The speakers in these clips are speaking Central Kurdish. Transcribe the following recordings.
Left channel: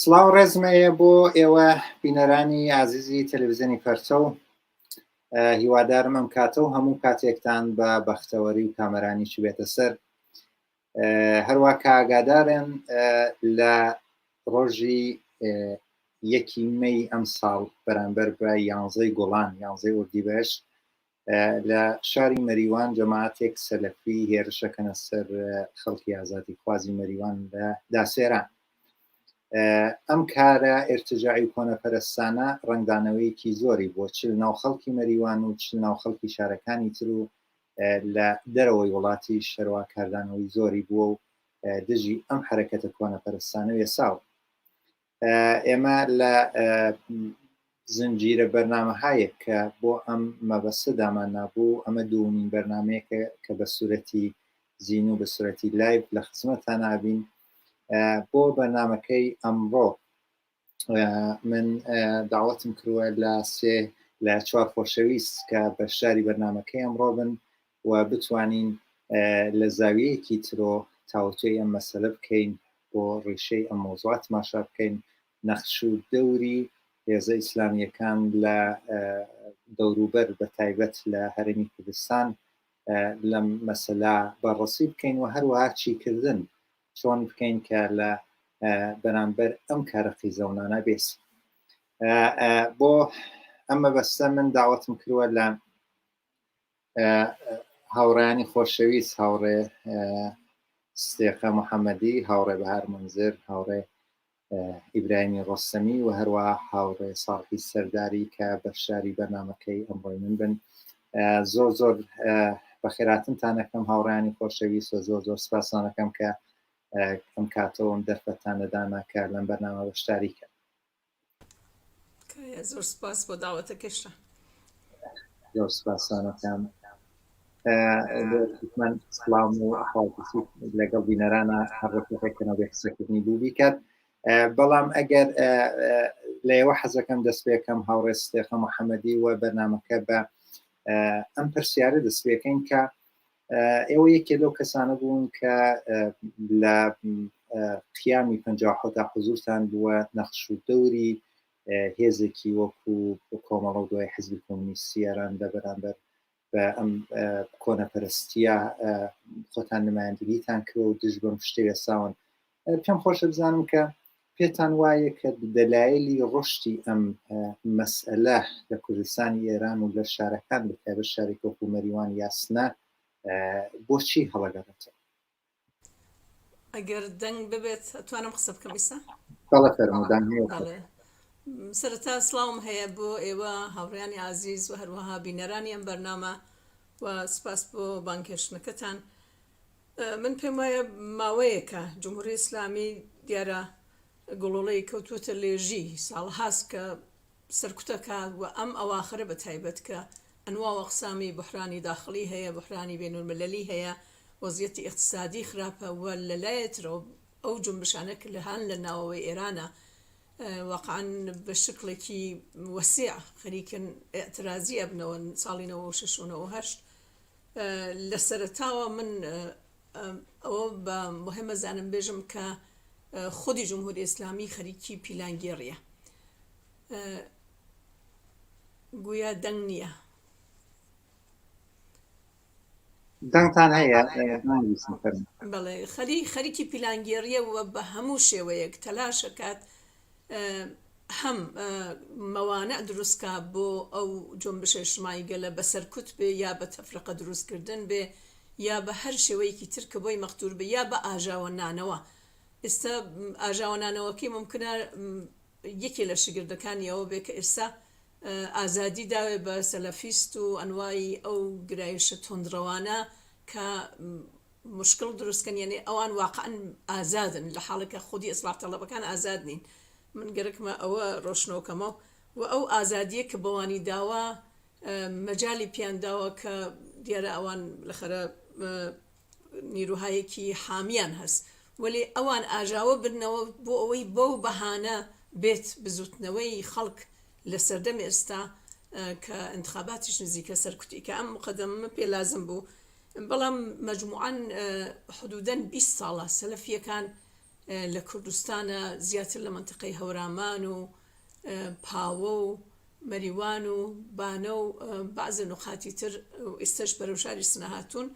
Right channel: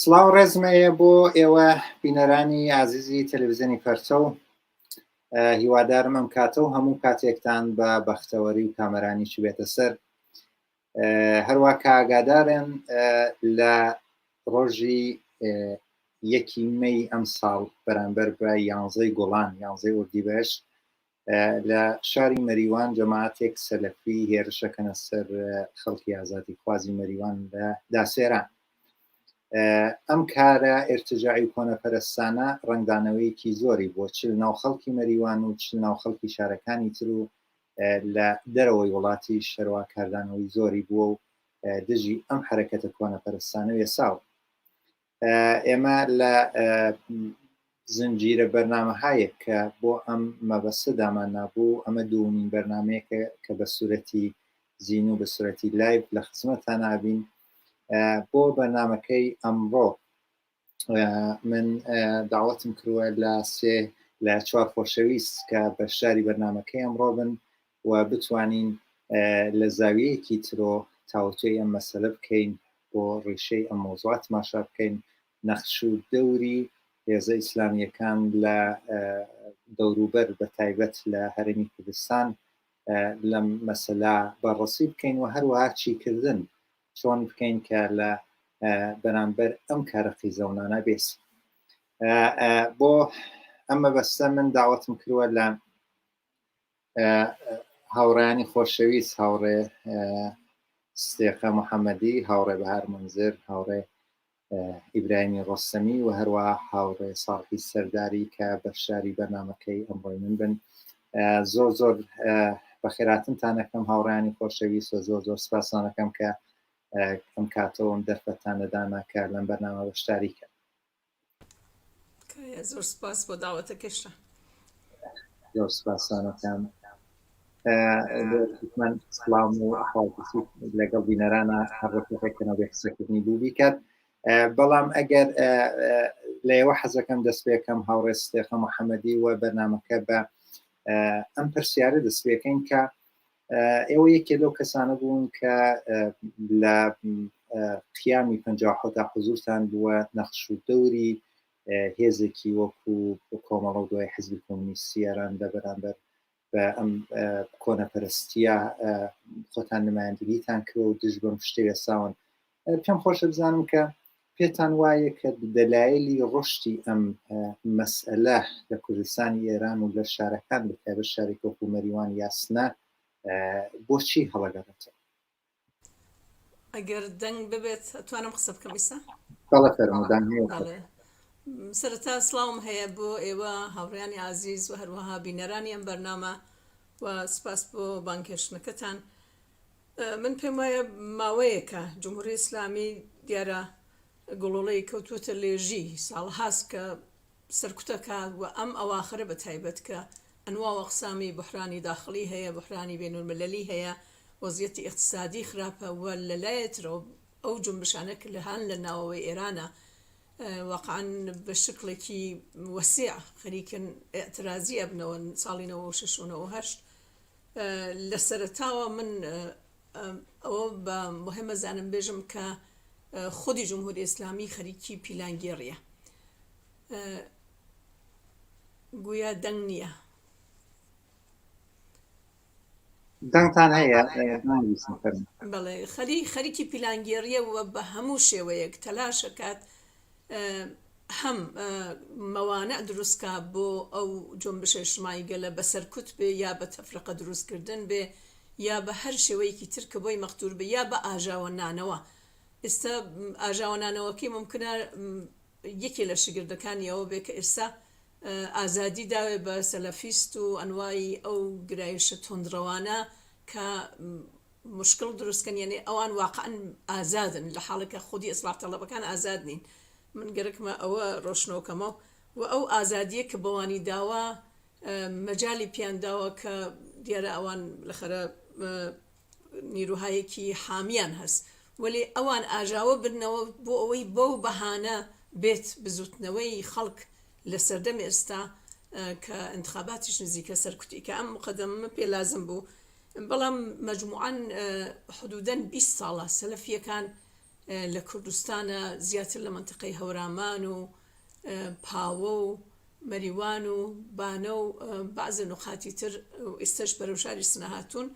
سڵاو ڕێزمەیە بۆ ئێوە بینەرانی عزیزی تەلەڤیزیۆنی پەرچە و هیوادارم ئەم کاتە و هەموو کاتێکتان بە بەختەوەری و کامەرانیشی بێتە سەر. هەروە کە ئاگادارن لە ڕۆژی 1 مەی ئەم ساڵ بەرامبەر بە 11 گوڵان 11 ئوردیبەشت لە شاری مەریوان جەماعەتێک سەلەفی هێرشەکەنە سەر خەڵکی ئازادیخوازی مەریوان لە داسێران. ئەم کارە ئێرتجاعی و کۆنەپەرستانە ڕەنگدانەوەیەکی زۆری بۆ چ ناو خەڵکی مەریوان و چ ناو خەڵکی شارەکانی تر و لە دەرەوەی وڵاتی شەروا کاردانەوەی زۆری بووە و دژی ئەم حرەکەتە کۆنەپەرستانە وێساو. ئێمە لە زنجیرە بەرنامەهایەک کە بۆ ئەم مەبەستە دامان نابوو، ئەمە دووەمین بەرنامەیەکە کە بە سوورەتی زین و بە سوورەتی لایڤ لە خزمەتتان نابین. بۆ بەرنامەکەی ئەمڕۆ من داوەتم کردووە لە 4 خۆشەویست کە بەشداری بەرنامەکەی ئەمڕۆ بن و بتوانین لە زاویەیەکی ترۆ تاوتوێی ئەم مەسەلە بکەین بۆ ڕیشەی ئەم مۆزوعات ماشا بکەین نەخش و دەوری هێزە ئیسلامیەکان لە دەوروبەر بە تایبەت لە هەرێمی کوردستان لەم مەسەلا بەڕەسی بکەین و هەروەها چیکردن چۆن بکەین کە لە بەرامبەر ئەم کارە قیزەونانە بێت. بۆ ئەمە بەستە من داوەتم کردووە لە هاوڕێیانی خۆشەویست، هاوڕێ ستێقە محەممەدی، هاوڕێ بەهار منزر، هاوڕێ ئیبراهیمی ڕۆستەمی و هەروەها هاوڕێ ساڵحی سەرداری کە بەشداری بەرنامەکەی ئەمڕۆی من بن. زۆر زۆر بەخێراتنتان دەکەم هاوڕێیانی خۆشەویست و زۆر زۆر سپاسانەکەم کە ئەم کاتەوەم دەرفەتان لەدانا کە لەم بەرنامە بەشداری کرد. زۆر سپاس بۆ داوەتەکەشە. زۆر سپاسانەکەم. من سڵام و ئەحواڵی لەگەڵ بینەرانە هەڕێکەکەنەوە بێ قسەکردنی بوو بیکات. بەڵام ئەگەر لە ئێوە حەزەکەم دەست پێکەم هاوڕێ ستێقە محەممەدی و بەرنامەکە بە ئەم پرسیارە دەست پێکەین کە ئێوە یەکێ لەو کەسانە بوون کە لە قیامی 57 حوزورتان بووە نەخش و دەوری هێزێکی وەکو کۆمەڵە دوای حزبی کۆمونیستی ئێران لە بەرامبەر بە ئەم کۆنەپەرستیە خۆتان نمایەندگیتان کرد و دژ بەم شتێ ساون. پێم خۆشە بزانم کە پێتان وایە کە دەلایلی ڕشتی ئەم مەسئلە لە کوردستانی ئێران و لە شارەکان بەتایبەت شارێک وەکو مەریوان یاسنا بۆچی هەڵەگەڕێتەوە؟ ئەگەر دەنگ ببێت توانم قسە بکەم ئێستا؟ بەڵێ فەرموودان. سەرەتا سڵاوم هەیە بۆ ئێوە هاوڕێیانی عزیز و هەروەها بینەرانی ئەم بەرنامە و سپاس بۆ بانکێشتنەکەتان. من پێم وایە ماوەیەکە جمهوری ئیسلامی دیارە گوڵوڵەی کەوتوتە لێژی ساڵ هاست کە سەرکوتەکە و ئەم ئەواخرە بە تایبەت کە ئەنواع وەقسامی بحرانی داخلی هەیە، بحرانی بینالمللی هەیە، وەزیەتی اقتصادی خراپە و لەلایەترەوە ئەو جنبشانە کە لە هەن لە ناوەوەی ئێرانە واقعاً بە شکلێکی وەسیع خەریکن ئێعترازی ئەبنەوە ساڵی 96 و 98. لە سەرەتاوە من ئەوە بە مهمە زانم بێژم کە خودی جمهوری ئیسلامی خەریکی پیلانگێڕیە، گویا دەنگ نییە. دەنگتان هەیە؟ بەڵێ خەریکی پیلانگێڕیە و بە هەموو شێوەیەک تەلاشەکات هەم مەوانە دروستکە بۆ ئەو جنبشە اجتیماعی گەلە بەسەرکوت بێ، یا بە تەفرقە دروستکردن بێ، یا بە هەر شێوەیەکی تر کە بۆی مەختور بێ، یا بە ئاژاوە نانەوە. ئێستا ئاژاوە نانەوەکی ممکنە یەکێ لە شگردەکانی ئەوە بێ کە ئێستا ئازادی داوێ بە سەلەفیست و ئەنوایی ئەو گرایشە تۆندڕەوانە کە مشکل دروستکەن، یعنی ئەوان واقعاً ئازادن لە حاڵێکە خودی ئیسلاح تەڵەبەکان ئازاد نین. من گەرەکمە ئەوە ڕۆشنەوەکەمەوە و ئەو ئازادیە کە بەوانی داوە مەجای پیانداوە کە دیارە ئەوان لەخەرە نیروهایەکی حامیان هەست، ولی ئەوان ئاژاوە بنەوە بۆ ئەوەی بەو بەهانە بێت بزوتنەوەی خەڵک لە سەردەم ئێستا کە انتخاباتیش نزیکە سەرکوتی کە ئەم مقدمە پێ لازم بوو. بەڵام مەجموعاً حدوداً 20 ساڵە سەلەفیەکان لە کوردستانە زیاتر لە منتقەی هەورامان و پاوە و مەریوان و بانە و بەعزە نقاتی تر ئێستش بەرەو شاری سنەهاتوون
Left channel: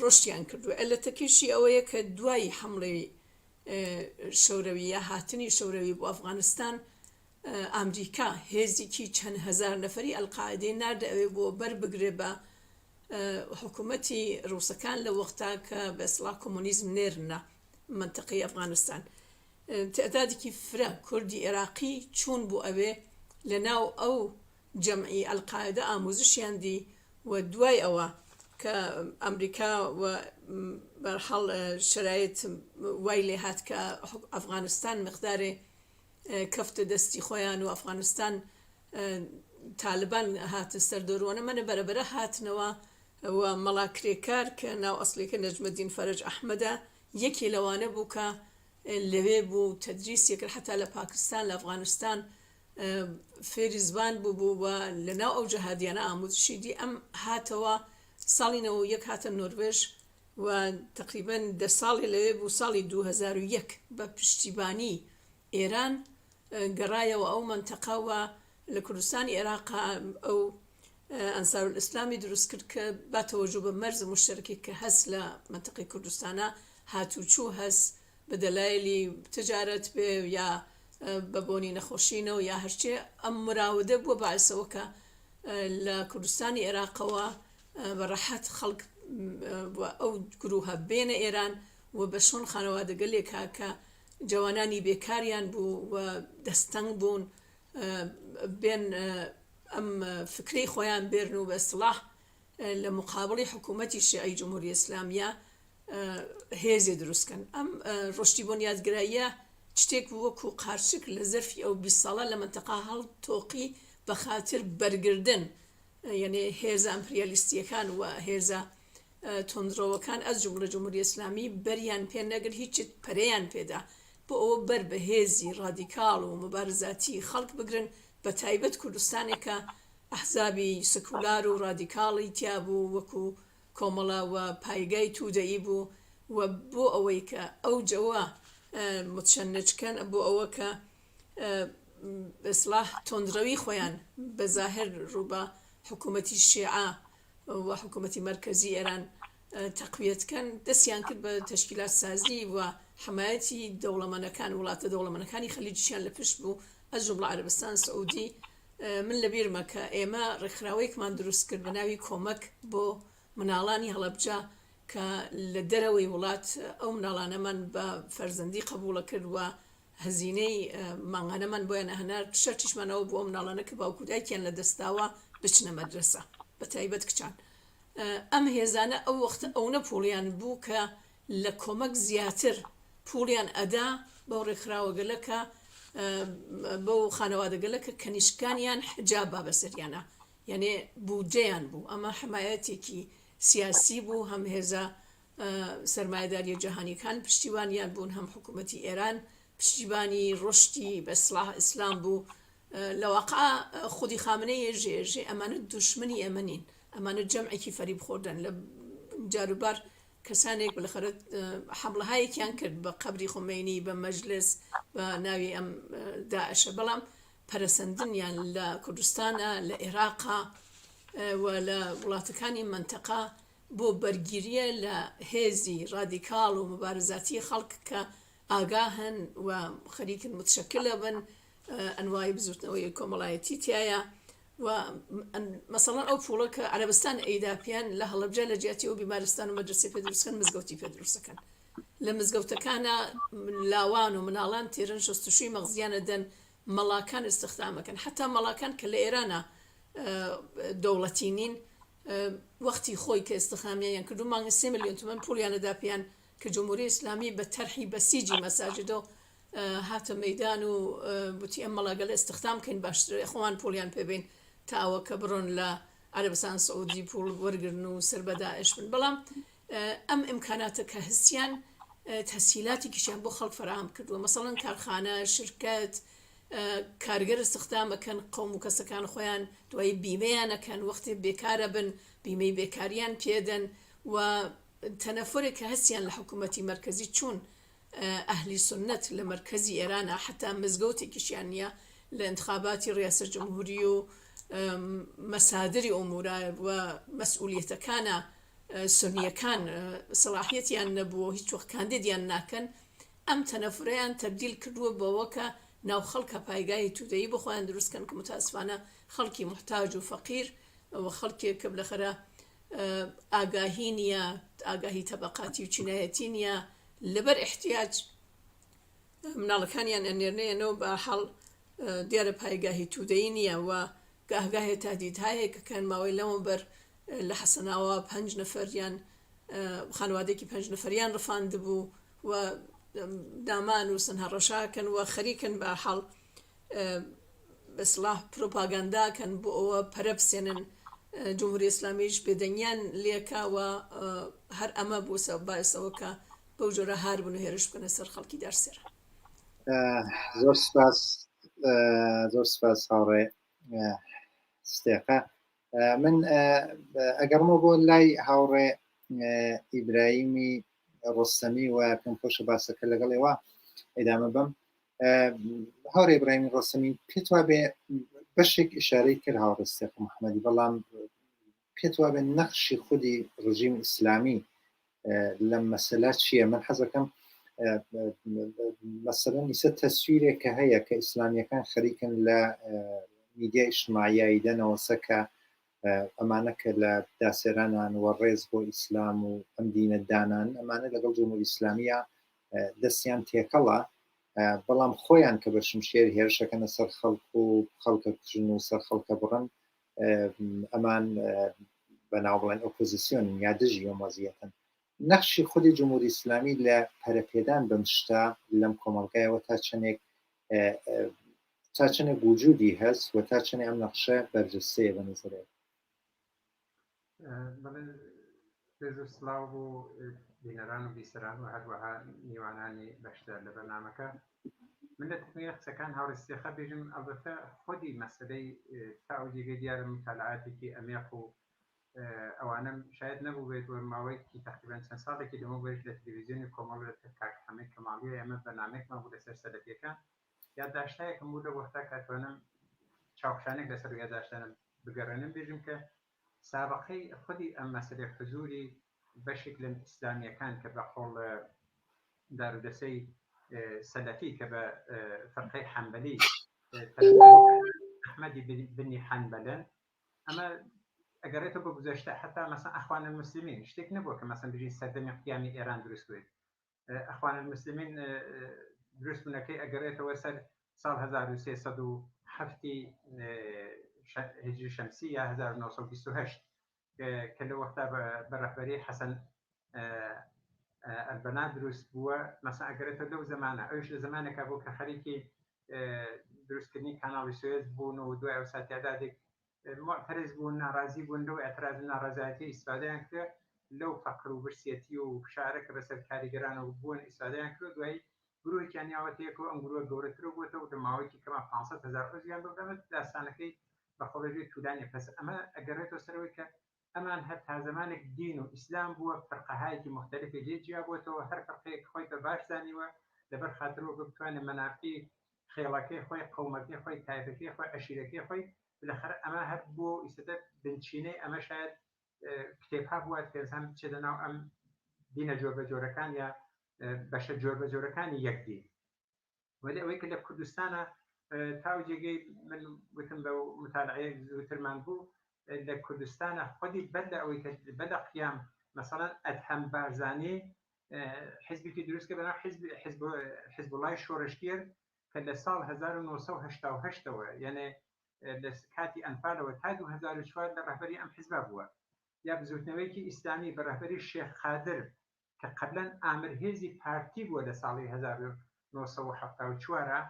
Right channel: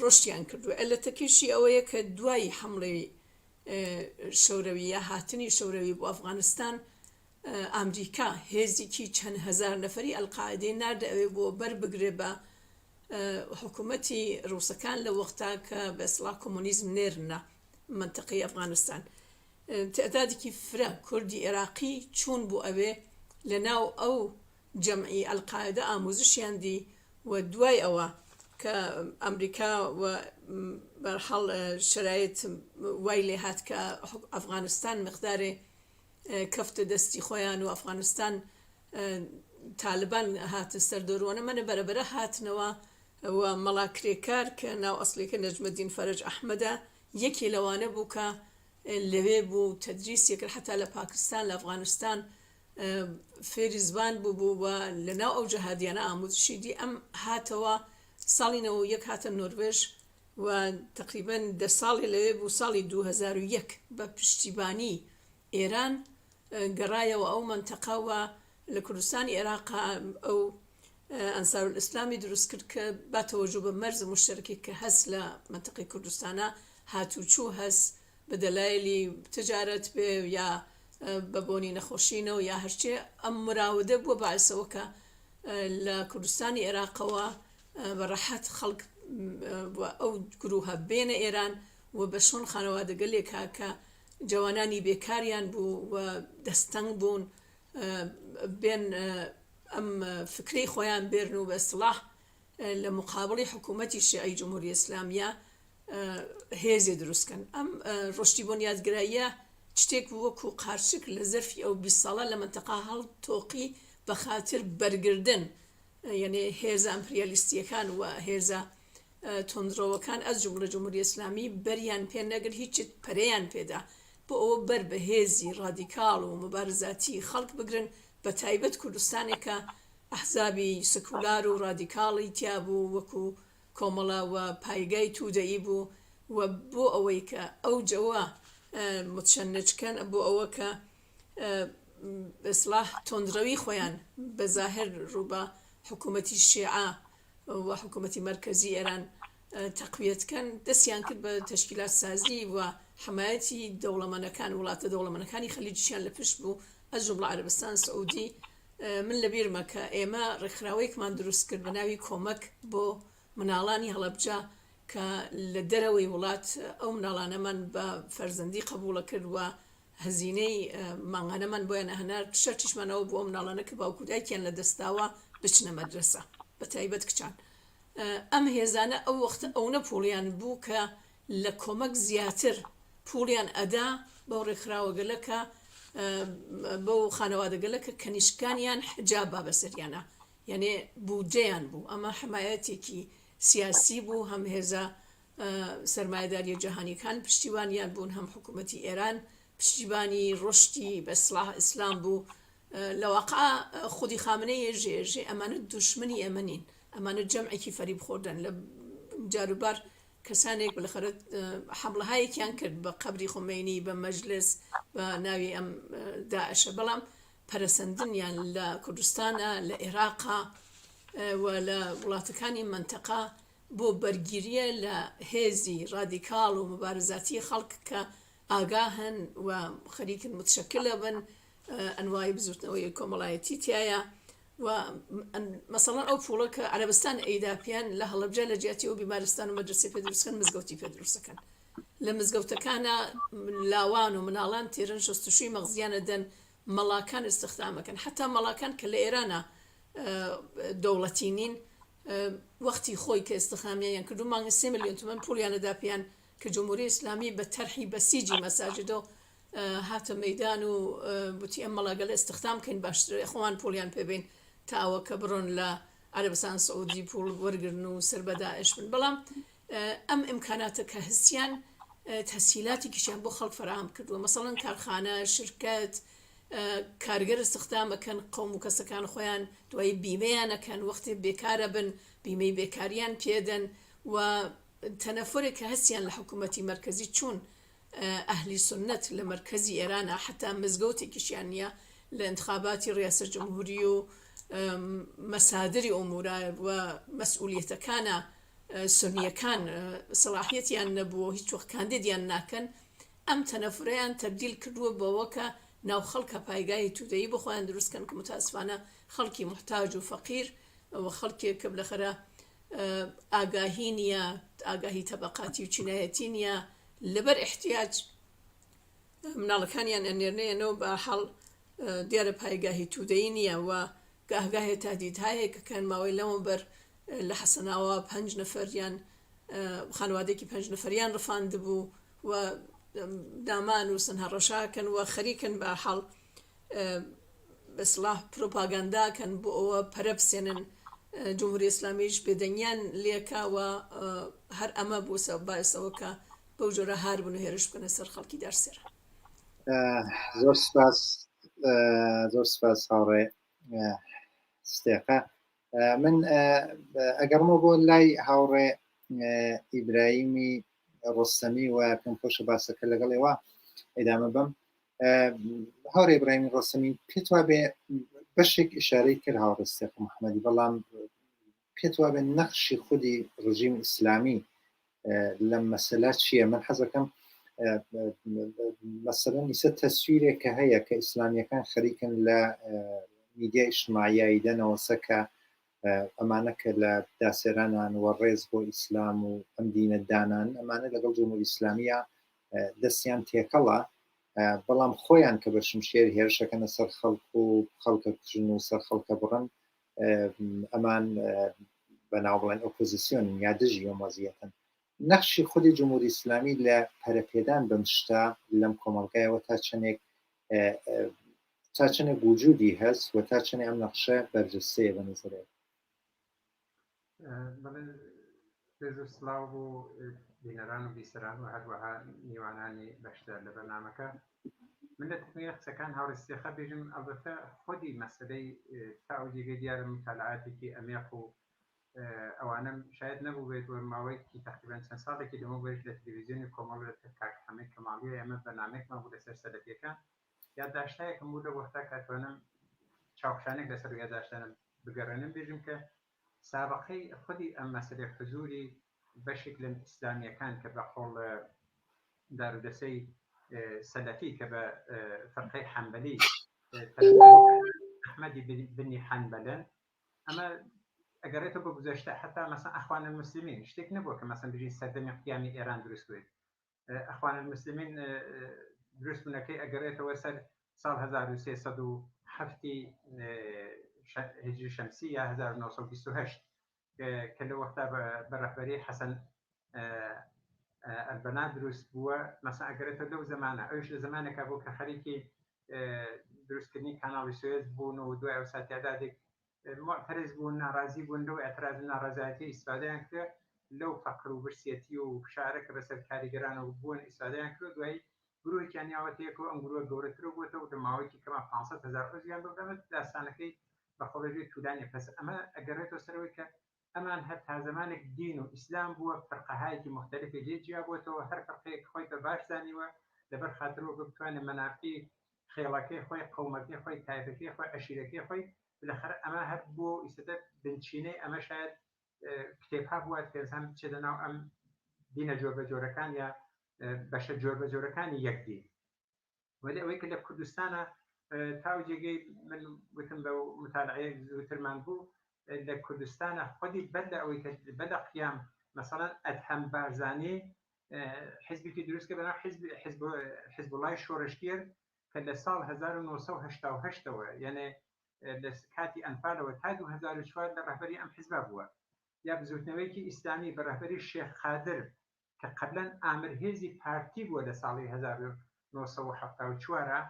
ڕۆشتیان کردووە. ئەلەتەکیشی ئەوەیە کە دوای حملەی شەوروی یا هاتنی شەوروی بۆ ئەفغانستان ئەمریکا هێزێکی چەند هەزار نەفەری ئەلقاعیدەی ناردە ئەوێ بۆ بەربگرێ بە حکوومەتی ڕووسەکان لە وەختا کە بە ئیسڵاح کۆمۆنیزم نێرنە منتقەی ئەفغانستان. تعدادێکی فرە کوردی عێراقی چوون بۆ ئەوێ لە ناو ئەو جەمعی ئەلقاعیدە ئامۆزشیان دی و دوای ئەوە کە ئەمریکا و بەرحەڵ شرایط وای لێ هات کە ئەفغانستان مقدارێ کەفتە دەستی خۆیان و ئەفغانستان تالبان هاتە سەردەڕۆنە منە بەرەبەرە هاتنەوە و مەڵاکرێکار کە ناو ئەسڵێکە نەجمەدین فەرەج ئەحمەدە یەکی لەوانە بوو کە لەوێ بوو تەدریسیەکرد حتا لە پاکستان لە ئەفغانستان فێری زبان بوو و لە ناو ئەو جەهادیانە ئامۆزشی دی ئەم هاتەوە ساڵی 91 هاتە نۆروێژ و تقریباً 10 ساڵی لەوێ بوو. ساڵی 2001 بە پشتیبانی ئێران گەڕایەوە ئەو منتەقەوە لە کوردستانی عێراق ئەو ئەنسار الئیسلامی دروست کرد کە با تەوەجو بە مەرز مشتەرەکی کە هەست لە منتەقەی کوردستانە هاتوچوو هەست بە دەلایلی تجارەت بێ یا بە بۆنی نەخۆشینەوە یا هەرچێ ئەم مراودە بووە باعثەوە کە لە کوردستانی عێراقەوە بەڕەحەت خەڵک ئەو گروهە بێنە ئێران و بە شۆن خانەوادەگەلێکا کە جوانانی بێکاریان بوو و دەستەنگ بوون بێن ئەم فکری خۆیان بێرن و بە ئیسڵاح لە مقابڵی حکوومەتی شیعی جمهوری ئیسلامیە هێزێ دروستکەن. ئەم ڕۆشتی بۆ یادگراییە شتێک وەکو قارچک لە زەرفی ئەو 20 ساڵە لە منتەقا هەڵتۆقی بە خاتر بەرگردن، یعنی هێزە ئەمپریالیستیەکان و هێزە تۆندڕەوەکان ئەز جمهوری جمهوری ئیسلامی بەریان پێ نەگر هیچ پەرەیان پێدا بۆ ئەوە بەر بە هێزی ڕادیکاڵ و مبارزاتی خەڵک بگرن، بە تایبەت کوردستانێکە ئەحزابی سکولار و ڕادیکاڵی تیا بوو وەکو کۆمەڵە و پایگای توودەئی بوو و بۆ ئەوەی کە ئەو جەوە متشەنجکەن بۆ ئەوە کە ئیسڵاح تۆندڕەوی خۆیان بە زاهر ڕووبە حکوومەتی شیعە و حکوومەتی مرکزی ئێران تەقویەتکەن، دەستیان کرد بە تەشکیلات سازی و حمایەتی دەوڵەمەندەکان وڵاتە دەوڵەمەندەکانی خەلیجیان لە پشت بوو ئەز جومڵە عەرەبستان سعودی. من لەبیرمە کە ئێمە ڕێکخراوەیەکمان دروست کرد بە ناوی کۆمەک بۆ مناڵانی هەڵەبجە کە لە دەرەوەی وڵات ئەو مناڵانەمان بە فەرزەندی قبوڵە کرد و هەزینەی مانگانەمان بۆیان هەنار شەرتیشمانەوە بۆ مناڵانە کە باوکودایکیان لە دەستاوە بچنە مەدرسە بە تایبەت کچان. ئەم هێزانە ئەو وەختە ئەوە پوڵیان بوو کە لە کۆمەک زیاتر پوڵیان ئەدا بەو ڕێکخراوەگەلەکە بەو خانەوادەگەلەکە کەنیشکانیان حجاب با بەسەریانە، یعنی بودجەیان بوو. ئەمە حمایەتێکی سیاسی بوو، هەم هێزە سەرمایەداری جەهانیەکان پشتیوانیان بوون، هەم حکوومەتی ئێران پشتیبانی ڕۆشتی بە ئیسڵاح ئیسلام بوو. لە واقع خودی خامنەی ژێژێ ئەمانە دوشمنی ئێمە نین، ئەمانە جەمعێکی فەریب خۆردن. لە جاروبار کەسانێک بەلەخەرە حەملەهایەکیان کرد بە قەبری خۆمەینی بە مەجلس بە ناوی ئەم داعشە، بەڵام پەرەسەندنیان لە کوردستانە لە عێراقا و لە وڵاتەکانی منتەقا بۆ بەرگیریە لە هێزی ڕادیکاڵ و مبارزاتی خەڵک کە ئاگاهن و خەریکن متشەکلە بن ئەنوای بزوتنەوەی کۆمەڵایەتی تایە. و مەسەڵەن ئەو پوڵە کە عەرەبستان ئەیداپیان لە هەڵەبجە لە جیاتی ئەو بیمارستان و مەدرسەی پێدروستکەن مزگەوتی پێدروستەکەن. لە مزگەوتەکانە لاوان و مناڵان تێرن شەستوشوی مەغزیانە دەن، مەڵاکان استخدامەکەن، حتا مەڵاکان کە لە ئێرانە دەوڵەتی نین وەختی خۆی کە استخدامیان کردو مانگە 3 ملیۆن تومەن پوڵیانە داپیان کە جمهوری ئیسلامی بە تەرحی بەسیجی مەساجدە هاتە مەیدان و بوتی ئەم مەڵاگەلە استخدام کەین باشترە خۆمان پوڵیان پێبین تاوە کە بڕۆن لە عەرەبستان سعودی پوڵ وەرگرن و سەر بە داعش بن. بەڵام ئەم ئیمکاناتە کە هەستیان تەسهیلاتی کیشیان بۆ خەڵک فراهم کردووە، مەسەڵەن کارخانە، شرکەت، کارگەر استخدامەکەن، قەوم و کەسەکان خۆیان دوای بیمەیانەکەن، وەختی بێکارە بن بیمەی بێکاریان پێدەن و تەنەفۆرێک کە هەستیان لە حکوومەتی مرکزی چوون ئەهلی سنت لە مرکزی ئێرانە حتا مزگەوتێکیشیان نییە لە انتخاباتی ڕیاسە جمهوری و مەسادری ئۆمورە و مەسئولیەتەکانە سنیەکان سەلاحیەتیان نەبووە هیچ وەخت کاندیدیان ناکەن ئەم تەنەفرەیان تەبدیل کردووە بەوە کە ناو خەڵکە پایگای تودەیی بخۆیان دروستکەن کە متاسفانە خەڵکی محتاج و فەقیر و خەڵکێک کە بلەخەرە ئاگاهی نییە ئاگاهی تەبەقاتی و چینایەتی نییە لەبەر احتیاج مناڵەکانیان ئەنێرنەیەنەوە بە حەڵ دیارە پایگاهی تودەیی نییە و گاهگاهێ تادید هەیە کە کەن ماوەی لەمە بەر لە حەسەناوە 5 نەفەریان خانوادێکی 5 نەفەریان ڕفاندبوو و دامان و سنها ڕەشاکەن و خەریکن بە حەڵ بەسڵاح پرۆپاگانداکەن بۆ ئەوە پەرە بسێنن جمهوری ئیسلامیش بێدەنگیان لێکاوە هەر ئەمە بوو باعسەوە کە بەو جۆرە هار بوون و هێرش بکەنە سەر خەڵکی دەرسێرە. زۆر سپاس هاوڕێ ستێقە. من ئەگەڕمە بۆ لای هاوڕێ ئیبراهیمی ڕۆستەمی و پێم خۆشە باسەکە لەگەڵێەوە ئەدامە بم. هاوڕێ ئیبراهیمی ڕۆستەمی پێت وابێ بەشێک ئیشارەی کرد هاوڕێ ستێقە محەممەدی، بەڵام پێت وابێ نەخشی خودی ڕژیم ئیسلامی لەم مەسەلە چییە؟ من حەزەکەم مەسەلەن ئیسە تەسویرێک کە هەیە کە ئیسلامیەکان خەریکن لە میدیا ئیجتماعیایی دەنەوەسە کە ئەمانە کە لە داسێرانان وە ڕێز بۆ ئیسلام و ئەم دینە دانان ئەمانە لەگەڵ جمهوری ئیسلامیە دەستیان تێکەڵە، بەڵام خۆیان کە بە شمشێر هێرشەکەنە سەر خەڵک و خەڵکە کوژن و سەر خەڵکە بڕن، ئەمان بەناو بڵێن ئۆپۆزیسیۆن یا دژی وەمەزیەتن. نەخشی خودی جمهوری ئیسلامی لە پەرەپێدان بەم شتە لەم کۆمەڵگایەوە تا چەندێک وجودی هەست و تا چەندێک ئەم نەخشە بەرجەستەیە بە نظرێ. پێش و سڵاو بۆ بینەران و بیسەران و هەروەها میوانانی بەشدار لە بەرنامەکە. من لە تکمیلە قسەکان هاوڕێستێخە بێژم ئەلبەتە خودی مەسەلەی تاوجێگەی دیارە مطالعاتێکی ئەمێق و ئەوانم شاید نەبوو بێت و ماوەیەکی تقریباً چەند ساڵێکی لەمە بێت لە تەلەڤیزیۆنی کۆمەڵ لە کاک حەمید کەماڵیە ئێمە بەرنامەیەکمان بوو لەسەر سەلەفیەکان، یادداشتایەکم بوو لە وەختا کاتوانم چاوپشانێک لەسەر یادداشتانم بگەڕێنم بێژم کە سابقەی خودی ئەم مەسەلەی حزوری بەشێک لە ئیسلامیەکان کە بە قۆڵ دارودەسەی سەلەفی کە بە فەرقەی حەنبەلی ئەحمەدی بنی حەنبەلن، ئەمە ئەگەڕێتەوە بە گوزەشتە حتا مەسەن ئەخوان المسلمین شتێک نەبووە کە مەسەن بژین سەردەمی قیامی ئێران دروست بێت. ئەخوان المسلمین دروست بوونەکەی ئەگەڕێتەوە سەر ساڵ 1307 هجری شەمسی یا 1928 کە لە وەختا بە ڕەهبەری حەسەن ئەلبەنا دروست بووە. مەسەن ئەگەڕێتەوە لەو زمانە، ئەوش لە زمانێکا بوو کە خەریکی دروستکردنی کاناڵی سوێز بوون و دوای ئەو ساتیادادێک معتەرز بوون، ناڕازی بوون، لەو ئەتراز و ناڕەزایەتی ئیسفادەیان کرد لەو فەقر و برسێتی و شارەکە بەسەر کاریگەرانەوە بوون ئیسفادەیان کرد. دوای گروهێکیان یاوەتەیەکەوە ئەم گروهە گەورەترە بووەتەوە لە ماوەیەکی کەما 500,000 ڕۆژیان بۆ دەمەت داستانەکەی بە خۆڵەژێ توولانی. پس ئەمە ئەگەڕێتەوە سەرەوەی کە ئەمان هەر تا زمانێک دین و ئیسلام بووە فەرقەهایەکی مختلفی لێجیا بووەتەوە، هەر فەرقەیەک خۆی بە باش زانیوە لەبەر خاترەوە بتوانێت مەنافعی خێڵەکەی خۆی، قەومەکەی خۆی، تایفەکەی خۆی، عەشیرەکەی خۆی بالاخره ئەمە هەر بۆ ئیسەدە بنچینەی ئەمە شاید کتێبها بووات کە ئینسان بچێتە ناو ئەم دینە جۆربەجۆرەکان یا بەشە جۆربەجۆرەکانی یەکدین. ولی ئەوەی کە لە کوردستانە تاوجێگەی من وتم بە مطالعەیە زووترمان بوو لە کوردستانە خودی بەد لە ئەوەی کە بەد لە قیام مەسەڵەن ئەدهەم بارزانانی حیزبێکی دروست کە بەناو حیزبوڵای شۆڕشتیەر کە لە ساڵ 1988ەوە یعنی لە کاتی ئەنفالەوە تا 2004 لە ڕەهبەری ئەم حیزبا بووە، یا بزوتنەوەیکی ئیسلامی بە ڕەهبەری شێخ خادر کە قەبلەن ئامرهێزی پارتی بووە لە ساڵی 1974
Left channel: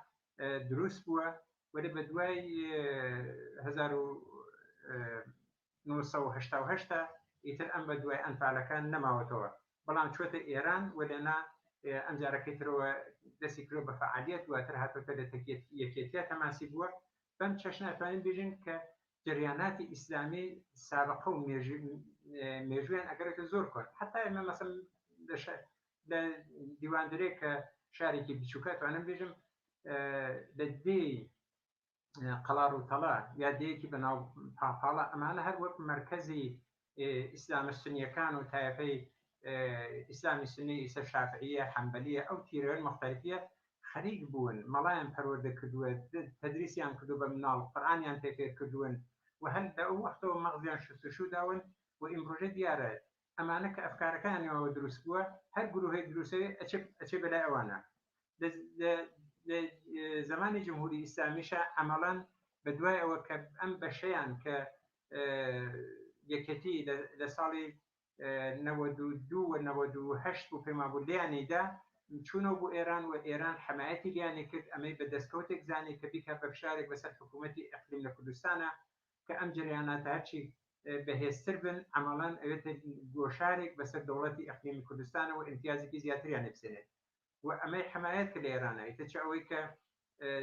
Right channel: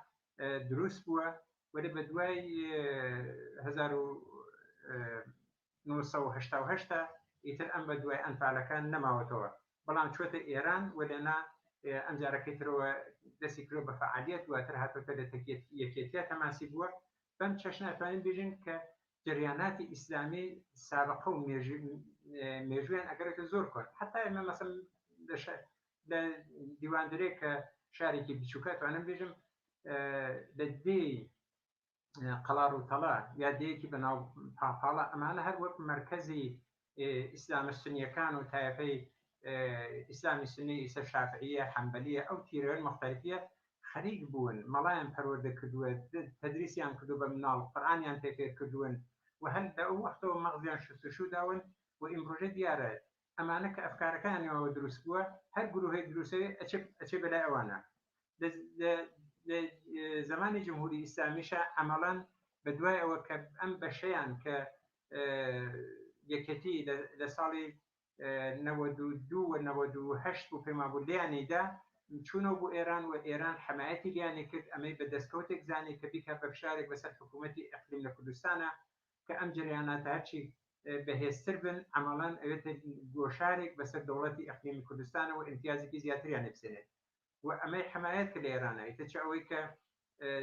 دروست بووە، ولی بە دوای 1988 ئیتر ئەم بە دوای ئەنفالەکان نەماوەتەوە، بەڵام چۆتە ئێران و لێنا ئەم جارەکەی ترەوە دەستی کرۆ بە فعالیت دواتر هاتۆتە لە یەکێتیە تەماسی بووە. بەم چەشنە ئەتوانین بێژین کە جریاناتی ئیسلامی سابقە و مێژویان ئەگەرێتە زۆر کۆن، حتا ئێمە مەسەڵەن لە دیواندرێک کە شارێکی بچووکە توانم بێژم لە دێی قەڵار و تەڵا یا دەیەکی بەناو پاپاڵە ئەمانە هەر وەک مرکزی ئیسلامە سنیەکان و تایەفەی ئیسلامی سنی ئیسە شافعیە حەمبەلیە ئەو تیرەوەن مختلفیە خەریک بوون مەڵایان پەروەردە کردووە تەدریسیان کردو بە مناڵ قورئانیان تێفێر کردوون و هەر لە ئەو وەختەوە مەغزیان شستشو داون و ئیمڕۆژە دیارە ئەمانە کە ئەفکارەکانیەوە دروست بووە هەر گروهی دروستەوەی ئەچێ بەلای ئەوانە لە زمانی جمهوری ئیسلامیشە عملاً بە دوای ئەوە کە ئەم بەشەیان کە یەکەتی لە ساڵی 92 و 98 و پێما بوو لیانیدا چوونەوە بۆ ئێران و ئێران حمایەتی لیانی کرد ئەمەی بە دەستکەوتێک زانی کە بیکە بە فشارێک بەسەر حکوومەتی ئەقلیم لە کوردستانە کە ئەم جریاناتە هەرچی بەهێزتر بن عملاً ئەوێتە گۆشارێک بەسەر دەوڵەتی ئەقلیمی کوردستانە و امتیازێکی زیاتریان بسێنێت و ئەمەی حمایەت کە لە ئێرانە ئیترچە ئەوەی کە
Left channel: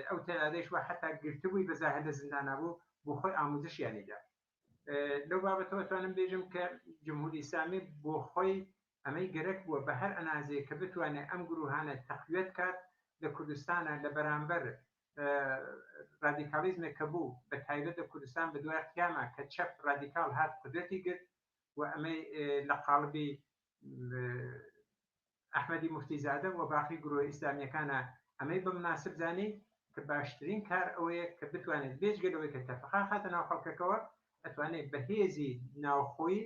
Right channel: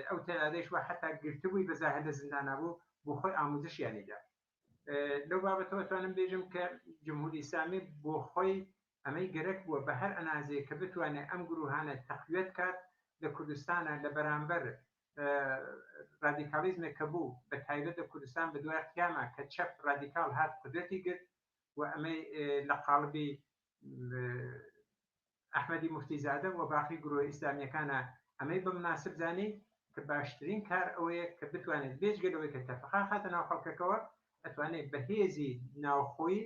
ئەو تەلادەیش وە حتا گرتبووی بەزاهر لە زیندانە بوو بۆ خۆی ئاموزشیانیدا لەو بابەتەوە توانم بێژم کە جمهوری ئیسلامی بۆ خۆی ئەمەی گەرەک بووە بە هەر ئەنازەیە کە بتوانێت ئەم گروهانە تەقویەت کات لە کوردستانە لە بەرامبەر رادیکالیزمێک کە بوو بە تایبەت لە کوردستان بە دوای قیامە کە چەپ رادیکال هات قدرەتی گرت و ئەمەی لە قاڵبی ئەحمەدی موفتیزادە و باقی گروه ئیسلامیەکانە ئەمەی بە مناسب زانی کە باشترین کار ئەوەیە کە بتوانێت بێجگەلەوەی کە تەفەقا خاتە ناو خەڵکەکەوە ئەتوانێت بەهێزی ناوخۆی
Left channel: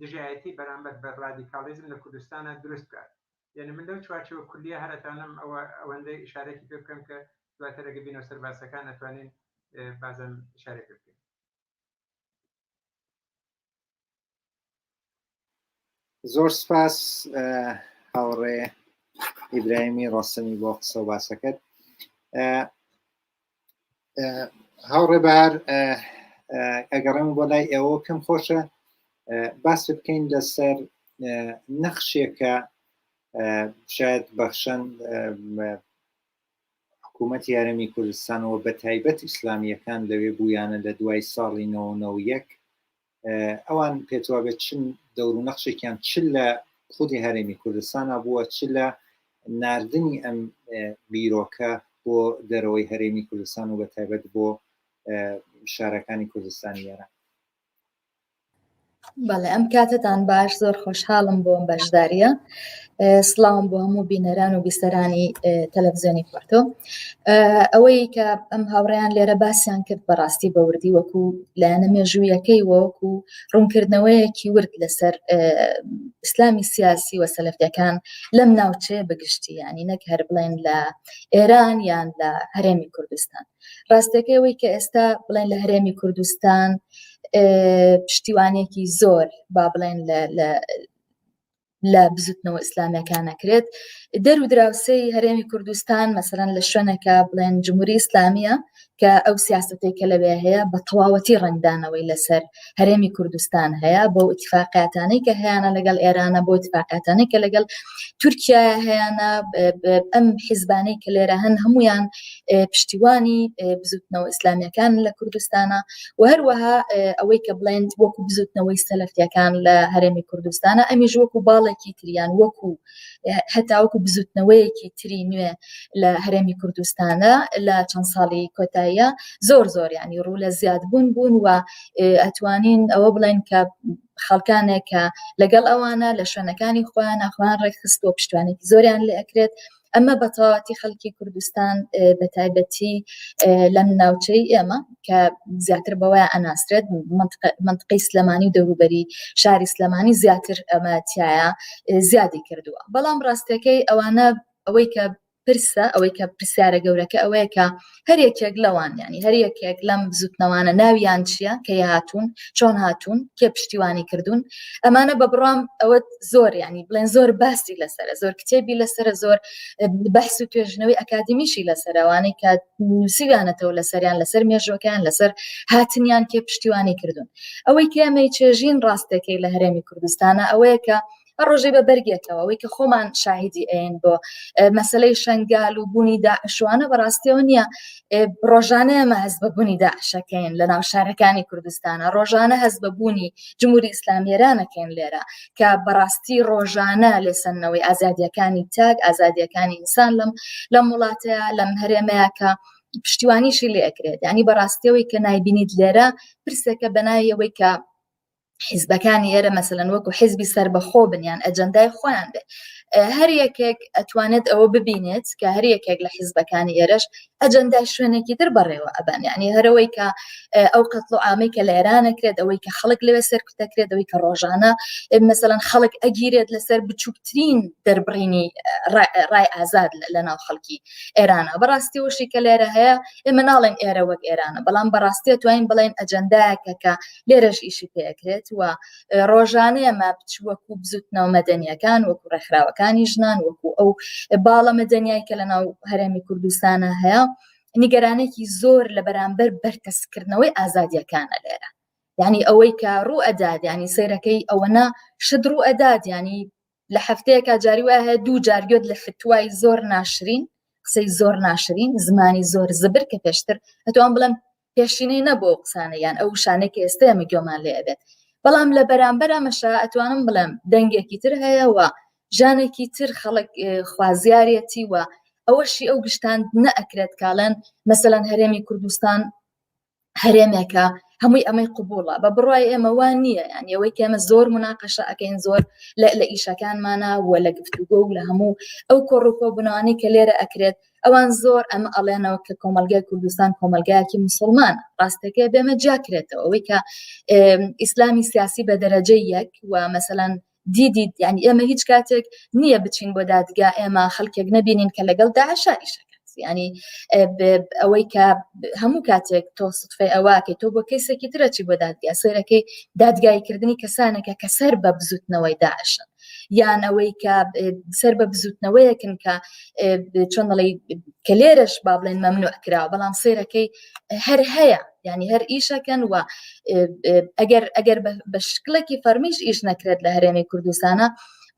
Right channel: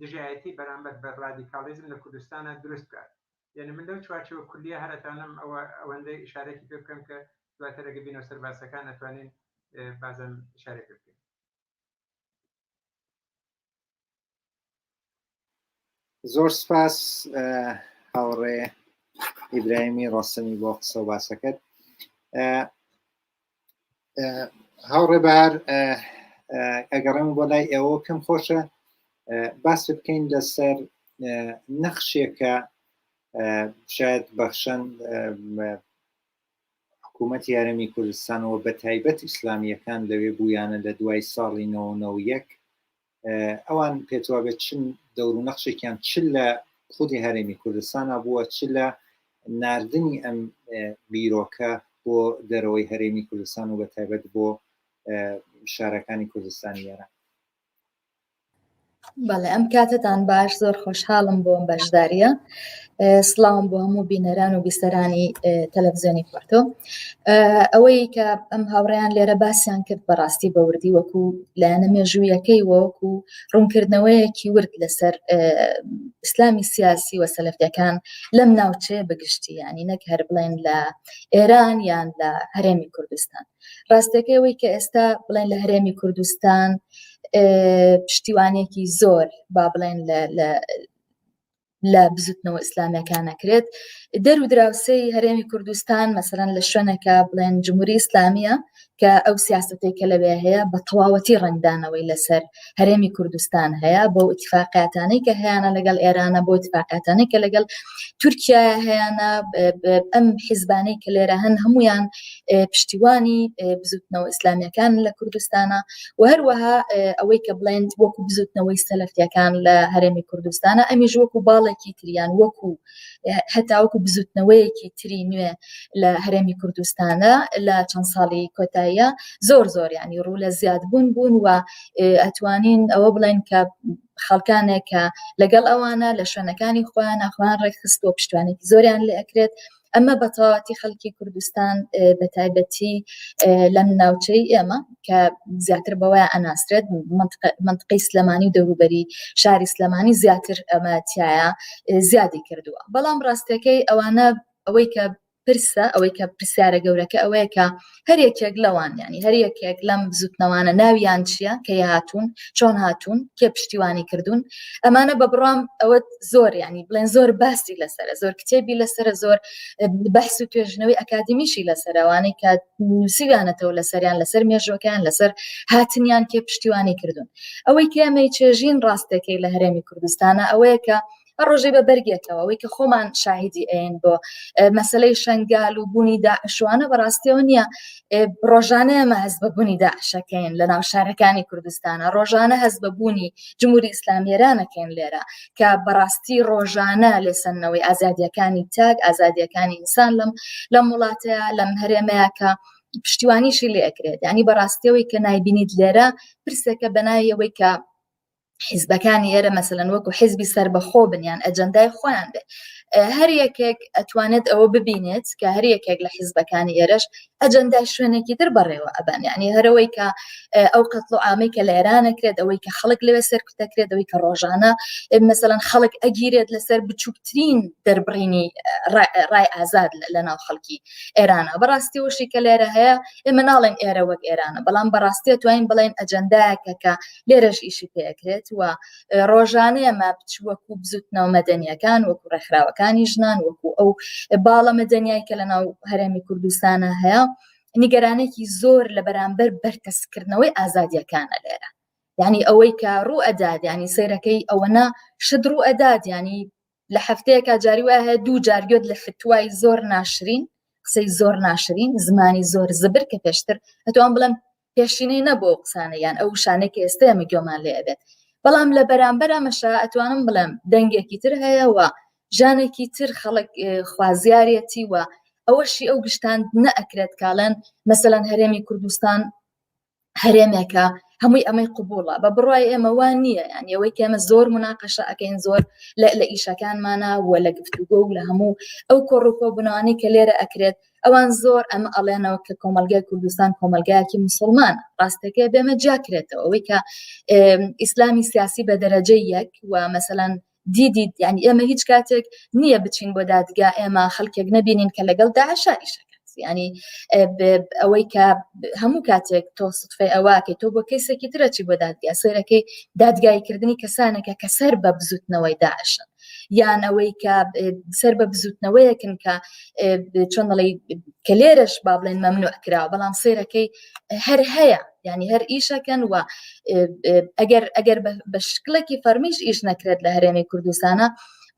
دژایەتی بەرامبەر بە رادیکالیزم لە کوردستانە دروست بکات یعنی من لەو چوارچێوە کولیە هەرەتانم ئەوەندەی ئیشارەتی پێ بکەم کە دواتر ئەگە بینەوە سەر باسەکان ئەتوانین بازم ئیشارە پێ بکەین. زۆر سپاس هاوڕێ ئیبراهیمی ڕۆستەمی بۆ قسە و باسەکەت. هاوڕێ بەهار ئەگەڕێم بۆ لای ئێوە پێم خۆشە باس بکەین لەسەر نەخشێکە شاید بەخشەن حکوومەتی هەرێمی کوردستانەوە بە تایبەت ئیسلامیەکان لەوێ بوویانە لە دوای ساڵی 1991 ئەوان پێتوا بێت چن دەور و نەخشێکیان چ لە خودی هەرێمی کوردستانە بووە چ لە ناردنی ئەم بیرۆکە بۆ دەرەوەی هەرێمی کوردستان و بە تایبەت بۆ شارەکانی کوردستانی ئێران. بەڵێ ئەم کاتتان باش زۆر خۆشحاڵم بۆ ئەم بەشداریە. سڵاوم بۆ هەموو بینەران و بیسەرانی تەلەڤیزیۆنی کوێتۆ. ئەوەی کە ئەم هاوڕێیان لێرە باسییان کرد بەڕاستی بەوردی وەکو لایەنە مێژوویەکەی وەکو ڕوونکردنەوەیەکی ورد لەسەر ئیسلامی سیاسی و سەلەفیەکان لەم ناوچێ بەگشتی ینی نەک هەر بڵێن لە ئێران یان لە هەرێمی کوردستان. ڕاستەکەی ئەوەی کە ئێستا بڵێن لە هەرێمی کوردستان پشتیوانێکی زۆر با بڵێن لە بزوتنەوە ئیسلامیەکان نەکرێت دەر و دراوسەی هەرێمی کوردستان مەسەرەن لە شوێنێکە بڵێن جمهوری ئیسلامیە کە ئەو سیاستەی کە لەوێ هەیە بە تەواوەتی ڕەنگدانەوەی لەسەر هەرێمی کوردستان هەیە بۆ ئیتفاقیاتانەی کە هەیەە لەگەڵ ئێرانە بۆ ئیتفاقیاتانەی کە لەگەڵ تورکیا هەیەە ئەم حیزبانەی کە لێرە هەن هەمویان پشتیوانی بزوتنەوە ئیسلامیەکان لە کوردستانە و هەروەها ئەوەی کە بڵێن وەکو بزوتنەوەی سەلەفیەکان لە هەرێمی کوردستانە ئەمیش وەکو باڵێکی تریان وەکو هەتاوەکو بزوتنەوەیەکی تری نوێ لە هەرێمی کوردستانە لە چەند ساڵی کۆتاییە زۆر زۆر ینی ڕوو لە زیادبوون بوون و ئەتوانین ئەوە بڵێن کە خەڵکانێک کە لەگەڵ ئەوانە لە شوێنەکانی خۆیان ناخوان ڕێکخستووە پشتوانێکی زۆریان لێ ئەکرێت. ئەمە بەتەواوەتی خەڵکی کوردستان بە تایبەتی لەم ناوچەی ئێمە کە زیاتر بەوەیە ئەناسرێت منطقەی سلەمانی و دەوروبەری شاری سلەمانی زیاتر ئەمە تایە زیادی کردووە. بەڵام ڕاستەکەی ئەوانە ئەوەی کە پرسە ئەوەی کە پرسیارە گەورەکە ئەوەیە کە هەر یەکێک لەوان ینی هەر یەکێک لەم بزوتنەوانە ناویان چییە کە هاتوون چۆن هاتوون کێ پشتیوانی کردوون ئەمانە بە بڕام ئەوە زۆر ینی بڵێن زۆر باسی لەسرە زۆر کتێبی لەسرە زۆر بەحس و توێژنەوەی ئەکادمیشی لەسەرەوانەی کە نووسیوانەتەوە لەسەریان لەسەر مێژوەکان لەسەر هاتنیان کێ پشتیوانی کردوون. ئەوەی کە ئەمەی چێژین ڕاستەکەی لە هەرێمی کوردستانە ئەوەیە کە ڕۆژێ بە بەرگێتەوە ئەوەی کە خۆمان شاهدی ئەین بۆ مەسلەی شەنگال و بوونی داعشوانە بەڕاستیەوە نییە ڕۆژانە ئێمە هەست بە بوونی داعشەکەین لە ناو شارەکانی کوردستانە ڕۆژانە هەست بە بوونی جمهوری ئیسلامی ئێرانەکەین لێرە کە بەڕاستی ڕۆژانە لێسەنەوەی ئازادیەکانی تاک ئازادیەکانی ئینسان لەم وڵاتەیە لەم هەرێمەیە کە پشتیوانیشی لێ ئەکرێت ینی بەڕاستیەوەی کە نایبینیت لێرە پرسێکە بەنایەوەی کە حیزبەکانی ئێرە مەسەلەن وەکو حیزبی سەربەخۆ بنیان ئەجەندای خۆیان بێ هەر یەکێک ئەتوانێت ئەوە ببینێت کە هەر یەکێک لە حیزبەکانی ئێرەش ئەجەندای شوێنێکی تر بەڕێوە ئەبان ینی هەرەوەی کە ئەو قەتڵ و ئامەی کە لە ئێرانەکرێت ئەوەی کە خەڵک لەوێ سەرکوتەکرێت ئەوەی کە ڕۆژانە مەسەلەن خەڵک ئەگیرێت لەسەر بچووکترین دەربڕینی ڕای ئازاد لە ناو خەڵکی ئێرانە بەڕاستی وشی کە لێرە هەیە ئێمە ناڵێن ئێرە وەک ئێرانە بەڵام بەڕاستی توانین بڵێن ئەجەندایەکە کە لێرەش ئیشی پێکرێت و ڕۆژانە ئەمە وەکو بزوتنەوە مەدەنیەکان وەکو ڕێکخراوەکانی ژنان وەکو ئەو باڵە مەدەنیای کە لە ناو هەرێمی کوردستانە هەیە نیگەرانێکی زۆر لە بەرامبەر بەرکەسکردنەوەی ئازادیەکانە لێرە یعنی ئەوەی کە ڕوو ئەداد ینی سەیرەکەی ئەوەنە شت ڕوو ئەداد ینی لە هەفتەیەکە جاری وایە هەیە 2 جارگوێت لە فتوای زۆر ناشرین قسەی زۆر ناشرین زمانی زۆر زبر کە پێشتر ئەتوان بڵێم پێشینەی نەبوو ئەو قسانە یان ئەو شانێکی ئێستا ئێمە گوێمان لێ ئەبێت بەڵام لە بەرامبەر ئەمەشە ئەتوانم بڵێم دەنگێکی تر هەیەەوە ژانێکی تر خەڵک خوازیارەتی وە ئەوەشی ئەو گشتان نەئەکرێت کاڵێن مەسەلەن هەرێمی کوردستان هەرێمێکە هەمووی ئەمەی قبوڵە بە بڕای ئێمە وان نییە یعنی ئەوەی کە ئێمە زۆر مناقەشە ئەکەین زۆر لە ئیشەکانمانە و لە گفتوگۆ و لە هەموو ئەو کۆڕووکۆبوونەوەی کە لێرە ئەکرێت ئەوان زۆر ئەمە ئەڵێنەوە کە کۆمەلگای کوردستان کۆمەلگایەکی مسلمان ڕاستەکە بێمە جاکرێتەوە ئەوەی کە ئیسلامی سیاسی بە دەرەجەی یەک و مەسەلەن دیدیت یعنی ئێمە هیچ کاتێک نییە بچین بۆ دادگا ئێمە خەڵکێک نەبینین کە لەگەڵ داعشا ئیشەکە ینی ئەوەی کە هەموو کاتێک تۆ سفەی ئەوواکەی تۆ بۆ کەسێکی ترەچی بۆ دادگا سەیرەکەی دادگایکردنی کەسانێکە کە سەر بە بزوتنەوەی داعشن یان ئەوەی کە سەر بە بزوتنەوەیەکن کە چۆن دەڵێ کە لێرەش با بڵێن مەمنوع کراوە بەڵام سەیرەکەی هەر هەیە ینی هەر ئیشەکەن و ئەگەر بە شکلێکی فەرمیش ئیش نەکرێت لە هەرێمی کوردستانە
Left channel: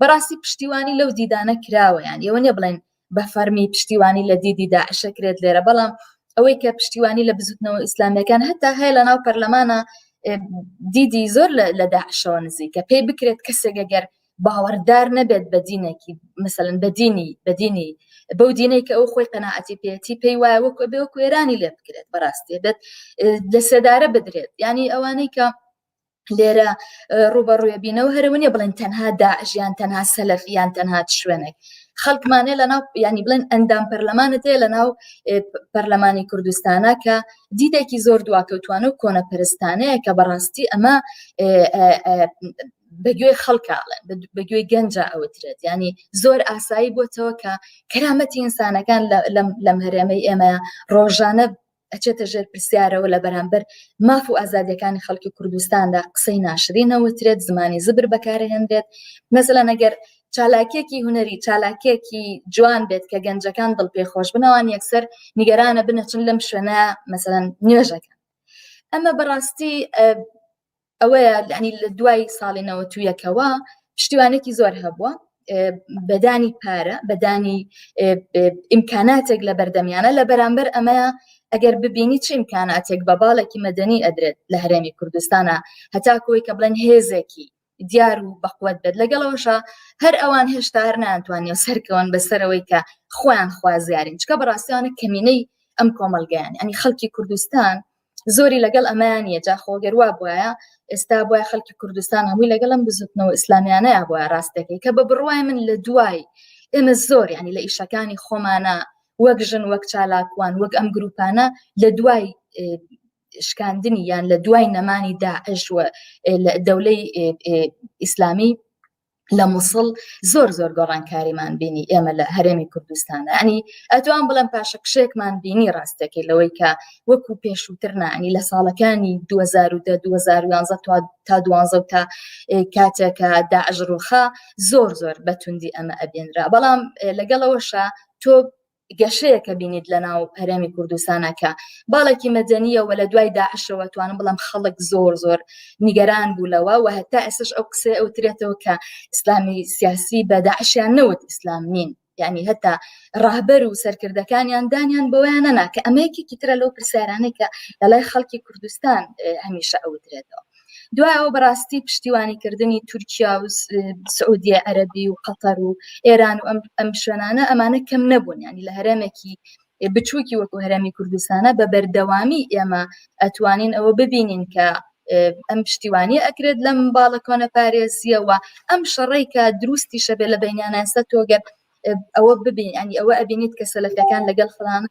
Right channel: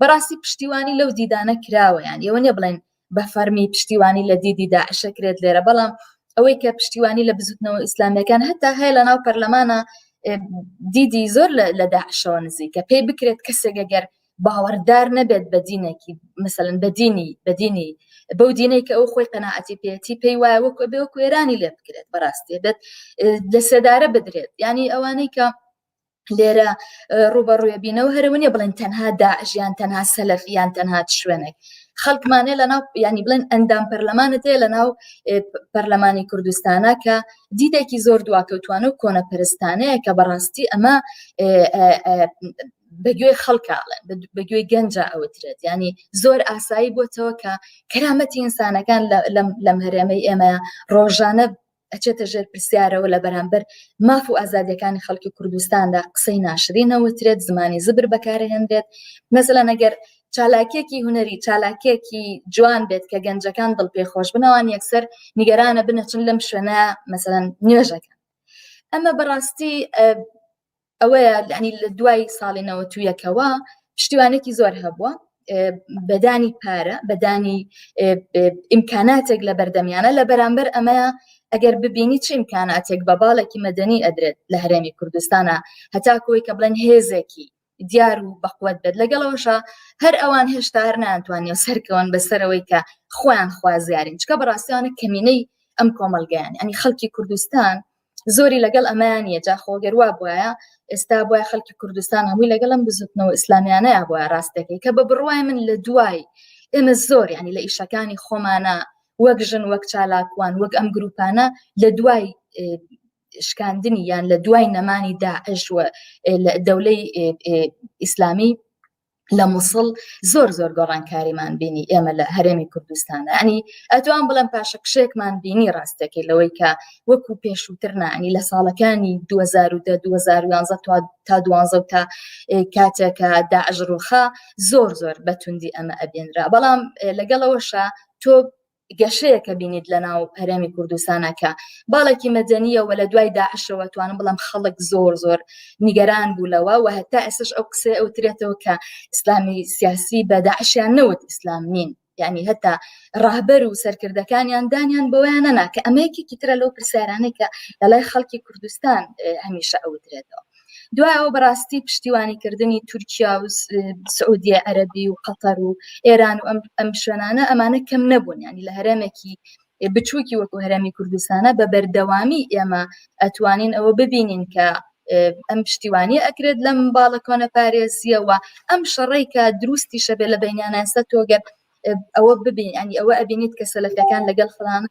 بەڕاستی پشتیوانی لەو دیدانە کراوە یان ئێوە نیە بڵێن بە فەرمی پشتیوانی لە دیدی داعشەکرێت لێرە بەڵام ئەوەی کە پشتیوانی لە بزوتنەوە ئیسلامیەکان هەتا هەیە لە ناو پەرلەمانە دیدی زۆر لە داعشەوە نزیکە پێی بکرێت کەسێک ئەگەر باوەڕدار نەبێت بە دینێکی مثلەن بەدینی بەو دینەی کە ئەو خۆی قەناعەتی پێێتی پێی وایە وەکو ئێرانی لێ بکرێت بەڕاستی بێت لە سێدارە بدرێت ینی ئەوانەی کە لێرە ڕوبەڕوویە بینەوە هەرەوەنیە بڵێن تەنها داعشیان تەنها سەلەفیان تەنها شوێنێک خەڵکمانێ لە ناو ینی بڵێن ئەندام پەرلەمانت هەیە لە ناو پەرلەمانی کوردستانە کە دیدێکی زۆر دواکەوتوانە و کۆنە پەرستانەیە کە بەڕاستی ئەمە بەگوێی خەڵکاڵێن بەگوێی گەنجە ئەوترێت ینی زۆر ئاسایی بۆتەوە کە کەرامەتی ئینسانەکان لەم هەرێمەی ئێمە ڕۆژانە ئەچێتە ژێر پرسیارەوە لە بەرامبەر ماف و ئازادیەکانی خەڵکی کوردستاندا قسەی ناشرینەوەترێت زمانی زبر بەکارهێنرێت مەسەلەن ئەگەر چالاکیەکی هوەری چالاکیەکی جوان بێت کە گەنجەکان دڵ پێخۆش بنەوان یەکسەر نیگەرانە بنەچن لەم شوێنە مەسەلەن نوێژەکان ئەمە بەڕاستی ئەوەیە ینی لە دوای ساڵی 91ەوە پشتیوانێکی زۆر هەبووە بەدانی پارە بەدانی ئیمکاناتێک لە بەردەمیانە لە بەرامبەر ئەمەیە ئەگەر ببینی چه ئیمکاناتێک بە باڵێکی مەدەنی ئەدرێت لە هەرێمی کوردستانە هەتاکۆی کە بڵێن هێزێکی دیار و بەقوت بێت لەگەڵەوەشە هەر ئەوان هێشتا هەر ناتوانێت سەرکەون بەسەرەوەی کە خۆیان خوازیارین چکە بەڕاستیانە کەمینەی ئەم کۆمەلگایان ئەنی خەڵکی کوردستان زۆری لەگەڵ ئەمانیە جاخۆگەر وا بواە ئێستا بۆیە خەڵکی کوردستان هەمووی لەگەڵم بزوتنەوە ئیسلامیانەیە بۆە ڕاستەکەی کە بە بڕوای من لە دوای ئێمە زۆر ینی لە ئیشەکانی خۆمانە وەک ژن وەک چالاکوان وەک ئەم گروپانە لە دوای شکاندنی یان لە دوای نەمانی داعش و دەولەی ئیسلامی لە مووسڵ زۆر گۆڕانکاریمان بینی ئێمە لە هەرێمی کوردستانە ئەنی ئەتوان بڵێم پاشەکشێکمان بینی ڕاستەکەی لەوەی کە وەکو پێشووتر نانی لە ساڵەکانی 2010 2011 تا 12 تا کاتێکە داعش ڕووخا زۆر بەتوندی ئەمە ئەبێنرا بەڵام لەگەڵەوەشە تۆ گەشەیەکە بینیت لە ناو هەرێمی کوردستانەکە باڵێکی مەدەنیە و لە دوای داعشەوە توانم بڵام خەڵک زۆر نیگەران بوولەوە و هەتا ئێستش ئەو قسە ئەوترێتەوە کە ئیسلامی سیاسی بە داعشیان نەوت ئیسلام نین یعنی هەتا ڕاهبەر و سەرکردەکانیان دانیان بەوەیان نەنا کە ئەمەیەکێکی ترە لەو پرسیارانەی کە لەلای خەڵکی کوردستان هەمیشە ئەوترێتەوە. دوای ئەو بەڕاستی پشتیوانیکردنی تورکیا و سعودیە عەرەبی و قەتەر و ئێران و ئەم شوێنانە ئەمانە کەم نەبوون ینی لە هەرێمێکی بچووکی وەکو هەرێمی کوردستانە بە بەردەوامی ئێمە ئەتوانین ئەوە ببینین کە ئەم پشتیوانی ئەکرێت لەم باڵە کۆنەپارێزیەوە ئەم شەڕەی کە دروستی شەبێ لە بەینانەسە تۆگەر ئەوە ببین ینی ئەوە ئەبینیت کە سەلەفیەکان لەگەڵ فڵان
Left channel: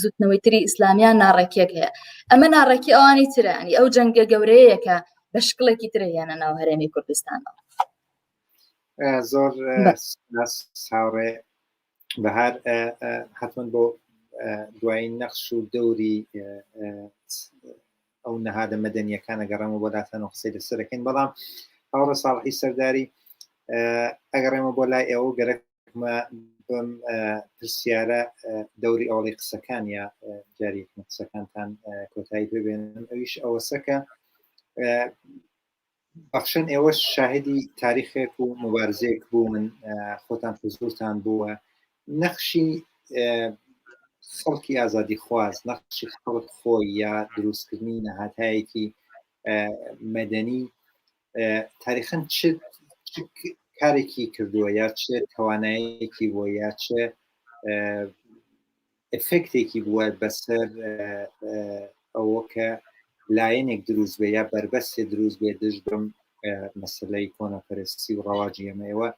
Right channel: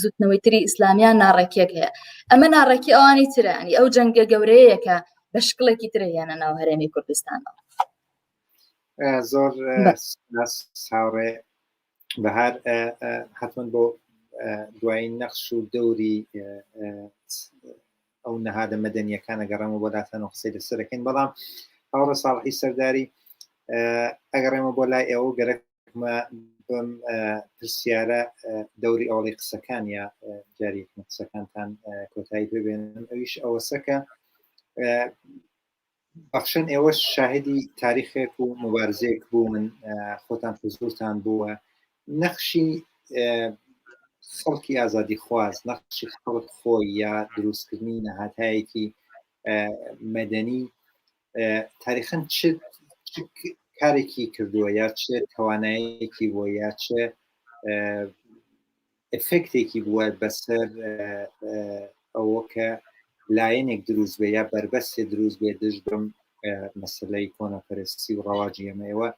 زوتنەوەی تری ئیسلامیان ناڕێکێک هەیە ئەمە ناڕێکی ئەوانی ترە ینی ئەو جەنگە گەورەیە کە بە شکڵێکی ترە هێنە ناو هەرێمی کوردستانەوە. زۆر ساوڕێ بەهار حتمما بۆ دوای نەخش و دەوری ئەو نەهادە مەدەنیەکانە گەڕێمە بۆ لاتەنەوە قسەی لەسەرەکەین بەڵام هاوڕە ساڵحی سەرداری ئەگەڕێمە بۆ لای ئێوە گەرەکمە بم پرسیارە دەوری ئەوڵی قسەکان یا جاریەکمە قسەکانتان کۆتایی ببێنن ئەویش ئەوەسەکە بەخشن ئێوە شاهدی تاریخێک و مبارزەیەک بوو من خۆتان حزورتان بووە نەخشی خەڵکی ئازادی خواز نەخشی خەڵک خۆی یا دروستکردنی نەهاتایەکی مەدەنی تاریخەن چ کارێکی کردووە یا چ توانایەکی بووە یا چ ئفکتێکی بووە بەسەر ئەوە کە لایەنێک دروست بێ یا بەربەستێ دروست بێ دژ بم مەسلەی کۆنەپەرستی و ڕەواجی ئەمەوە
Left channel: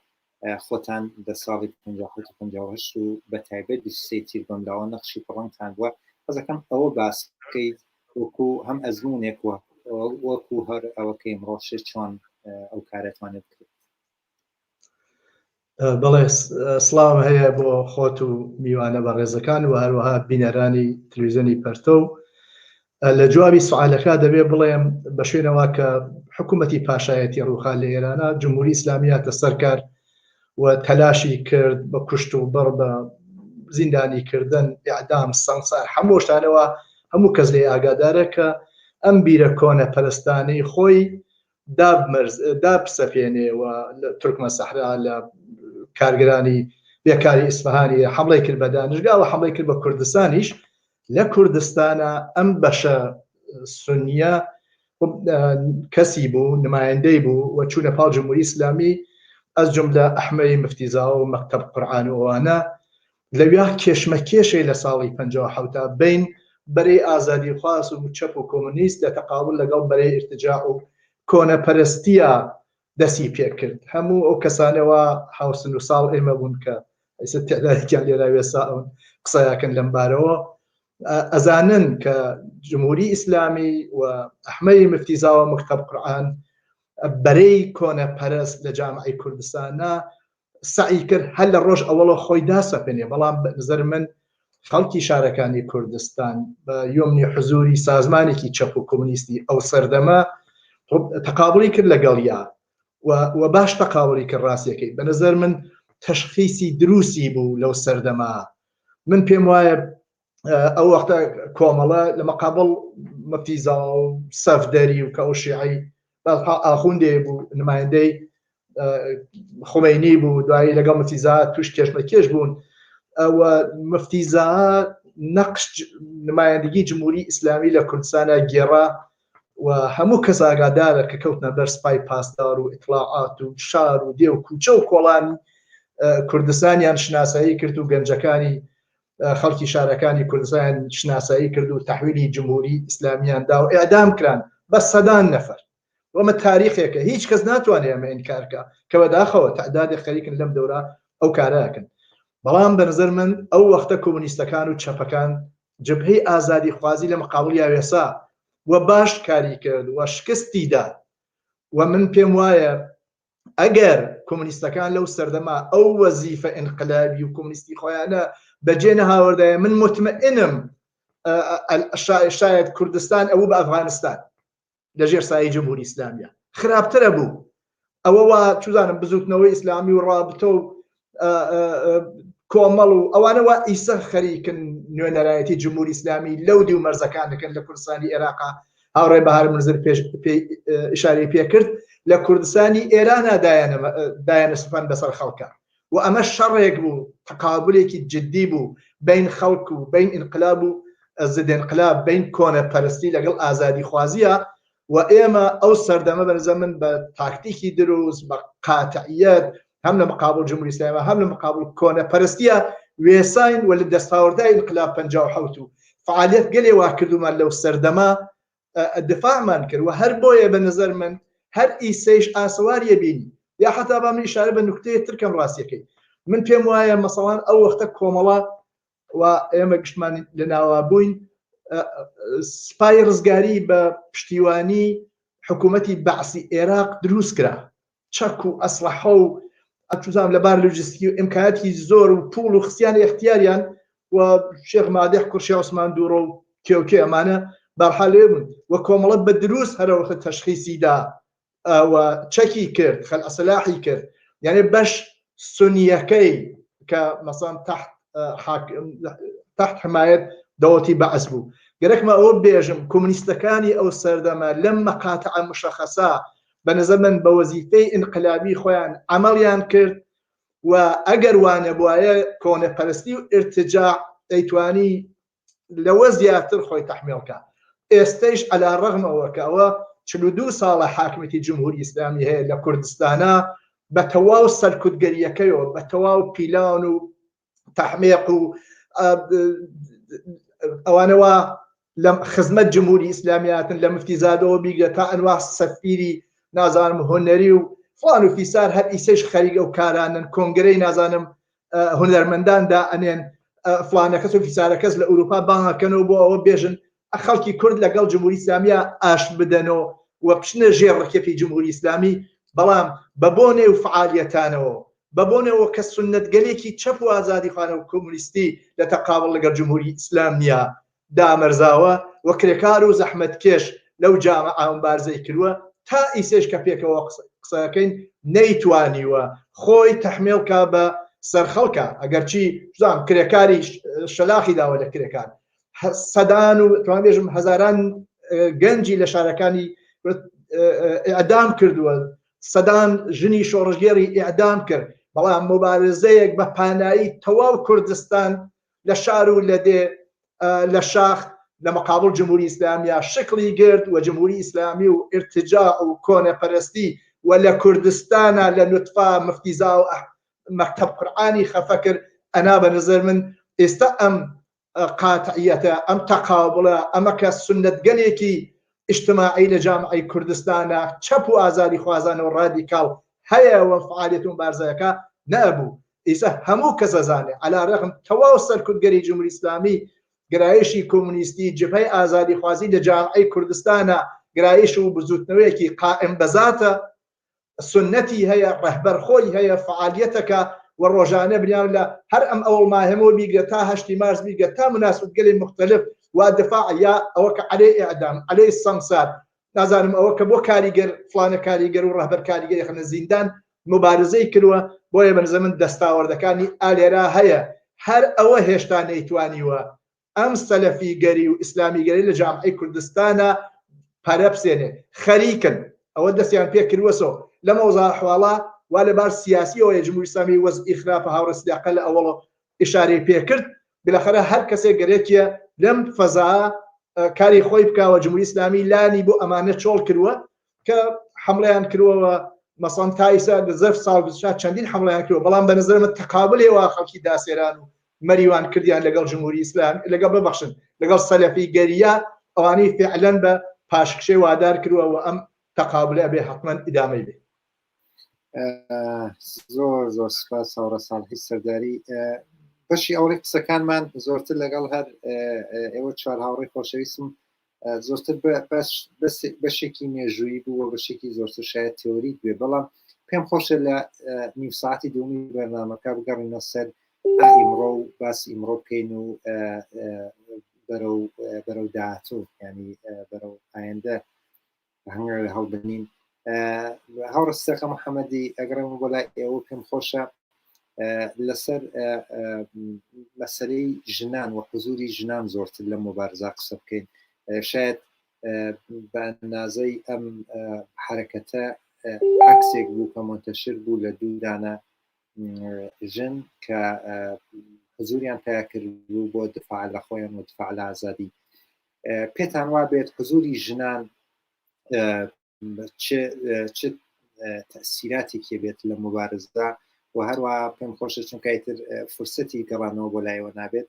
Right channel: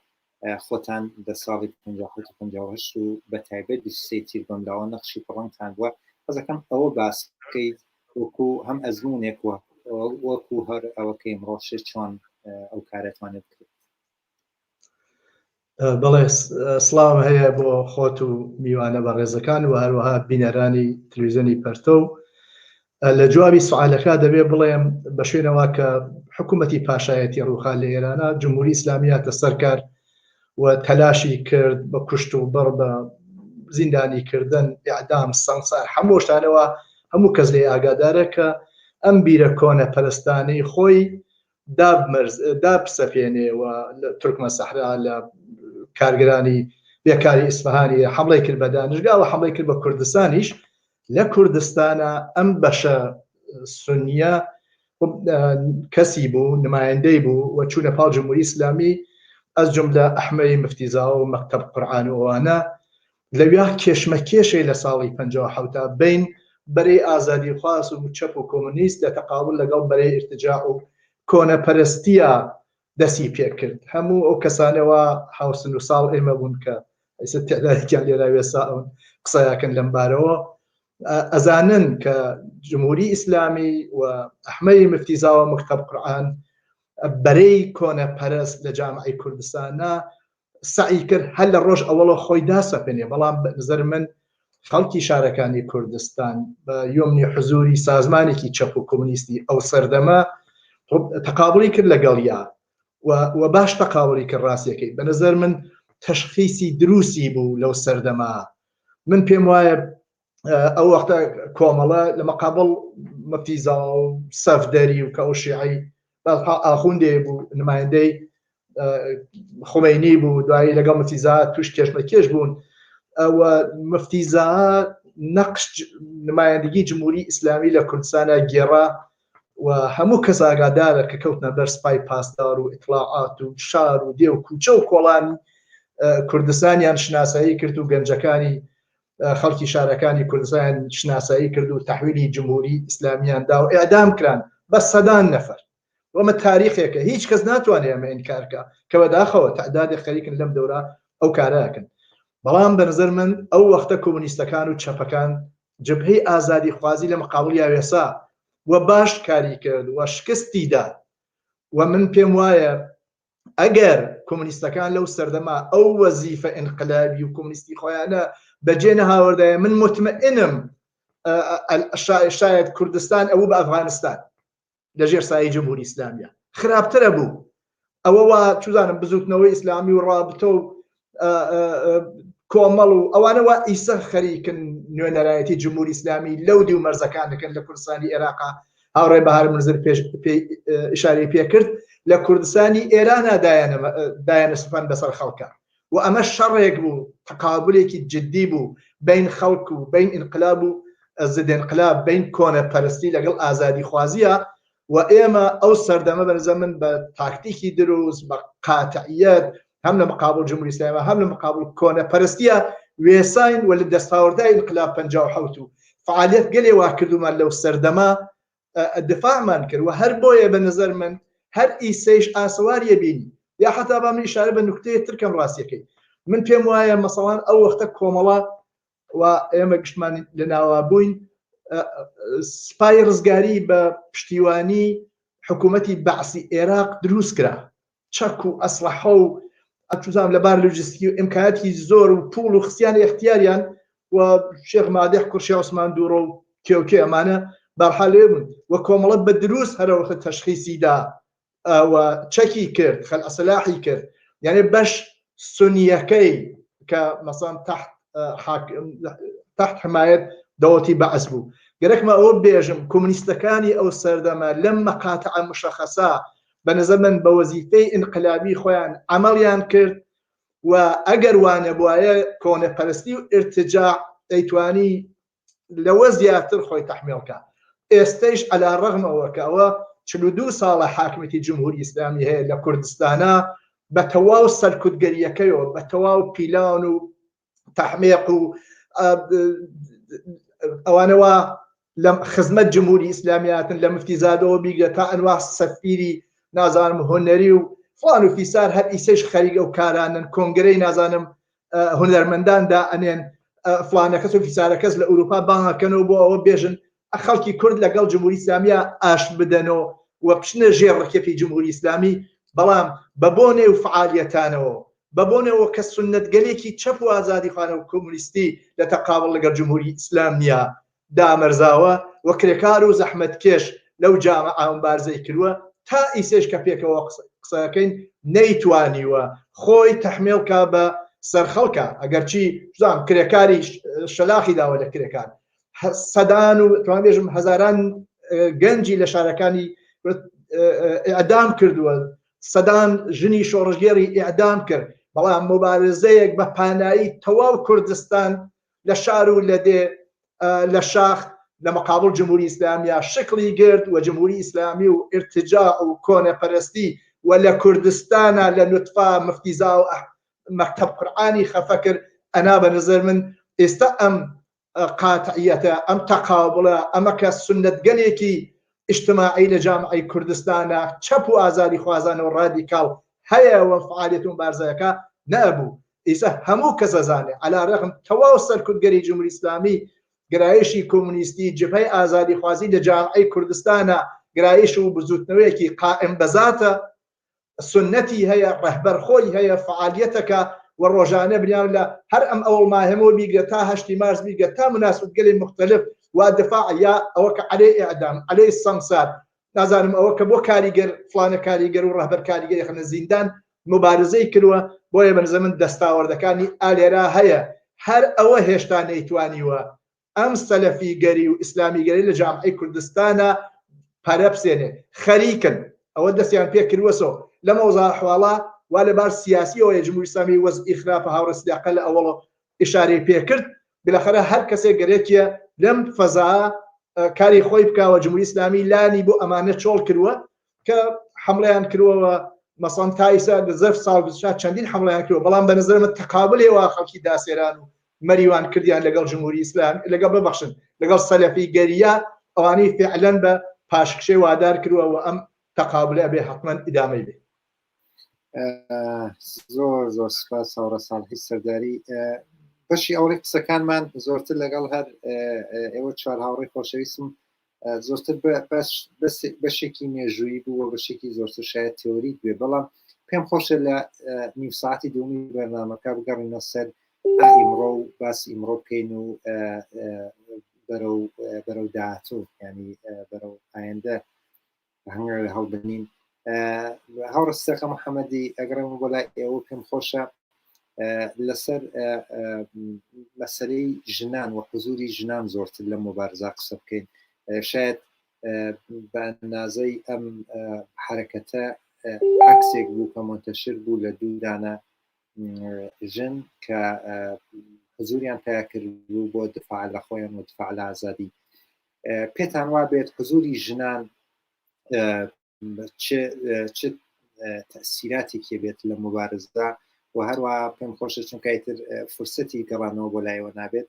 خۆتان دە ساڵی 1950 و بە تایبەت 23 تیر بەمداوە نەخشی پڕەنگتان بووە حەزەکەم ئەوە باس بکەیت وەکو هەم ئەزمونێک وەکو هەر ئەوەکەی ئەمڕۆشە چۆن ئەو کارەتوانێت بکرێت. بەڵێ سڵام هەیە بۆ خۆت و میوانە بە ڕێزەکان و هەروەها بینەرانی تەلەڤیزیۆنی پەرتۆ لە جوابی سوالەکە دەبێ بڵێم بە شوێنەوە کە حکوومەتی پاشایەتی ڕووخان لە ئێرانە جمهوری ئیسلامی هاتە سەرکار و تەلاشی کرد بە کوشت و بڕ بە زیندانیکردن ئیعدام سەنگسار هەموو شتانەوە هەموو کەس لێ ئاگادارە کە ئەم بیرە کۆنە پەرستانەی خۆی دابسەپێنێەوە لە تورکمە سەحرا لە کارگرانی بێکاری ئیسفەهانی حمڵی کرد بە دانشگا و حمڵی کرد بە کوردستانیش لە کوردستانە ئەم بەشە سونیە کەسی بوو نمایندەی بوو و چوونە پاڵ جمهوری ئیسلامی ئەس جملە ئەحمەدی مفتیزاوە و مەکتەب قورئان و ئەوانە لەویا کێشمەکێشەی لە ساڵی 57 بین بەرەی ئازادی خواست و چەپ و کۆمونیست لە تەقابل لەگەڵ بەرەی ئرتجاع و کۆنەپەرستیە دەستی پێ کرد هەموو ئەو کەسانەوە حوسن و ساڵ ئێمە بوون کە ئێستا تێدایکیان لێرا وێساون قسەیاکەن لەم بارەوە ئەزانن کە جمهوری ئیسلامی و ئەحمەدی مفتیزاوە مەکتەب قورئان بەرەی کۆنەپەرست لە جامعەی کوردستانە سعی کرد هەر لە ڕۆژ ئەوڵە خۆی داسەپێنێ بەڵام بەنظر من خەڵکی شارەکانی کوردستان بە یۆمنی حزوری سازمانێکی چەپ و کۆمونیستی ئەو سەردەمە تەقابڵی کرد لەگەڵیا و باش تەقابڵی کرد ڕاستیەکەی بەنظر من تەشخیصی دروستی بوو لەو سەردەما من پێم وایە ئەو وەختە کۆمەڵە لە مەقابڵ مەفتیزا و سەفدەری و کە ئەو شیعی ئاخوندێ بوو نمایندەی خومینی بوو دوایی لەگەڵ مەفتیزا توش کێشمەکێش بوون ئەوە مەفتیزا نەقش نمایندگی جمهوری ئیسلامی لە کوردستانە گێڕا و هەموو کەس ئاگادارە کە کەوتنە بەر سپای پاسدار و ئیطلاعات و شار و دێ و کوچە و کۆڵانی کوردستانیان شناسایی کرد و گەنجەکانی خەڵکی شارەکانی کوردستان شناسایی کرد و تەحویلی جمهوری ئیسلامیاندا و ئێعدام کران بە سەدان نەفەر وەمە تاریخێکە هیچ کەس ناتوانێت ئەمە ئینکارکە کە بەداخەوە تعدادی خەریکن لەم دەورە ئەو کارەکەن بەڵام بەنظر من ئەو وەختە کۆمونیستەکان و چەپەکان جبهەی ئازادی خوازی لە مەقابڵی یاوێسا و باش کاری کرد و شکستی دا و من پێم وایە ئەگەر کۆمونیستەکان لەو سەردەما ئەو وەزیفە ئینقلابی و کۆمونیستی خۆیانە بەجێ نەهاوردایە من مطمئنم شاید کوردستان ئەوە بە ئەفغانستان لەژێر سایەی جمهوری ئیسلامیە خراپترە بوو ئەوەوە چوزانم بزوتنەوەی ئیسلامی و ڕابطە و کۆمەڵ و ئەوانەوە ئیسە خەریکن نوێنەرایەتی جمهوری ئیسلامی لەو دی و مەرزەکان دەکەن لە کوردستانی عێراقا هاوڕێ بەهار منزر ئیشارەی پێکرد لە کوردستانی ئێرانە دایانە سوپان بەسەر خەڵکە و ئەمە شەڕێک بوو تەقابلێکی جدی بوو بین خەڵک و بین ئینقلاب و ضد انقلاب بین کۆنەپەرستی لەگەڵ ئازادی خوازیە و ئێمە ئەو سەردەمە بەنظر من بە تاکتیکی دروست بە قاتعیەت هەم لە مقابل جمهوری ئیسلامی هەم لە مقابل کۆنەپەرستیە وێساین و لە دەستاوەردای انقلاب 57 و فعالیت گەلێ وا کردومان لەو سەردەمە دفاعمان کرد و هەر بۆیە بە نظر من هەر ئیسەیش ئاسەواریە بینی یا حتا با من ئیشارە بە نوکتەیە ترکەم ڕاستیەکەی من پێم وایە مەسەڵان ئەو وەختە کۆمەڵە و ئێمە گشتمان لە ناوا بووین سپای ڕزگاری بە پشتیوانی حکوومەتی بەعسی عێراق دروست کرا چەک و ئەسلحە و ئەتوزام لەبار لۆجستیکی و ئیمکاناتی زۆر و پوڵ و خستیانی اختیاریان و شێخ مادح کوڕشی عوسمان دووڕە و کێوکێ ئەمانە بەرحال لێ بوون و کۆمەڵە بە دروست هەرەوەخە تەشخیصیدا و چەکی کرد خەل ئەسلاحی کرد یعنی بەش سنیەکەی کە مەسەڵەن تحت حمایەت دەوڵەتی بەعس بوو گەرەکمە ئەوە بێژم کۆمونیستەکانی ئەو سەردەمە لەم مەقاتع مشەخەسە بە نظر من بە وەزیفەی ئینقلابی خۆیان عملیان کرد و ئەگەر وانە بواە کۆنەپەرستی و ئرتجاع دەیتوانی لەوە زیاتر خۆی تەحمیلکە ئێستەیش عەلا ڕەغمەوە کە ئەوە 42 ساڵە حاکمیەتی جمهوری ئیسلامی هەیە لە کوردستانە بە تەواو سەرکوتگەریەکەیەوە بە تەواو پیلان و تەحمیق و ئەوانەوە لە خزمەت جمهوری ئیسلامیاتن لە مفتیزادەوە بیگە تا ئەنوا سەفیری نازانم هۆنەری و فڵان و فیسار هەر ئیسەش خەریکە و کارانن کۆنگرەی نازانم هونەرمەنداندا ئەنێن فڵانە کەس و فیسارە کەس لە ئەوروپا بانگەکەنەوە بۆ ئەوە بێژن خەڵکی کورد لەگەڵ جمهوری ئیسلامیە ئاش بدەنەوە و بچنە ژێر ڕکێفی جمهوری ئیسلامی بەڵام بە بۆنێ و فعالیەتانەوە بە بۆنەوە کە سنەتگەلێکی چەپ و ئازادی خانە و کۆمونیستی لە تەقابڵ لەگەڵ جمهوری ئیسلامیە دامەرزاوە و کرێکار و زەحمەتکێش لەو جامعە مبارزەی کردووە تا ئیسێش کە پێکەوە قسەکەین نەیتوانیوە خۆی تەحمیلکە بە سەرخەڵکە ئەگەرچی زان کرێکاری شەلاخی داوە لە کرێکار سەدان و توان بێژم هەزاران گەنجی لە شارەکانی ئیعدام کردووە سەدان ژنی شۆڕژگێری ئیعدام کرد بەڵام مبارزەیەک بە پانایی تەواو کوردستان لە شار و لە دێ لە شاخ لە مقابل جمهوری ئیسلامیە شکلی گرت و جمهوری ئیسلامی و ئرتجاع و کۆنەپەرستی و لە کوردستانە لە نوتفا مفتیزا و مەکتەب قورئانی خەفە کرد ئەنا بە نظر من ئێستا ئەم قاتعیەتە ئەم تەقابڵە ئەمە کە سنەتگەلێکی اجتماعی لە جامعەی کوردستانە چەپ و ئازادی خوازانە و ڕادیکاڵ هەیە و فعالیەت و بارزەکە نەبوو ئێستا هەموو کەس ئەزانێ عەلا ڕەغم تەواو سەرکوتگەری جمهوری ئیسلامی گرایشی کۆمونیستی جبهەی ئازادی خوازی لە جامعەی کوردستانە گرایش و بزوتنەوەیەکی قائم بەزاتە سنەتی هەیە ڕەهبەرخۆی هەیە فعالیەتەکە و ڕۆژانە بریان لە هەر ئەم ئەوڵ ماهەمەوە بیگە تا 8 مارس بیگە تا مناسبەتگەلی مختلف و دفاع یا ئەوە کە عەلەی ئیعدام عەلەی سەنگسار نازانم ئەوە کە بۆ کاریگەر فڵانە کاریگەر و ڕەهبەر کاریگەری خەنە زیندان مبارزەی کردووە بۆیە بە نظر من دەستاوەردەکانی ئالێرا هەیە هەر ئەوە هێشتا نەیتوانیوە ئەم سەلەفیگەری و ئیسلامیگەری لە جامعەی کوردستانە پەرە بسێنێ خەریکن ئەوە دەستیان پێ کردووەسەوە لە مەوزوع حواڵە وا لەبار سیاسیەوە جمهوری ئیسلامی وەزعی خراپە هاوڕێ سیاقە لە ئەوڵە ئیشارەی پێکرد بالاخره هەر کەسێک گەرێکیە لەم فەزا کاری خۆی بکاوە جمهوری ئیسلامی لانی بۆ ئەمانە چۆڵ کردووە کە حملەیان کردووە مەسەڵەن تا ئیسا زەرف ساڵ چەندین حملەیان کردووە بەڵام بە نظرمە تەقابلێەوە خەڵکی داسێران و مەریوان کردیان لەگەڵ جمهوری ئیسلام لەگەڵ ببەخشن لەگەڵ سەلەفیگەریە ئەوانەی فعلەن بە پاشکشەی وادار کردووە و ئەم تەقابلە بێ حتمەن ئیدامەی بێ زۆر زۆر سپاس هاوڕە ساڵحی سەرداری بەشی ئەوڕی قسەکانمان زۆرتر لەگەڵ هەر ئێوە چوار هاوڕێی خۆشەویستم زۆرتر بەشێکی مێژووی بووە بەشێکی زۆرتر شاید تێۆریک بێ بەڵام پێم خۆشە لە نیم ساعتی دومی بەرنامەکە بگەڕینە سەر ئیمڕۆ و باسی ئیمڕۆ بکەین و بەرەو داهاتوو ینی بەرەو ئایندە هەنگێ لە هەڵبنین هاوڕستەکە محەممەدی ئەگەڕم بۆ لای ئێوە پێم خۆشە لەسەر مەسەلەی ژنان و حزوری ژنان زۆرتر لە مبارزە قسە بکەین شاید بە نازەی ئەم حرەکەتە عکسێک بوو کە منتەشر بوو لە دوودانە ژن کە حزوریان تیا کردبوو بۆ دفاع لە خۆیان و دفاع لە ئازادی پێتان وا بێت حزوری ژنان چ تەسیراتێکی بێت لە مبارزدا و هەروە پێم خۆشە چونکایتر فرسەتی گەڕانەوە بۆ لایەوە نابێت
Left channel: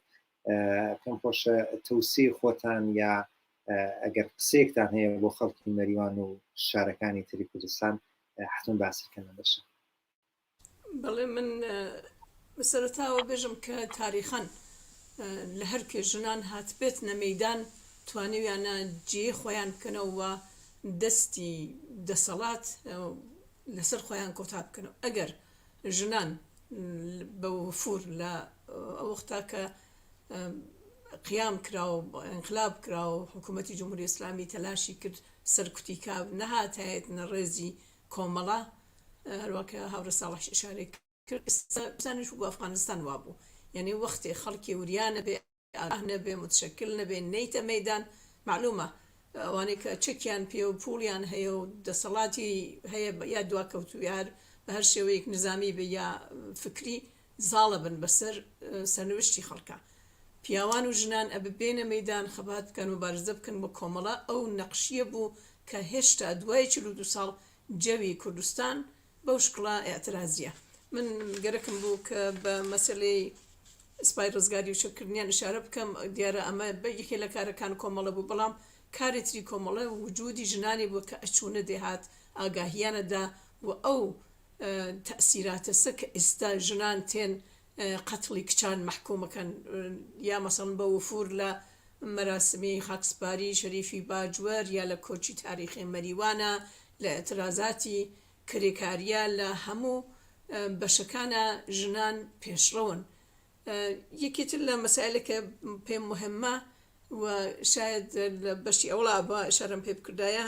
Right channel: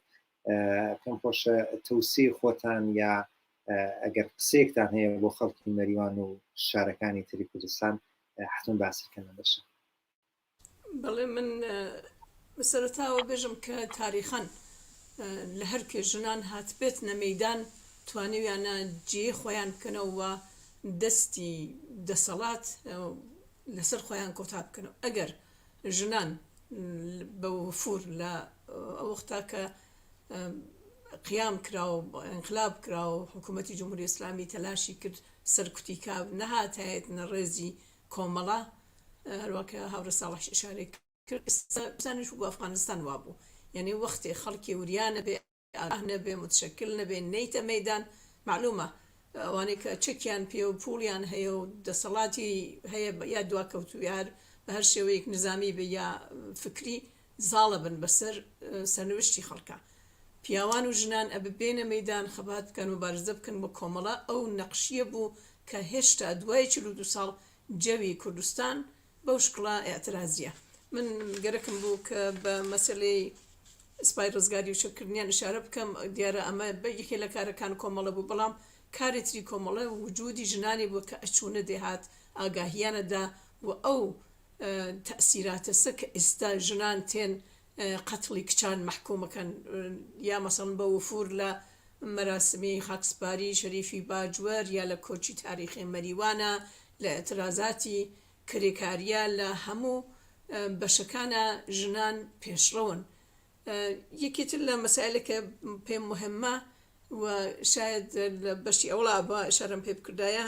پێم خۆشە تەوسی خۆتان یا ئەگەر قسێکتان هەیە بۆ خەڵکی مەریوان و شارەکانی تری کوردستان حتم باسیکەنە بەشە. بەڵێ من بەسەرەتاوە بێژم کە تاریخەن لە هەر کێ ژنان هات بێت نەمەیدان توانیویانە جێ خۆیان بکەنەوە دەستی دەسەڵات لەسەر خۆیان کۆتا بکەنەوە ئەگەر ژنان بە وفور لە ئەوەختا کە قیام کرا و انقلاب کرا و حکوومەتی جمهوری ئیسلامی تەلاشی کرد سەرکوتی کاو نەهاتایەت نەڕێزی کۆمەڵە هەروەکە هاورە ساڵح ئشارێ کرد بزانش بۆ ئەفغانستان وابوو یعنی وەختێ خەڵکی وریانە بێ نەبێ متشکل نەبێ نەیتە مەیدان معلومە ئەوانەی کە چەکیان پێ و پوڵیان هەیە و دەسەڵاتی هەیە یا دواکەوت و یار بە هەر شێوەیەک نظامی بە یا فکری زاڵە بن بەسەر سەرنوشتی خەڵکە پیاوان و ژنان ئەبێ بێنە مەیدان خەبات بکەن و بارزە بکەن بۆ کۆمەڵە ئەو نەقشیە بوو کە هێشتا دوای 42 ساڵ جەوی کوردستان بەو شکڵا ئێعترازیە من گەرەکم بوو کە بە مەسەلەی سپای ڕزگاری و شەکردنیان ئشارە بکەم دیارە ئەمە بەیەکێ لە کارەکان کۆمەڵە بوو بەڵام کارێتری کۆمەڵە وجودی ژنانی بوو کە ئەچوونە دێهات ئاگاهیانەدا و ئەو تەسیراتە سە کە ئێستا ژنان تێن قەتڵی کچان محکومەکەن یا مەسەڵەن بە وفور لە مەراسمی خاکسپاری شەریفی باجوەر یا لە کۆچی تاریخی مەریوانە لە ئەترازاتی کرێکاریە لە هەموو بەشەکانە ژنان پێشڕەون یەکێتر لە مەسائلەکە پێم مهمە و شاید لە بەشی ئەوڵا بە شەرم پێ بکردایە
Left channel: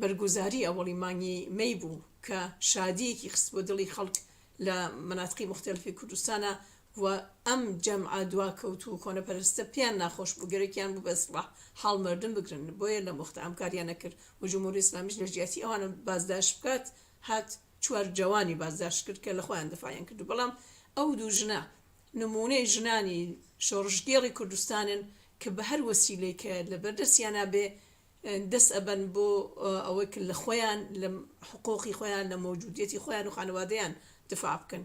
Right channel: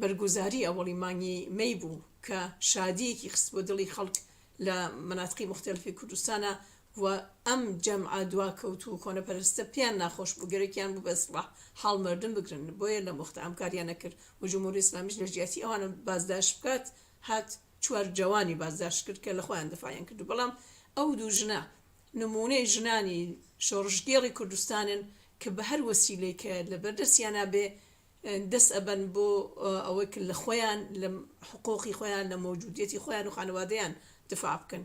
بەرگوزاری ئەوەڵی مانگی مەی بوو کە شادیەکی خست بۆ دڵی خەڵک لە مناتقی مختلفی کوردستانە و ئەم جەمعە دواکەوت و کۆنەپەرستە پیان ناخۆش بوو گەرەکیان بوو بەسڵاح حاڵ مردن بگرن بۆیە لە مختە ئەمکاریان نەکرد و جمهوری ئیسلامیش لە ژیاتی ئەوانە بازداشت بکات هات چوار جوانی بازداشت کرد کە لە خۆیان دفاعیان کرد بەڵام ئەو دوو ژنە نمونەی ژنانی شۆڕژگێڕی کوردستانن کە بە هەر وەسیلەی کە لە بەردەستیانە بێ دەست ئەبەن بۆ ئەوەی لە خۆیان لە حقوقی خۆیان لە مەوجودیەتی خۆیان و خانەوادەیان دفاع بکەن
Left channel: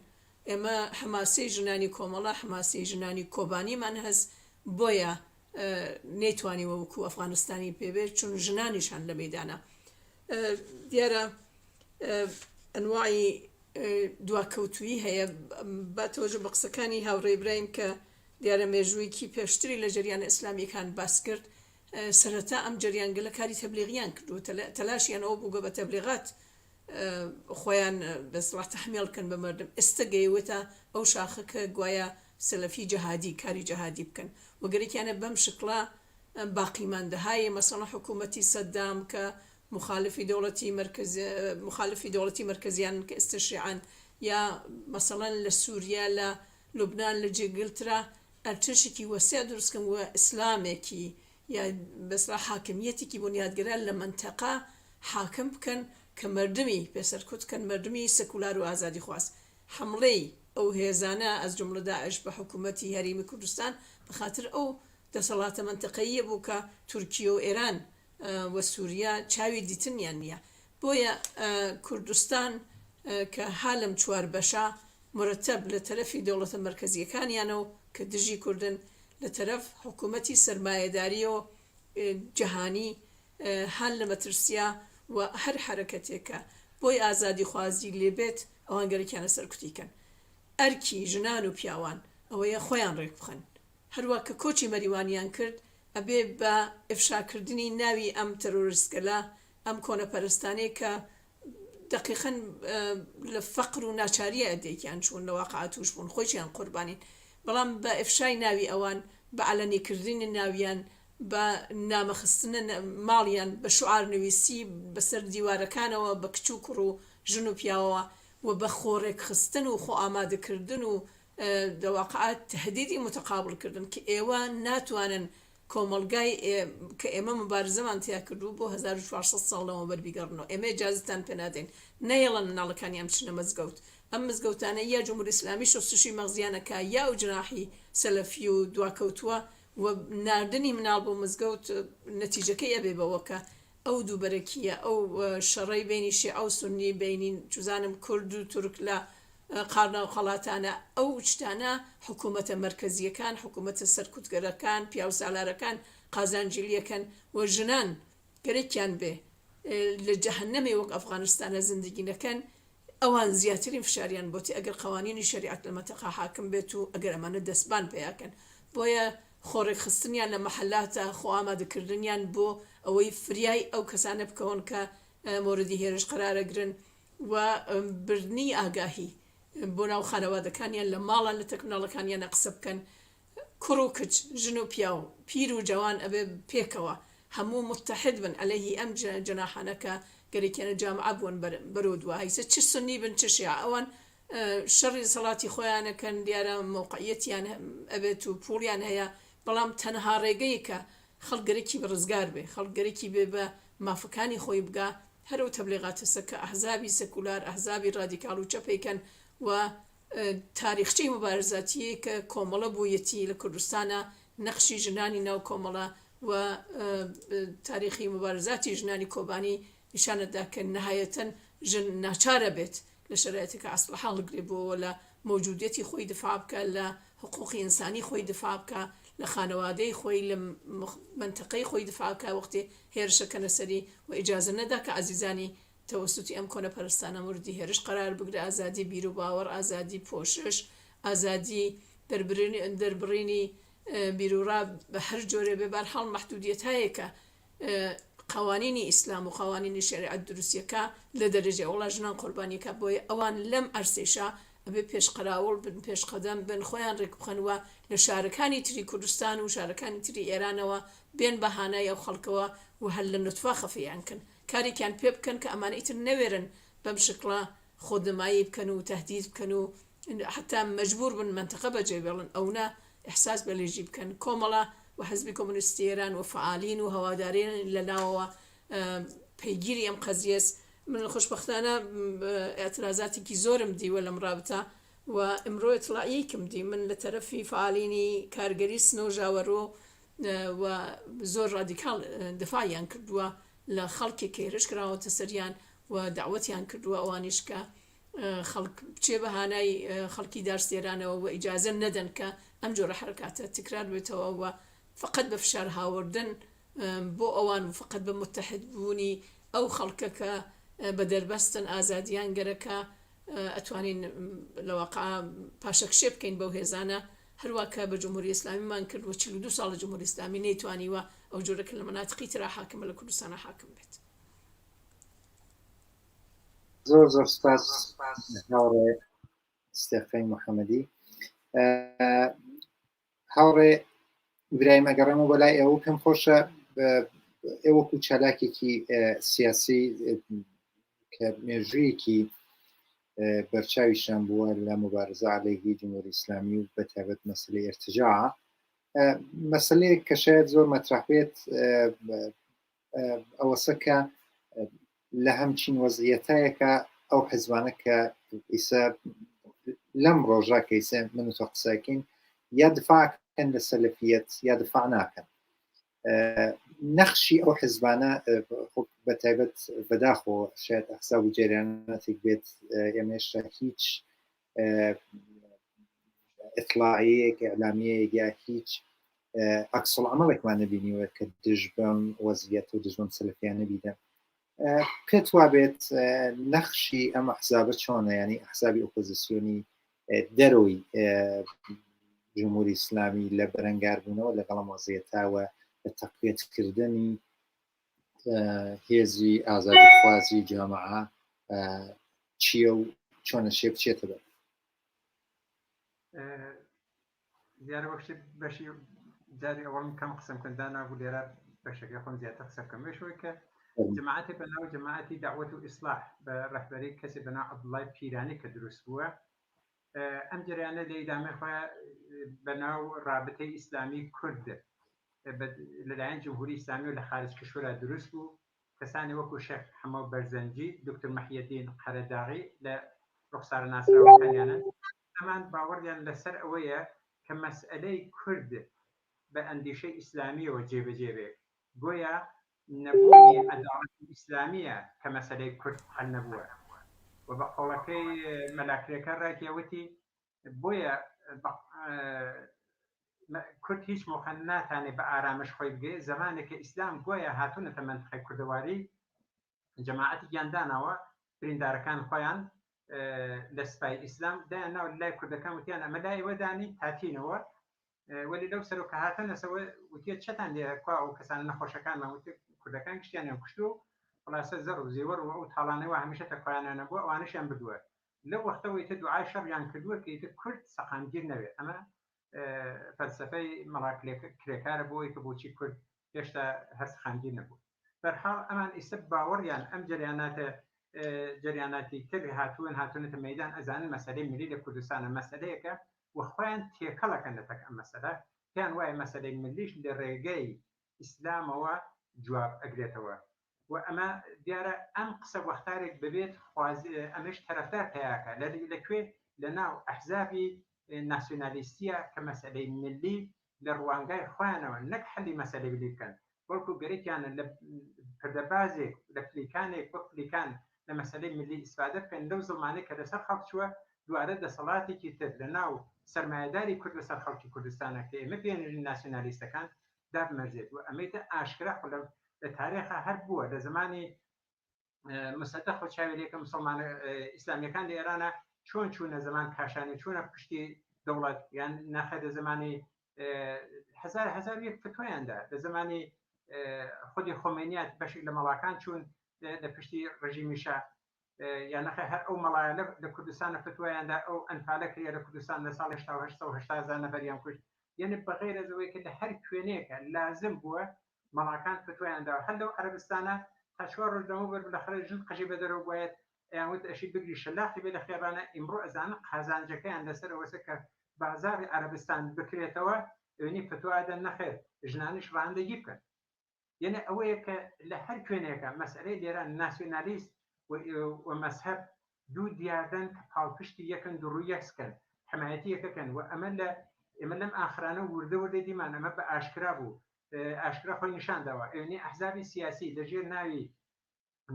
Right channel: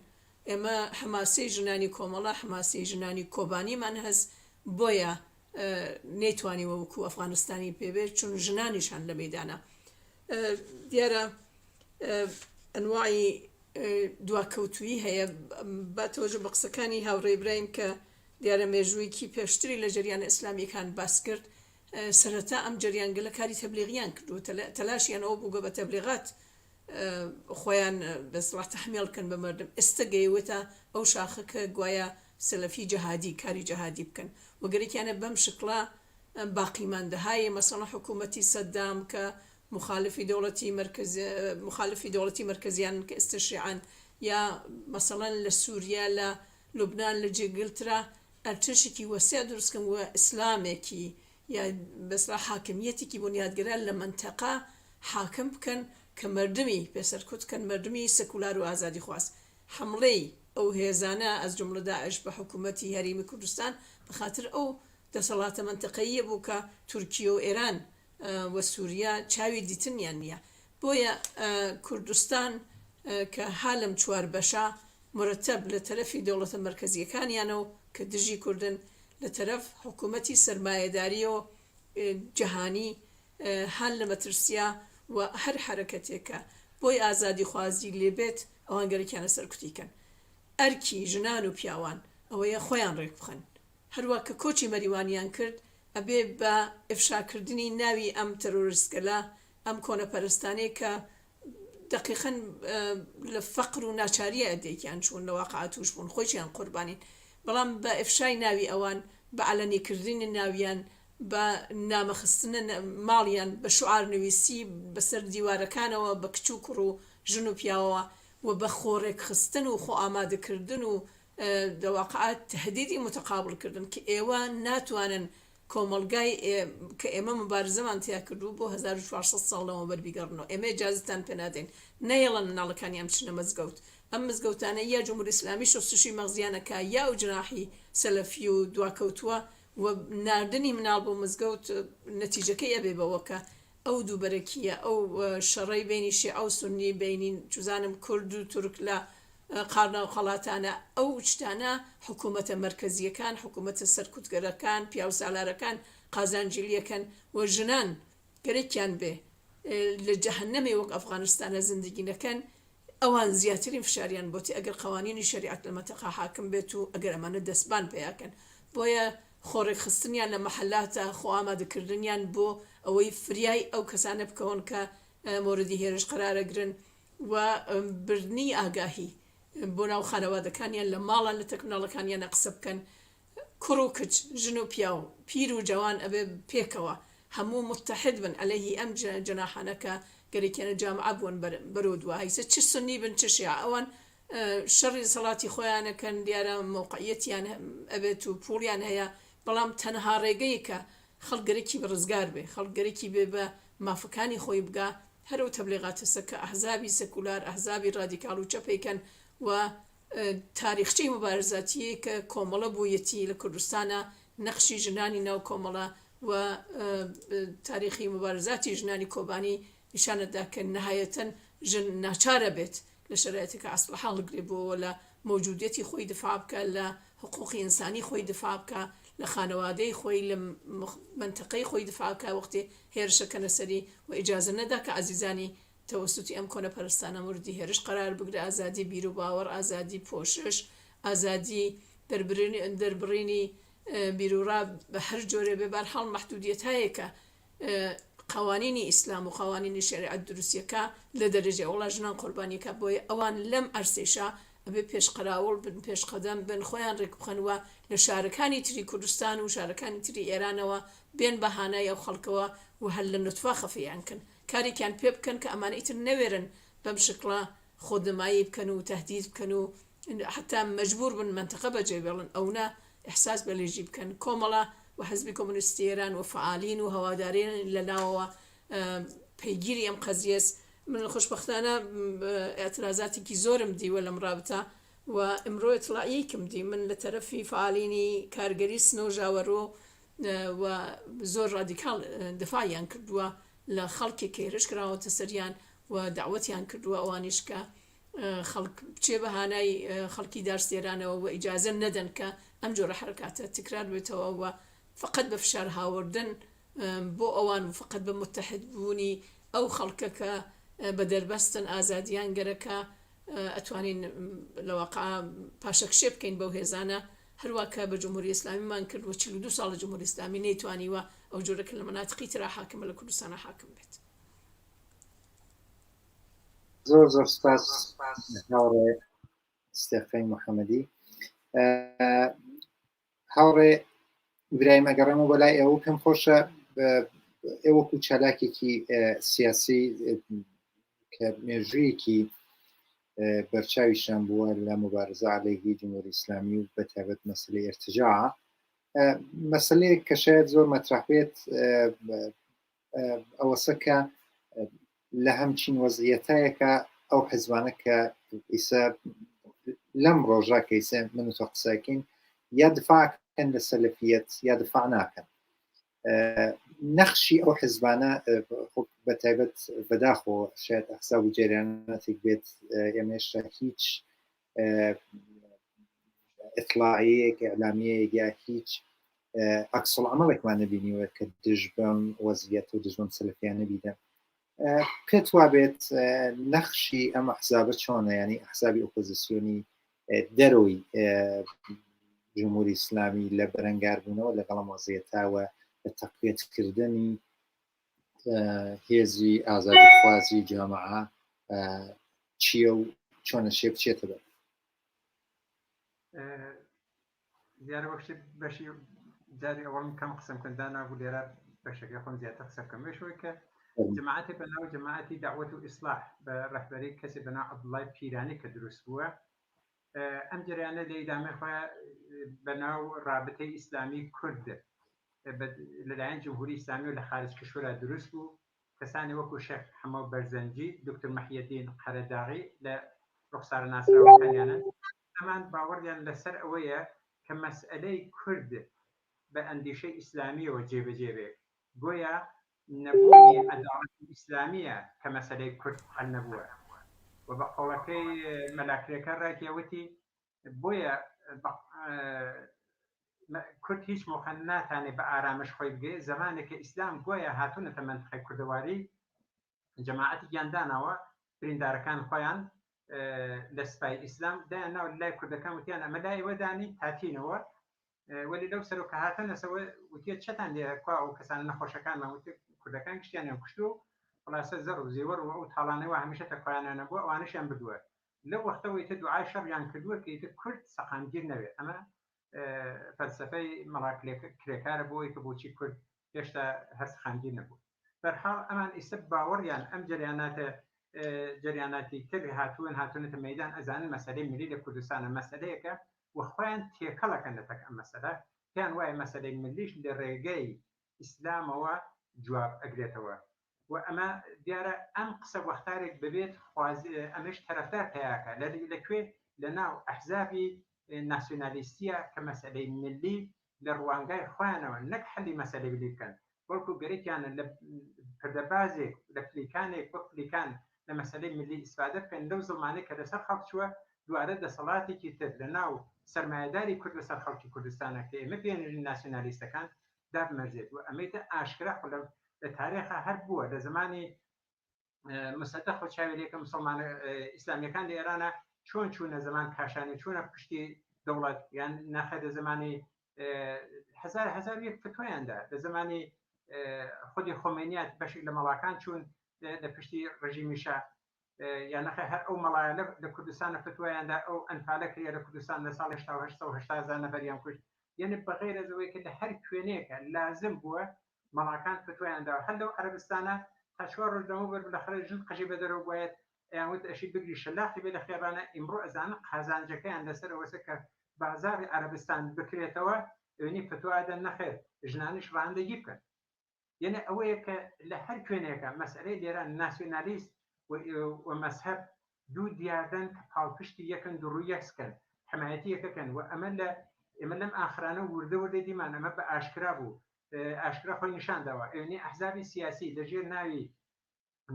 ئێمە حماسی ژنانی کۆمەڵە حماسی ژنانی کۆبانیمان هەست بۆیە نەیتوانی وەکو ئەفغانستانی پێبێت چون ژنانیشان لە مەیدانە دیارە ئەنواعی دواکەوتویی هەیە بە تۆژە بە قسەکانی هاوڕێی برایم کە دیارە مێژوویکی پێشتری لە جریانە ئیسلامیەکان باس کرد سەرەتا ئەم جریانگە لە کاری تەبلیغیان کرد و تەلاشیان ئەوە بوو بە تەبلیغات خۆیان بەسڵات تەحمیلکەن بە مردم ئێستا گەیوێتە ئەو شاخەکە گوایە سەلەفی جەهادی کاری جەهادی بکەن وەگەرێکیانە بەم شکڵا باقیماندەهای مەسەڵەن حکوومەتی سەدام کە مخالفی دەوڵەتی مرکزیان کە ئێستشیعان یا مەسەڵەن لە سووریا لە لوبنان لە جێگلترا ئەرچشێکی وەسیع دروستکەن وە ئیسلامێکی یا بەسڵا حاکمیەتێکی بنیادگران لە منتەقا حاکم بکەن کە مردمی پێسەرکوت کەن مردمی سەکولار و ئازادی خواست حملەی ئەو هێزانە ئەز جملە داعش بە حکوومەتی هەرێمی کوردستان بەخاتر ئەو دەسەڵاتە منتەقەیە بوو کە تورکیە و ئێران و سووریا چاوی دیتنیان نییە بۆیە کوردستان کە حالم چوار بەشە مرتب لە تەرەفی دەوڵەتە مرکزیەکانیانە و کە دژی کوردن لە تەرەف حکوومەتی سەرمایەداری و جەهانی هەل لە مەترسیا و هەر حرەکەتێکە بۆی ئازادی خوازی لێبێت ئەوان گەرەکیانە سەرکوتیکەن ئەرکی ژنان و پیاوان ئەوەیە خۆیان ڕێک بخەن هەروە کە کۆچی مەریوانیان کرد ئەبێ بە ئفشاکردنی ناوی ئەم تەرۆریستگەلە ئەم کۆنەپەرستانەیە کە دقیقاً لە فەقر و ناچاریە ئەدێکیان چوون لە واقعە توش بوون خۆیان قوربانین بەڵام بە ئفشای ناوی ئەوان بە عەلەنیکردنی ناویان بە نامەخستنە ماڵیان بە شوعار نوویسی بەسەر دیوارەکانەوە بە کچ و کوڕ و ژن و پیاوەوە و بە خۆڕێک خستن و خۆ ئامادەکردن و دەواقعات تهدیدی متقابلکردن کە ئێوە ناتوانن کۆمەلگای کە ئێمە مبارزەمان تیا کردو بۆ 1400 ساڵەوە بەربیگەڕنەوە ئێمە جازتان پێ نادەین نەیەڵەن مناڵەکانی ئەم چنە مزگەوت ئەم مزگەوتانە یا جمهوری ئیسلامی شستشی مەغزیانەکە یا و جناحی سەلەفی و دواکەوتووە و ناردنی مناڵ بۆ مزگەوت نەتیجەکەی ئەبێ بەوەکە ئەو دووبەرەکیە ئەو شەڕەی بینی شیعە ئەو سونی بینین چوزانم کورد و تورک لە قارنا و خەڵاتانە ئەو شتانە حکوومەتە مەرکەزیەکان حکوومەتە سەرکوتگەرەکان پیا و سالارەکان قازانجیلیەکەن و ژنان گەرەکیان بێ لە جەهەنەمێ وەک ئەفغانستانە زندگی نەکەن ئەوان زیاترین فشاریان بۆتی ئەگەر قوانینی شریعەت لە مەتەقا حاکم بێت و ئەگەر ئەمانە دەستبان پێیاکەن بۆیە خۆڕێک خستنیان لە مەحەلاتە خۆ ئامادەکردنیان بۆ ئەوەی فریای ئەو کەسانە بکەون کە مۆردی هێرش قرارەگرن و بردنی ئاگاهی بۆ ناو خانەوادەکانیان لە ماڵان لە تەکناڵەکانیان قسە بکەن کوڕ و کچ ژن و پیا و پیر و جوان ئەبێ پێکەوە هەموو متحد بن عەلەیهی ئەم جەناحانەکە گەرەکیانە جامعە بوون بەرەو دوایسە چ سنی بن چ شیعە ئەوان شەڕی سەڵاتی خۆیانەکەن دیارە موقعیەتیان ئەبێت و پوڵیان هەیە بەڵام تەنها ڕێگەی کە خەڵگەرێکی بەڕزگار بێ خەڵگەرێکی بێ بە مافەکانی خۆی بگا هەرو تەبلیغاتە کە ئەحزابی سەکولار ئەحزابی ڕادیکاڵ و چەپێکەن و تاریخچەی مبارزاتی کە کۆمەڵە بوویەتی لە کوردستانە نەخشی ژنانی ناو کۆمەڵە و تاریخی مبارزاتی ژنانی کۆبانی نیشانەدا کە نەهایەتەن ژن ناچارە بێت لە شرایەتێکە ئەسڵ هەڵگرێ بۆ لە موجودیەتی خۆی دفاع بکە لە حقوقی ئینسانی خۆی دفاع بکە لە خانەوادەی خۆی لە منتەقەی خۆی دفاع بکە وەختی هێرشەکەنە سەری و ئیجازە نەدا کە عەزیزانی تەوەسوتی ئەم کۆنە پەرستانە موردی هێرش قرار بگرە ئازادی بیر و باوەڕ ئازادی پۆشش ئازادی دەربڕینی بیرورا بە هەر جۆرێ بێبار هەڵ مەحدودیەت هەیە کە قوانینی ئیسلام و قوانینی شریعەت دروستیەکە لە دەرەجێ وڵا ژنان قوربانیەکە بۆیە ئەوان لەم ئەرسێشە ئەبێ پێشقراوڵ بن پێشقەدەم بن خۆیان ڕێک بخەنوە لە شارەکانی تری کوردستان و شارەکانی تری ئێرانەوە بێن بەهانای ئەو خەڵکەوە و هەل لە نوتفا خەفیان کن کارێکیان پێ بکەن کە ئەمانە ئیتر نەوێرن بەم شکڵە خۆدمایی بکەن و تهدید بکەن و حتا مەجبور بن منتەقە بەجێ بێڵن ئەونا ئەحساس بە لێژی بکەن کۆمەڵە و حزبی کۆمونیستی ئێران و فعالین و هەوادارین لە ناوەوە پەیگیری ئەم قەزیەس من خۆشبەختانە ئەترازاتێکی زۆرم دیوە لەم رابطە و ئەمڕۆ ئەتڵاعیەکم دی من لە تەرەفی فعالینی کارگەری سنە و ژاوەڕۆ و زۆر ڕادیکاڵ دفاعیان کردووە لە خەڵکی کە هێرش کراوەتە سەریان و داوەتیان کردووە ئەوانیش کە خەڵک بچێ بەهانای خەڵکی دارسێرانەوە و ئیجازە نەدەن کە ئەم جۆرە حرکاتە تکرار بێتەوە و فقط بە فشار هاوردن بۆ ئەوان و فقط بە متحد بوونی ئەو خەڵکە کە بە دەربەستن ئازادیان گەرەکە ئەتوانین لەواقع پاشەکشێ بکەین بەو هێزانە هەروواکە بە جمهوری ئیسلامیمان کرد و 42 ساڵ لە جمهوری ئیسلامی نەیتوانیوە ئەو جۆرەکە لە مناتقی ترا حاکمە لە کوردستانە حاکم بێت. زۆر زۆر سپاس هاوڕێ ستێفەی محەممەدی. هاوڕێ برایم ئەگەڕێمە بەلای ئێوە پێم خۆشە ئێوەکو چالاکێکی سیاسی کە مێژوویەکی بەرچاویشان بووە لە مبارزە عەلەیهی جمهوری ئیسلامی و بەتایبەت مەسەلەی ئێرتجاع مەسەلەیەک کە شاید زۆر مەترح بێت ئەوەسە کە لە هەمچین وەزعیەتایەکە ئەو حیزبانە کە ئیسا لەم ڕۆژە کە ئیسا من و تۆ قسەکەین یا دفاعکەن لە سەلەفیەت یا دفاع ناکەن نەخشی ئەو حیزبانە بەتایبەت بەداخۆ شاید ئەحزاب و جەریانەتێک بێت ئێمەشتا هیچ ئیطلاعیەک ئیعلامیەیەک یا هیچ عەکسوڵعەمەڵێکمان نەبینیوە کە دژ بەم وەزعیەت و دژ بەم سەلەفیانە نەبینە. پێت وابێت نەخشی ئەم ئەحزابە چۆنە ینی ئەحزابی ئۆپۆزیسیۆنی دەرەوەی جمهوری ئیسلامی لە بەرەنگاربوونەوە لەگەڵ وەزعیەتاوە لە تەقویەتکردنی هێزی ئازادیخوازی جامعە چییە و چۆنە شێ بچێتە بەر؟ دیارە وەختی بەشی جاری ئەوەڵم کەم قسەم کرددا نابوو لێرە بەشەکە خۆم زیاتر قسە بکەم بێشەوەی کە جماعتی بەناو جماعتی داوەت و ئیسلاح بە ڕەهبەری کەسی بەناو عەبدوڵای پیرانی کە دروست بووە ئەم جریانە لە ئیدامەی خۆیان بەناو رابطەی ئیسلامی کورد لەلایەن جمهوری ئیسلامی و لە خارج کشورە دروست بوو کەسانی وەکو شێخ حەمە بەرزەنجی دکتۆر مەحیەدین قەرەداغی لە ڕوخسارە ناسراوەکانیانە ئەمان باوەڕیان لەسەر ئەوەیە کە مەسئلەی کورد بە ئەندیشەی ئیسلامیەوە جێبەجێ بێت گۆیا نەبوونی عەداڵەتی ئیسلامیە کە مەسەلەی کورد حەل نەبووە و بە قۆڵەکەی مەلاکرێکە ڕاکێوەتی بۆیە کورد هیچ موقع ناتانێت بە ئارامش خۆی بگێ زمانێکە ئیسلام گۆیە هاتوونەتە منتیقەی کوردەواری جەماعەتی گیاندانەوە بریندارەکان خۆیان لە سپای ئیسلام دایان ناو لای کوردەکان وتیان ئەمە لای وەدانی هاتینەوە وەلی لەو سەر و کە هاتەنەسەوە وتێت چەتان لێکوا و کەسان نەخۆشەکانمان وتێت کوردەکان گشتیانیان کوشت و خلاصە زەر و زێوەر و ئەو تاڵانەوە هەمیشە تەکوایانە بووە ئەوانشیان بردووە لەو وەختەوەی تر دوعای شەڕیان کردووە کە ئیتر کورد سەقامگیر نەوێت ئەمە فەلسەفەی مەڵاکرێکارە بۆی کە بۆچی کورد هێشتا هەر سەقامگیر نەبوو بەرحاڵ ئەمان ئیسە باوەڕیان ئەم جریاناتی تر هاتوونەتە مەیدان ئەزانن مەسەلەی ملی لە کوردستانە مەسەلەیەکە وەخۆیان تێکەڵەکەن لە تەک ئەم مەسەلە پێیان وایە مەسەلەی ملیش لە ڕێگەی ئیسلامەوە جواب ئەگرێتەوە و ئەمە دیارە ئەم قسە وەختارێک ببێت ئەمەش تەرەفدار پیاکە لەکوێ لە ناو ئەحزابی ناسیۆنالیستیە کە مەسەلەی ملی لە ڕوانگای خۆیانەوە نەک حەلی مەسەلەی ملی بکەن وەڵکو گەرەیانە لە پردەبازێک لە پلیکانێک وە پلیکان لە مەسەلەی ملی ئیسفادە بکەن لەو زڵمانەی کە لەسەر خەڵک چووە دوارە دەسەڵاتێکی تر لە ناو سەرمایهداری کورد لەسەر خەڵکی کوردستانە کە ئێمە پێێنژی ناسیۆنالیستەکان دابمەرزێت و ئەمەیتە ئاشکرا لە تاریخە هەر بووە لە زمانی مستەدەق و چاویلێکە مسلمانە ئیسلامیەکان لە ئێرانە چۆن چوونە زمان کاشانی چوونە پشتی دەوڵەت یان ناخە لە زمانی هزار یەک فتوایاندا لە زمانی خودی خۆمێنیات بەشێک لە مەڵاکان چوون لە پشتی ڕژیمیشە یان نەخە هەر ئەو مەڵایە لە کوردستانە فتوایاندا ئەو ئەنفالە کرێ لە کوردستان لە ساڵی 1970 نەفەریان کوشت یعنی بەغیر ئەوەی کە لە هەر کوێنەیەکە لازم بووە مەڵاکان فتوایاندا هەر لەو عەرەبستانە تا 4 ڕۆژ دەمە بەر بالاخره ژن قژی بە دەرەوە بایەت یانوت ئەشی بگری شەلاقی بێ لە خێرانە ئیمڕۆ ئەزانە قازانجەکەیان لەسەر ئەوەسە کە بازاری عەرەبستان بکرێتەوە ئەوێنی فتوادە نەخێر ژنانیش ڕاندەگی بکەن یعنی ئەوەیە کە لە هەر کوێنێکە مەسئلەی لێرە ناسیۆنالیست و مەسهەب دوو دیاردن کە پاڵپشتی یەکن دوڕوو یەکسکەن حمایەتی یەکەکەن و ئەمە لەم ئاخرانە وردە دیمان ئەمە بە ئاشکرا بوو ئاشکرا خۆی نیشاندەوە ئەوێنی ئەحزابی سیاسی لەژێر ناوی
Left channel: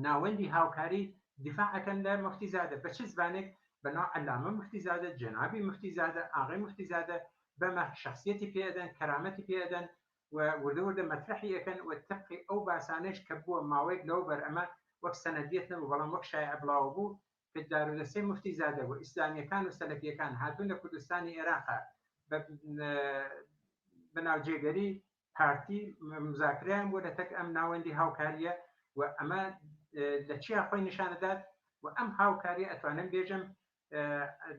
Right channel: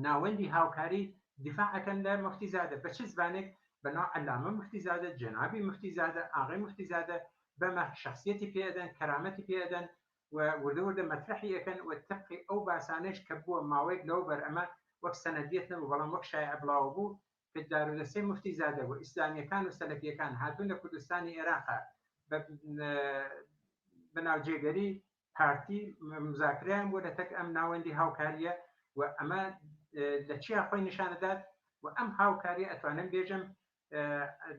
ناوەندی هاوکاری دیفاعەکەن لە مفتیزادە بە چ زبانێک بەناو عەلامە مفتیزادە جەنابی مفتیزادە ئاغای مفتیزادە بەمە شخصیەتی پێدەن کەرامەتی پێدەن و وردە مەترحی یەکەن و تەبقی ئەو باسانش کە بووە ماوەیەک لەو بەر ئەمە وەک سەنەدیەت نەبوو بەڵام وەک شایع بڵاو بوو کە دارودەستەی مفتیزادە و ئیسلامیەکان و سەلەفیەکان هاتوون لە کوردستانی عێراقا بەناوجێگەری پارتی مزاکرەیان بوو لە تەک ئەم ناوەندی هاوکاریە و ئەمە لە چیا خۆی نیشانەدات و ئەم هاوکاریە ئەتوانم بێژم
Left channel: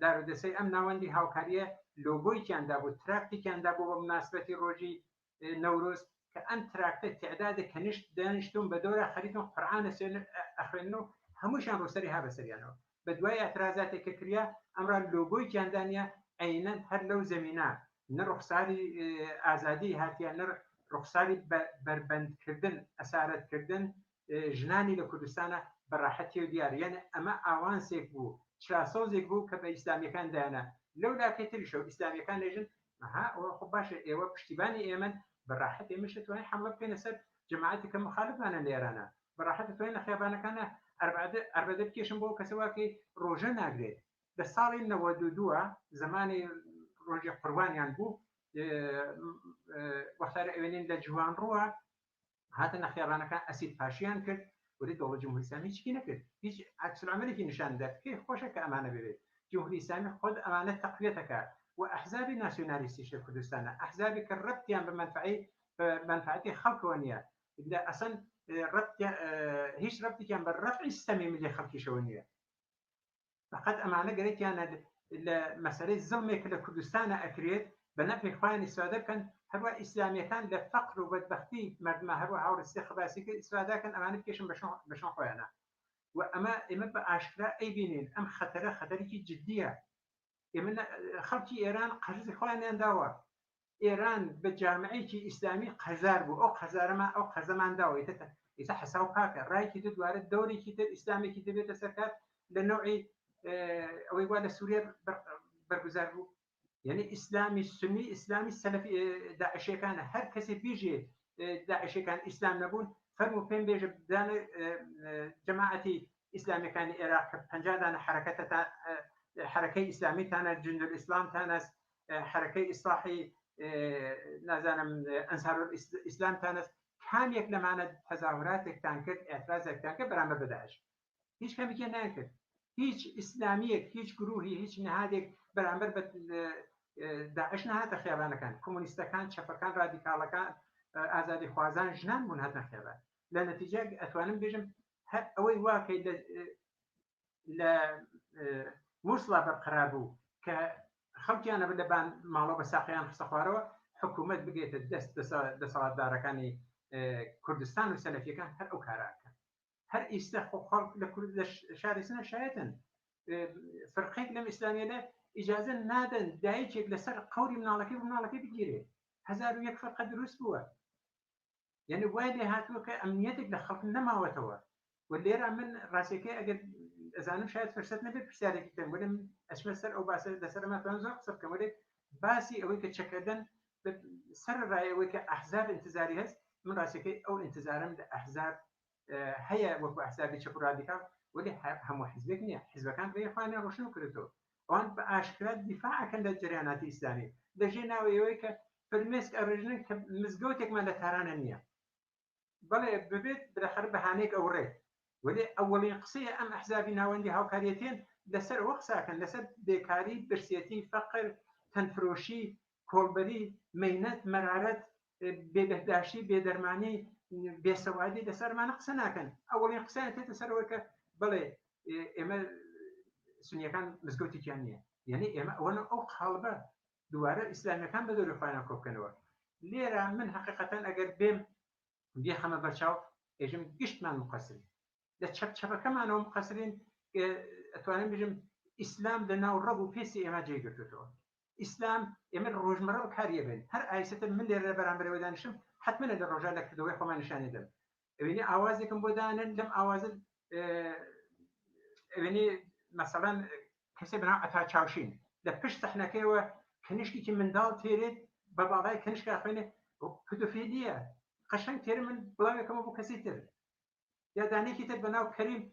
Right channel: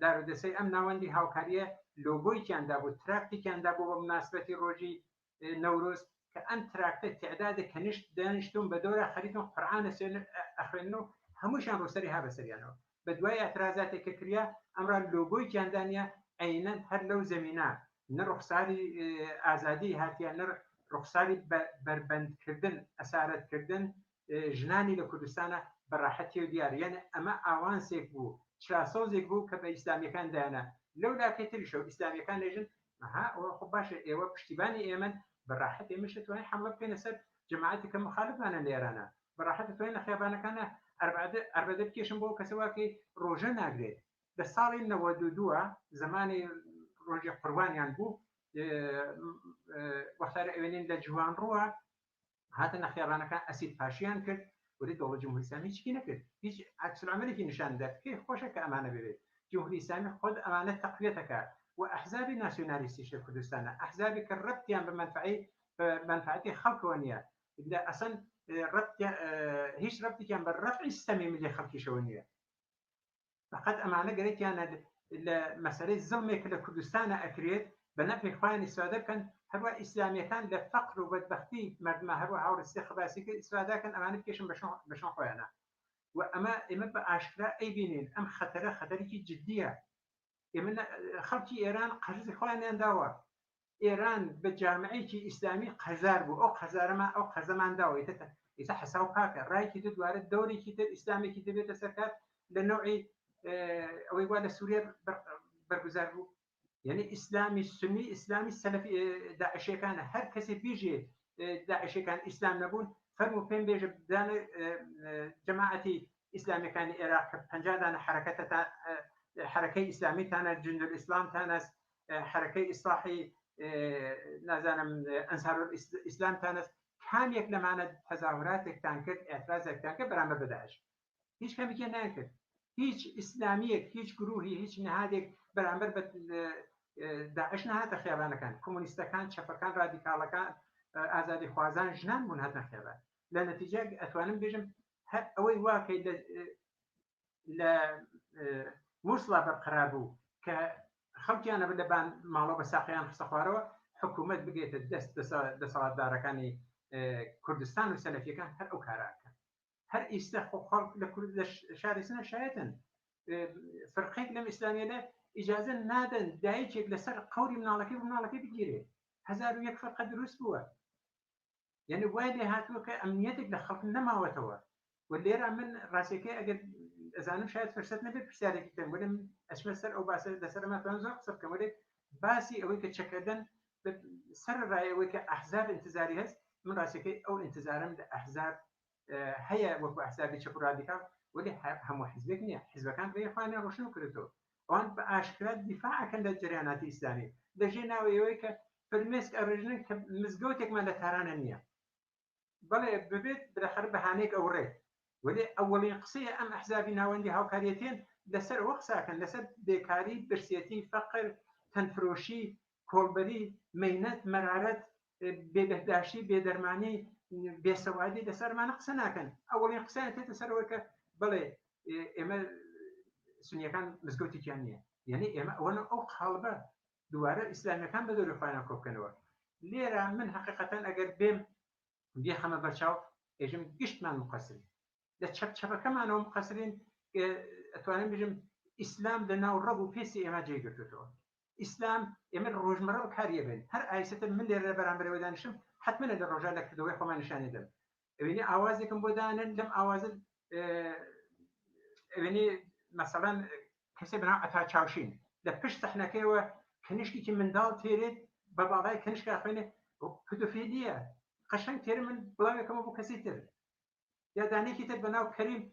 دارودەستەی ئەم ناوەندی هاوکاریە لۆگۆیکیاندا بوو تراکتێکیاندا بوو بە مناسبەتی ڕۆژی نەورۆز کە ئەم تراکتە تعدادە کەنیشت دانیشتون بە دۆرە خەریتون قورئانە ئەخوێنن و هەمووشیان ڕووسەری هابەسەریانەوە بە دوای ئەترازاتێکە کریا ئەمڕان لۆگۆیکیاندانە عینەن هەر لەو زەمینە نە ڕوخساری ئازادی هاتیان نە ڕوخساری بربەندکردن ئەسارەتکردن ژنانی لە کوردستانە بەڕاحەتی و دیارە ئەمە ئاوانسێک بوو چاسۆزێک بوو کە بە ئیسلامیەکان دایانە لەو لاکەی تریشە و ئیسلامیەکان لێژن ئەوە خۆ باشە ئێوە پشتیبانی ئێمن بەڕاحەت ئێمەش دەتوانین حەملە بکەینە سەر جەماعەتی کە مخالفمانە لە ئێرانە بەڕاحەت دەتوانین لە خێبانەکانە ئەربەدە بکێشن بۆ کەسەواکەی ڕۆژە ناگرێت لە ساڵی 92 زمانی ڕۆژی قوربانیان بوو وەختارە ئەوێنین لە جوان ڕووە هاتە نەخێڕانەکان ئەسید پاشیان کرد ولی دەوڵەت جمهوری ئیسلامی چی نەکرد هیچ عکسالعملێکی نیشاندا پێی خۆشە کە ئەمانە ببێت جمهوری ئیسلامی خۆت ئەمانە تەقویەتەکە و ئەحزابی ناسیۆنالیستیش لە کوردستانە ئەحزابی کە ڕەبتیان بە منفعەتی خەڵکەوە نییە ئەسەن هیچ ڕەبتێکیان بە ڕەفعی سیستەمی ملی خەڵکیشەوە نییە فقط ئەمانە گەرەیانە لە مەسەلەی زڵمێک لە کوردستانە ئەکرێت بە نەفی خۆیان ئیسفادە بکەن هەروە ئیسلامیەکان لە فەقر و بەدبەختی مردمە هەروە هاوڕستی خباسیکە ئیسفادەکەن ئەمانە بکێشن بەشۆن خۆیانە و ئێمە بە ئاشکرا ئەیبینین ئەم خەتەرێکی جددیە ئێمە خەڵکی ئێران قەرزی خۆیانیان داوە ئێران بە جامعەیەکی ئیسلامی قەرزار بوو ئەو قەرزارەمان ئەو قەرزەمان داوە ئیسا حەساو پاکە ڕایکی تر دوارە دەورێکی تر ئیسلامێکی دەبێتە سەرکار لە نوعی ئەوەی وا لە سووریا بەرگوزار بوو یعنی ئیسلامی سنی ئیسلامی سەلەفی داعشیەکانە هەر کەسێ بیژێ داعشیەکان ئیسلام نەبوون فەرمو پێم بێژە بدانە جەماعەتی ئیسلامیەکانی عێراق کە 50 دانە حرەکەی ئیسلامیتانە جندل ئیسلامتانە حرەکەی ئیسلاحی نازانم ئەنسار ئیسلامتانە کامێک لەمانە تەزاوراتێکتان کرد ئێترازێکتان کرد بەرامبەر بە داعش هیچ کەمێکیان ناکرد هیچ ئیسلامیەک هیچ گروهی هیچ نهادێک بەرامبەر بە داعش نهاتە خیابانەکان کۆمونیستەکان چەپەکان رادیکاڵەکان ئازادی خوازان ژنان بوون هاتنە خیابان لە نەتیجە ئەتوانم بێژم هەر ئەوەی واکەی لە مووسڵا بەرقەرار بوو کە خەڵکیانە لەبان ماڵۆ بە ساقییان خستە خوارەوە حکوومەت بگێتە دەست دەسەڵاتدارەکانی کوردستان و سەلەفیەکان هەر ئەو کاراکەن هەر ئیستا خەڵک لە شاری سنە شایەتن فرقێک لەم ئیسلامیەدە ئیجازە نادەن دایکێک لەسەر قەوری مناڵەکەی بگیرێ 1001 فەرقە دروست بووە یعنی وای لێ هاتووە کە ئەمنیەتێک لە خەڵک نەماوەتەوە و لێرە من ڕاستیەکەی ئەگەر ئەزانم شاید فرسەت نەبێت پرسیارێکی کەم وەرم ئەچمە سەر ئەو باسە لەسەر ماتوان زۆر قسە بکەم وەرێک باسی ئەوەی کە چەکەدەن سەر ڕایەوەی کە ئەحزاب انتزاری هەست من ڕاستیەکەی ئەو انتزارم لە ئەحزاب هەیە وەکو ئەحزابی چەپ و رادیکال وەلی هەموو حیزبێک نییە حیزبەکان ڕێی خۆیان ڕۆشن کردەوە ئەوان بە ئاشکرا دیفاعەکەن لە جریاناتی ئیسلامی لەژێ ناوەیەوەی کە فرمێسک ئەڕێژنن کە مزگەوتێکمان لە تارانە نییە بەڵێ ببێت بەخەر بەهانەیەک ئەوڕێ ولی ئەوەڵین قسەیە ئەم ئەحزابی ناوەندی هاوکاریەتێن لەسەر ئەوە قساکەن لەسەر بێکاری برسێتی فەقر تەنفرۆشی کۆڵبەری مەینەت مەرارەت بێبەهداشتی بێدەرمانی بێسەوادی لەسەرمانە قسە ناکەن ئەوەڵین قسەیان تێتە سەرەوە کە بڵێ ئێمە سنیەکان مزگەوتێکیان نییە یعنی ئێمە ئەوەنە ئەو قاڵبە دووارە ئیسلامیەکان بە دەوری خۆیان کۆبکەنەوە لێرە من حقیقەتەن ئەگەر بێم بێخەمە بەرچاو ئێژم گشتمان مقەسری لە چەپەکەمانەوە مقەسرین ئەتوانم بژم ئیسلام لە ناو ڕەب و پێسی ئێمە جێگرتوێتەوە ئیسلام ئێمە ڕۆژمەڕە کاریە بین هەر ئایسەتە من لێرە بەرامبەرەوە دانیشم حتممە لە ڕۆژە لە کردەوەی خۆمان نیشانێ دەم ئەوێنی ئاوازێکم بۆ دانن لەم ئاوازە ئەوێنی مەسەڵەن کەسێ بناو ئەتا چاوشین لە پشت سەحنەکەیەوە کەنیشتێکی منداڵ تێرێت بە باڵای کەنیشکە خوێنێ پدوفێلیە قەشەنگ تێرە من بڵاوێکەمە بۆ کەسی تر یادانێکی تر بەناو کەریم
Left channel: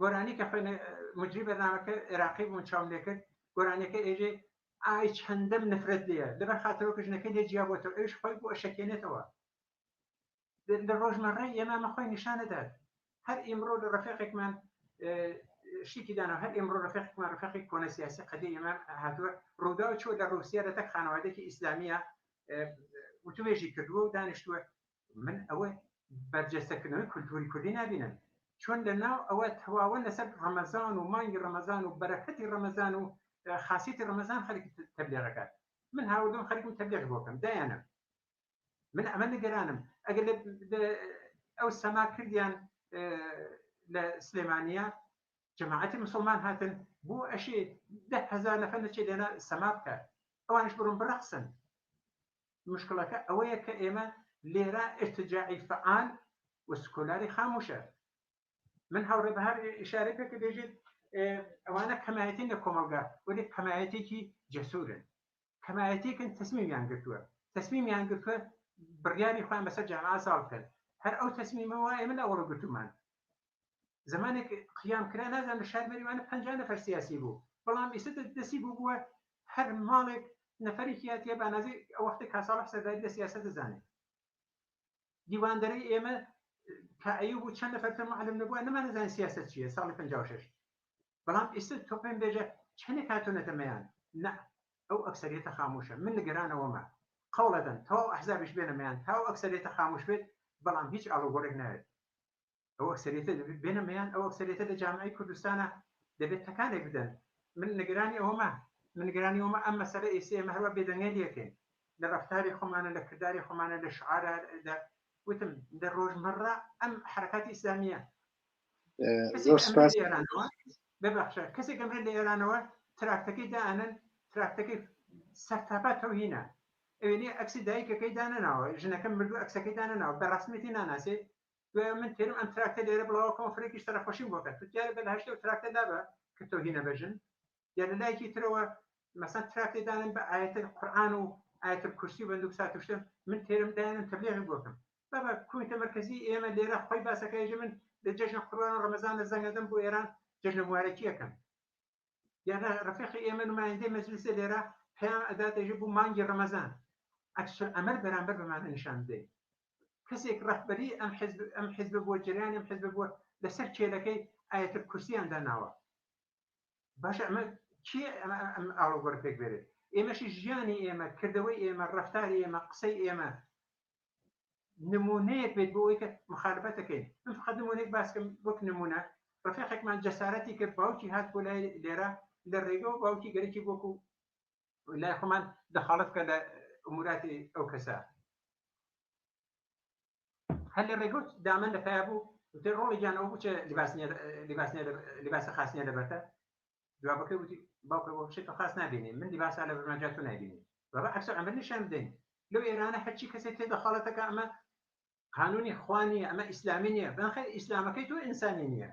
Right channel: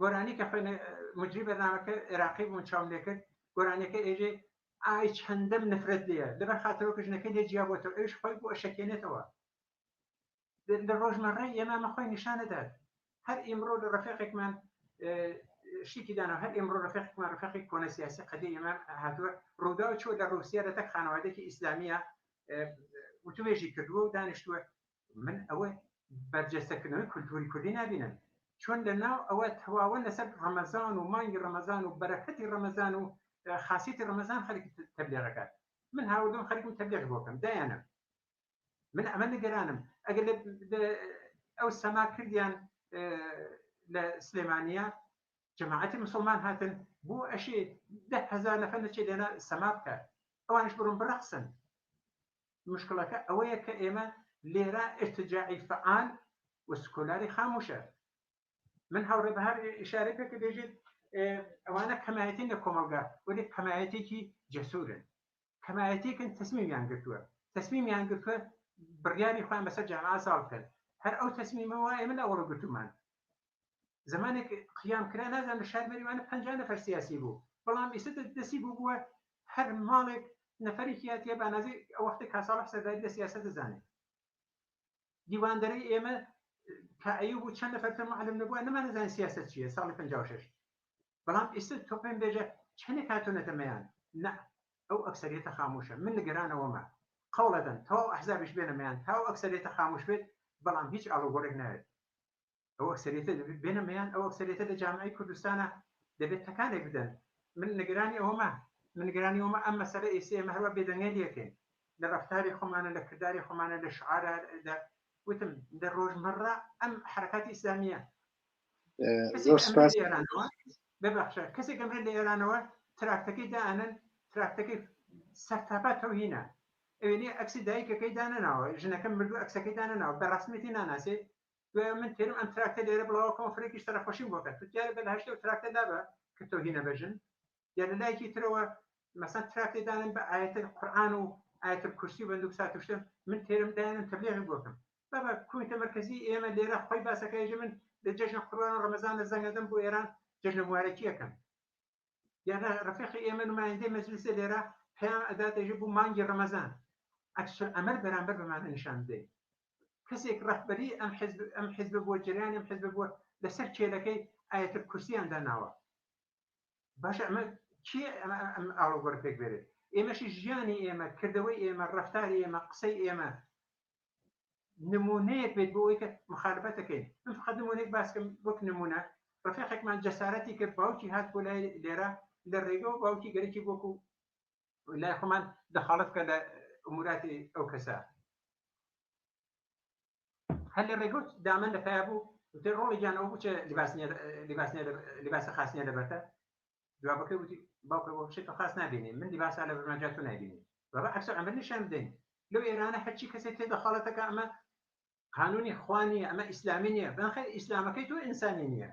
گۆرانی کە خوێنە مجری بەرنامەکە عێراقی بوون چاوم لێ کرد گۆرانەکە ئێژێ ئای چەندەم نفرەت لێیە لەبەر خاتەوە کژنەکەی لێ جیابەوە ئەوش خۆی بۆ ئەشەکێنێتەوە لە ڕۆژمەڕەی ئێمامە خۆی نیشانەدات هەر ئیمڕۆ لە ڕەفیقێکمان شیکی دانا هەر ئێمڕۆ ڕەفیقێکمان ڕەفیقی کۆنە سیاسی قەدی ئێمە هاتووە ڕوودا چوە لە ڕووسیا لە تەک خانەوادێکی ئیسلامیە وتوێژی کردووە و دانیشتووە من ئەوە بەرجەستەکردنەوەی کولتوری کوردی نبینن چۆن لە ناو ئەوە تەواوە لەسەر ڕەمەزان و مانگی ڕەمەزان و بەرەکەتی ڕەمەزان و خاصیتی ڕەمەزان خەریک تەبلیغەکات من هاوردم خەریکم تەبلیغ بۆکەم دایانم من ئەمە نگەرانم ئەگەر ئەو سەما کردیان لە سلێمانیا جەماعەتی مسلمان هاتن بۆ ئەشێ 10,000 نەفەر نەچێت لێنە سەما بکات ئەوانش بڕۆن بڕەقسن مشکلەکە ئەوەیە کە ئێمە لێرە ارتجاعی فعال و سکولاری خاموشە من هەوڕێ بە هەر ئیشارە پێ کە دەژێت ئەوانە کەمایەتین لە کۆمەلگا وەلی کەمایەتێکی جەسوورن کەمایەتێکن تەسمیمیان گرتووە بڕیاری خۆیان بەسەر جامعە ساڵ بکەن هەر ئەو تەسمیمەوە ئێمە لە ئەوڕۆ گرتومان زمانێک قیام کرا نازان لە شار بەریوانە 50 نەفەر سیاسی بوو بەڵام ئێستا دەستی بووە هەر ماڵێک نەفەرێکی هاتیە بانازی ئەو وەختی کاساڵح سەرداری لە سیاست دەزانێت دیواندەرەی ئێمە کائیوب بوو چەند نەفەر معلم نەبووە نەمان نەزانین سیاست چییە ساڵی 56 بەڵام ئێستا تۆ پێم بێژە چەندێک هاتوونەتە مەیان نە ئەو ئەکسەریەتە خاموشە من نیگەرانەوەمە قەوڵەدەن تەواو ئەحزابیش بێنە مەیان تاو ئەکسەریەتە خاموش بێت بەڵام هیچ ئاڵوگۆڕێک ناوێت ئەو ئەکسەریەتە دەبێت بێنە مەیان ئەو ئەکسەریەتە لە جامعەی کوردستانە دەبێت تەکانێک بدەن من نیگەرانی ئەوەمە منگرانی ومە ئەم مەسەلە ئێستا ئێمە هەروە بێدەنگێ دەکەین لە ڕەفتاری خۆمانە لە کردداری خۆمانە لە شعارە وتم لە ڕۆژمەڕە ئەم حرەکاتی ئیسلامیە ببخشە کەسێک ئەمرێت لە ئێرانەوە تراکتەکەی دائنن تراکتەکەی سەرتاپات تەوهینە ئەوێنێ ئەکسی دایکەکەی دانەناوە ژنەکەم مردوو ئەکسەکەی دانەناوە بە ڕاستمەتی ناناسێ دوای من تێرم ئەم تراکتە لێرە بڵاوەکەم فڕێکیش تەرەخۆشیم بۆکە توتیارە بە هەشتە و تراکتە دابە کە تەوهینە بەژن یا لە لایەکی ترەوە مەسەن تراکتەی دانن بە ئاەتە قورئان و ئاەتە کورسی و بەندوق سات وشتم من تێرم دایانم تەبلیغی بۆکەم بابا کوێتە مەرکەزی ئێمە لێرە خۆی باسەکەی من لە جەژنە قوربان و ڕەمەزان لە زەنگەدەم بۆ ئێران جەژنە مبارەکیەکەم یانا ڕەفیقی ئێمە نمایندەی مەجلیسە لێرە پێیان ئەداتێژی بوو مانگی ڕەمەزان ئەکسل ئەمەل بەرامبەر بەمانە نیشان بدەین کەسێک ڕەهبەری ئەم حیزب بۆ جریانی ئەم حیزب بۆ لەسەر کێلەکەی ئاەتە کورسییان داناوە باشە ئەمە چی ئەم ئاڵوگۆڕ پێک بێرێت ئێمەشی ژیانی ئێمە کردەوەی ئێمە ڕەفتاری ئێمە قسەی ئێمە نمونەیەک بێت بۆ ئەوەی کە مخالفەتەکەین من فقط نمونەیەک باسکەم وەک نمونە ڕەفیقێکمان جەسارەتی کرد باوکی هات بۆ لای لێرە لە ڕێگە و باوکی گەرەکی بۆکو لای خۆمان دەخاڵت کە لە ئەموراتی ئەو کەسە هەر لە ڕێگەوت دامن لە پیا بوو ڕۆڵی گیانەوە بوو چ لیباسە خاصنیە لەبەرتە جوابەکەی وتی باوکە بۆ شتێکە خاص نابینی من لیباسا لە بەرمەجات تۆ نابینی بابا ئەکسەر ئەمە نیشان بدەین لەو ئێرانە هەرچی کەسێک تێ دەخاڵەتەکە ئەمە قانونی خوانیە ئەمە ئیسلامی نییە بەخێر ئیسلامەکەی تۆ ئینسانی نییە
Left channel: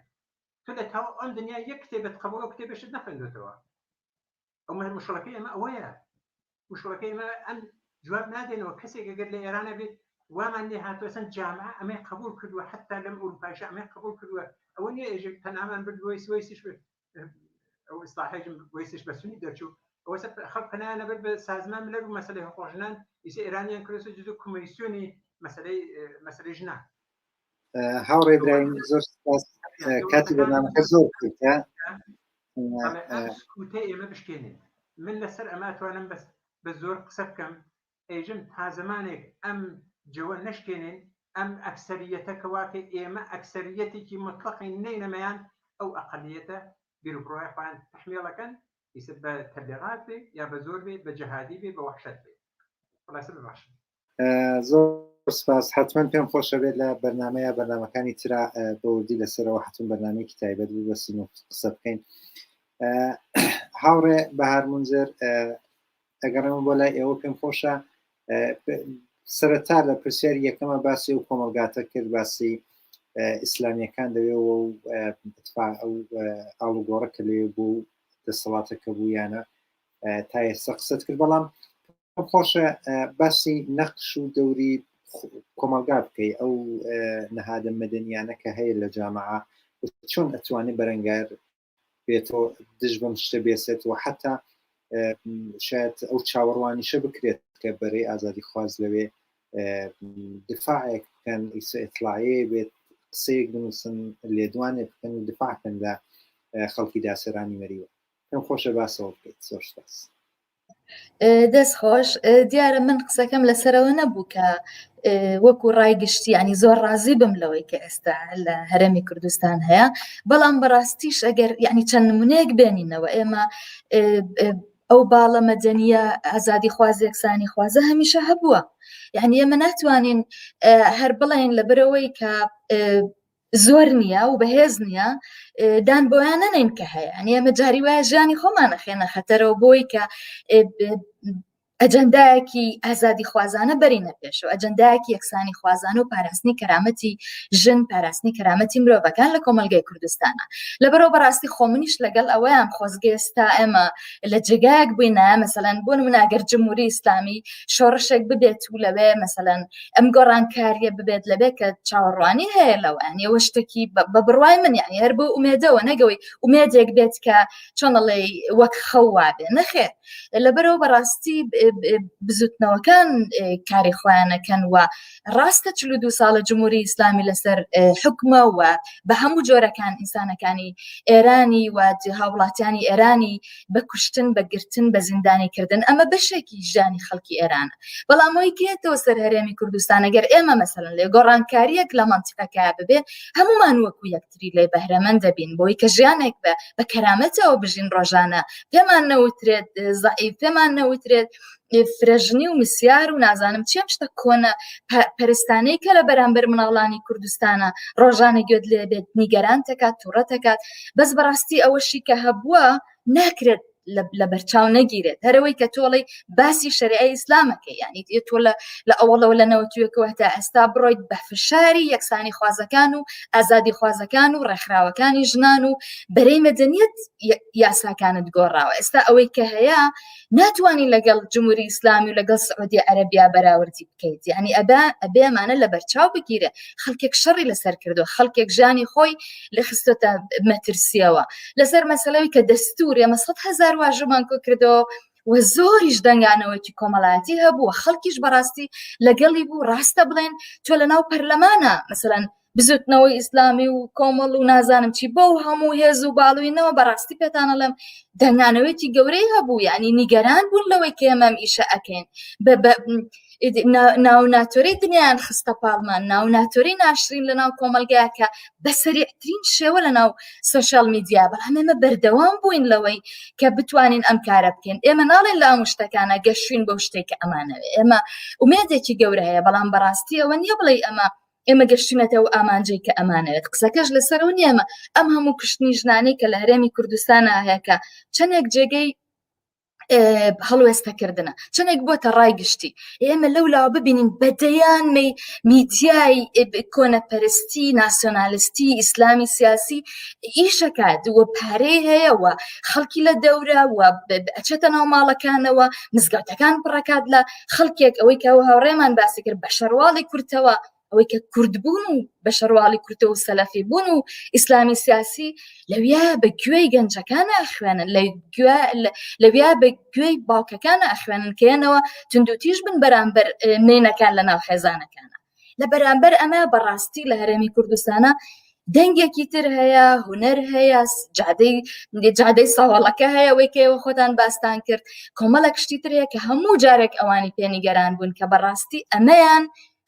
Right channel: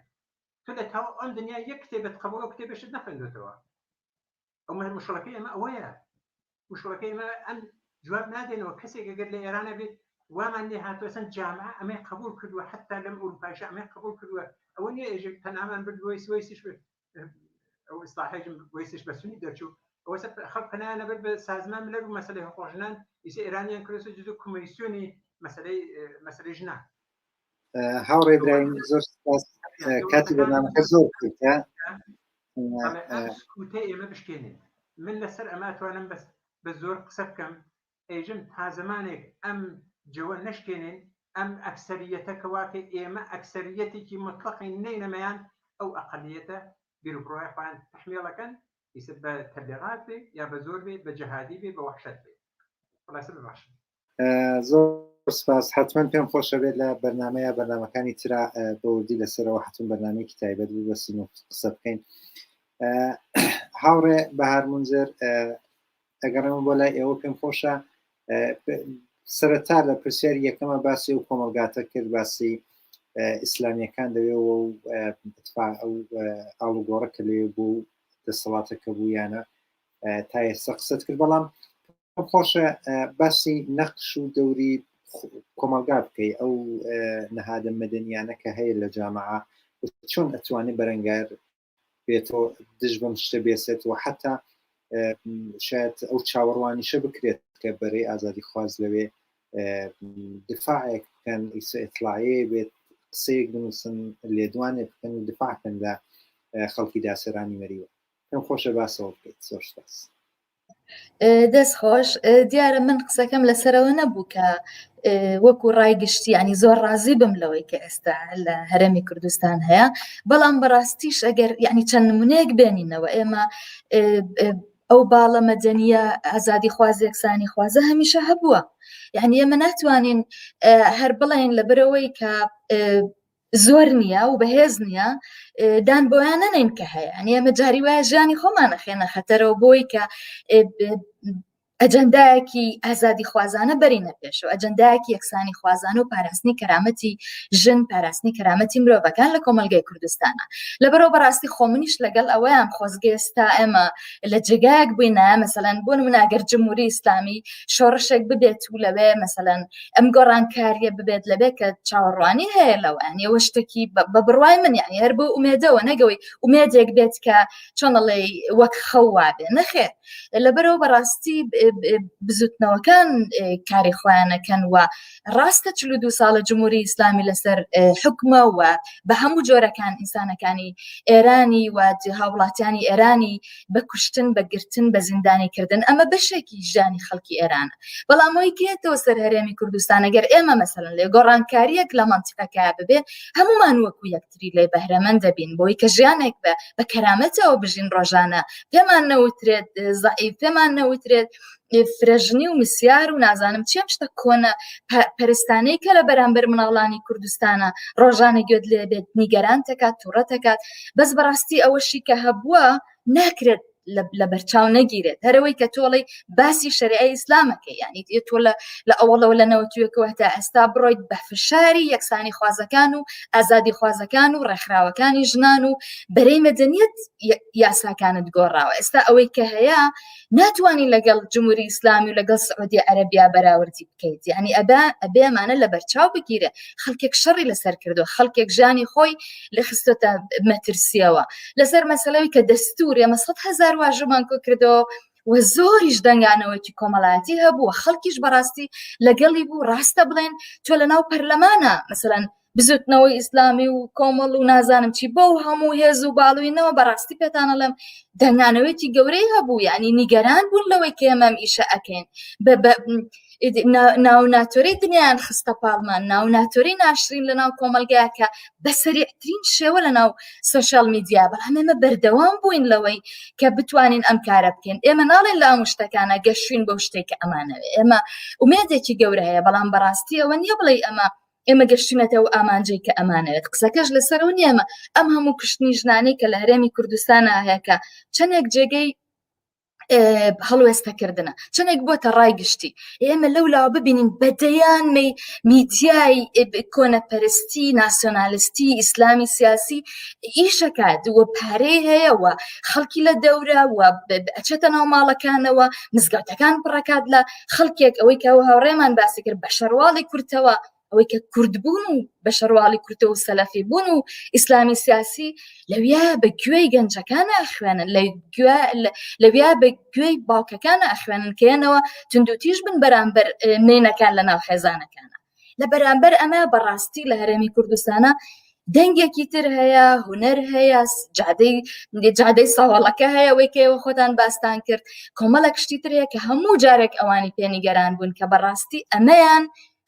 تۆ لە تاو ئەم دنیا یەک کتێبت قبول و کتێبشت نەخوێندوتەوە ئەمە مشکڵەکەی ئەمە ئەوەیە مشکڵەکەی ئەمە ئەم جواب نادێنەوە کەسێک ئەگەر لە ئێرانە بێت وامان لێ هاتووە چەند جامعە ئەمەی قبول کردووە حتا لەم ئوروپایشە ئەمەی قبول کردووە ئەوە نییە ئێژێک تەنامان بردووەی سوەیسیش ئەو ئیسلاحێژم وەیسیش بە سونی دەرچوو ئەوە خەڵک پەنایانە بێت بە سازمان ملەر و مەسەلەی حقوق ژنان ئیسە ئێرانیان کردووە جزو کۆمیسیۆنی مەسەلەی ژنان هاوڕێ برایم زۆر سپاس کاتی بەرنامەکە زۆر کورتە سکوتەی ئێمە بشکێنین من لەسەر ئەمە توانم بە زۆر قسە بکەم ئێژم تا زمانێک ئەم جوە نشکێنین ئەم ئەکسەریەتە کەواکە ئێمە ئەکسەریەتێکی مطلقی نەینەمەیان ئەو ئەقلیەتە بیرروڕۆی خۆیان تەحمیڵەکەن ئیسە بە تەبلیغات بێ یا بە زۆر بێ بە جەهادی بێ بە وەحشەت بێ خلاصە بباش زۆر سپاس حتمما پێم خۆشە بێت لە بەرنامەکانی ترا بەوردی لەسەرەوە حتم بەرنامەیەکی تایبەت بوو بەسین و قسە بکەین هاوڕێ بەهار منزر ئەگەڕێمە بۆ لای ئێوە پێم خۆشە سەرەتا لە پرسیاری یەکەمە باسی و کۆمەلگاتە کرد باسی ئیسلامیەکان دەوێەوە و ئەو ئاڵوگۆڕە کە لێ بوو دەسەڵاتەکە بوویانە تا ئێستا قسەت کرد بەڵام خۆشە باسی نەقش و دەوری کۆمەلگا بکەی ئەو نەهادە مەدەنیانە کە هەیە لە جامعە چۆن ئەتوانێت بەرەنگار بێتەوە دژ بەم شتە بێسێت و حتا شاید ئەو چاوەڕوانیشە بکرێت کە بەرەی ئازادی خواز لەوێ دفاعێک بکەن ئیسە ئیطلاعیە بێت قسەیەک بنووسن لێدوانێ بکەن و دفاعکەن لە خەڵکی داسەرانی مەریوە پێم خۆشە باسەوە بکەیت زۆر سپاس دەست خۆش دیارە من قسەکەم لەسەرەوە نەبوو کە وەکو ڕایگشتی ینی زۆر ڕازی بم لەوەی کە ئێستا لە هەرێمی کوردستان هەیە بەڵام بەڕاستیش ئەگەر ینی چەند نمونەیەک بێنینەوە ئێمە ئەو باڵە مەدەنیە ئازادی خواز یەکسانی خوازە هەمیشە هەبووە یعنی ئێمە ناتوانین هەر بڵێن لەبەرەوەی کە زۆر نییە و بەهێز نییە دان بۆیان نەنین کە هەیە ئەنی ئەمە جاری وایە ژیانی خۆمانە خێنە خەتەرەوە بۆی کە ئەجەندایەکی ئازادی خوازانە بەرینە پێشەوە ئەجەندایەکی یەکسانی خوازانە و پاراستنی کەرامەتی ژن پاراستنی کەرامەتی مرۆڤەکان لە کۆمەلگای کوردستانە لەبەرەوە بەڕاستی خۆمنیش لەگەڵ ئەوەیان خۆزگەستا ئێمە لە جێگایەک بووینە مەسەلەن بۆ نمونەگەر جمهوری ئیسلامی شۆڕشێک ببێت و لەوێ مەسەلەن ئەم گۆڕانکاریە ببێت لەبێت کە چاوەڕوانی هەیە لەوە ئەوە شتێکی بە بڕوای من یعنی هەر بۆ ئومێدەوە نەگەوەی ئومێدێک بێت کە چۆنەڵێ وەک خەوا بێ نەخێر لەبەرەوە بەڕاستی بزوتنەوەکان کاری خۆیانەکەن و ڕاستە 42 ساڵە جمهوری ئیسلامی لەسەر حکومە و بە هەموو جۆرەکان ئینسانەکانی ئێرانی و هاوڵاتیانی ئێرانی بە کوشتن بەگرتن بە زیندانی کردن ئەمە بەشێکی ژیانی خەڵکی ئێرانە بەڵام ئەوەی کێتەوە سەر هەرێمی کوردستان ئەگەر ئێمە مەسەڵەن لێ گۆڕانکاریەک لە مەنتیقەکە ببێ هەمومان وەکو یەکتری لێ بەهرەمەند دەبین بۆی کە ژیانێک بە کەرامەتەوە بژین ڕۆژانە پێمان نەوترێت زەعیف پێمان نەوترێت فرەژنی و مسیار و نازانم چێم شتە کۆنە پەرستانەی کە لە بەرامبەر مناڵانی کوردستانە ڕۆژانە گوێت لێ بێت نیگەران تەکات تووڕە تەکات بەس بەڕاستی ئەوەشی کە هەبووە ناکرێت لە بەرچاو نەگیرێت هەرەوەی کە تۆڵی باسی شەریعەی ئیسلامەکە یعنی تۆ لە ئەوڵەوە لە نەوەتوێکەوە تا ئێستا بڕۆیت بە فشاری یەکسانی خوازەکان و ئازادی خوازەکان و ڕێکخراوەکانی ژنان و بەرەی مەدەنیەت یاساکانت گۆڕاوە ئێستا ئەوەی کە هەیە ناتوانین لەگەڵ جمهوری ئیسلامی و لەگەڵ سعودی عەرەبیا بەراوردی بکەیت یعنی ئەبێ ئەمانە لە بەرچاو بگیرێ خەڵکێک شەڕی لەسەر کردو خەڵکێک ژیانی خۆی لە خستۆتە مەترسیەوە لەسەر مەسەلەوەی کە دەستور ئێمە 100,000 واژەمان کۆ کردەوە و زۆریش دەنگانەوەی کۆمەڵایەتی هەبووە خەڵکیش بەڕاستی لەگەڵی بوو ڕاستە بڵێن تۆ لە ناو پەرلەمانە مەسەڵەن بزوتنەوەی ئیسلامی و کۆمەڵ و نازانم چی بەو هەموو هێز و باڵوینەوە بەڕاستی پێتانەڵێم دەنگانەوەی گەورەی هەبوو یعنی نیگەران بوون لەوەی کە ئێمەم ئیشە ئەکەین ناو ناتۆرەی دنیایان خستە پاڵمان ناو ناتۆرەی ناشرین لە ناو کۆمەلگایەکە بە سەریعترین شێوە لە ناو سۆشیال میدیا بەڵام ئێمە بەردەوام بووین لەوەی کە بتوانین ئەم کارە بکەین ئێمە ناڵێن لە ئەم شتەکانە گەشتوین بەو شتێکە ئەمانەوێ ئێمە ومێدێکی گەورە هەیە بەڵام بەڕاستی ئەوە نییە بڵێ ئێمە گەشتینەتەوە ئامانجەی کە ئەمانەوێت قسەکەش لەسەرەوە نیەمە ئەم هەموو کشتنی ژنانەی کە لە هەرێمی کوردستانە هەیەکە چەندێک جێگەی هەڵوێستەکردنە چەندێک بۆتە ڕای گشتی ئێمە لەولاوە ببینین بەدەیان میدیای کۆنەپەرستی ناسیۆنالیستی ئیسلامی سیاسی ئیشەکات وە پارەی هەیەوە خەڵکی لە دەورە و ئەچێتە ناو ماڵەکانەوە مزگەوتەکان پڕەکات لە خەڵکێک ئەوەی کە ئەو هاوڕێمان باسی کرد بە شەرواڵی کورتەوە ئەوەی کە کورد بوون و بە شەرواڵی کورتەوە و سەلەفی بوون و ئیسلامی سیاسی لەویا بە گوێی گەنجەکانە ئەخوێنن لەویا بە گوێی باوکەکانە ئەخوێنن کێنەوە توندوتیش بن بەرامبەر مێنەکان لە ناو خێزانەکانە لە بەرامبەر ئەمە بەڕاستی لە هەرێمی کوردستانە دەنگێکی تر هەیە هونەر هەیە جادەی ساوەڵەکە هەیە ئەوەی کە ئێوە خۆتان باستان کرد کۆمەڵە کشتی تر هەیە کە هەموو جارێک ئەوانی پێنیگەران بوون کە بەڕاستی ئەمەیان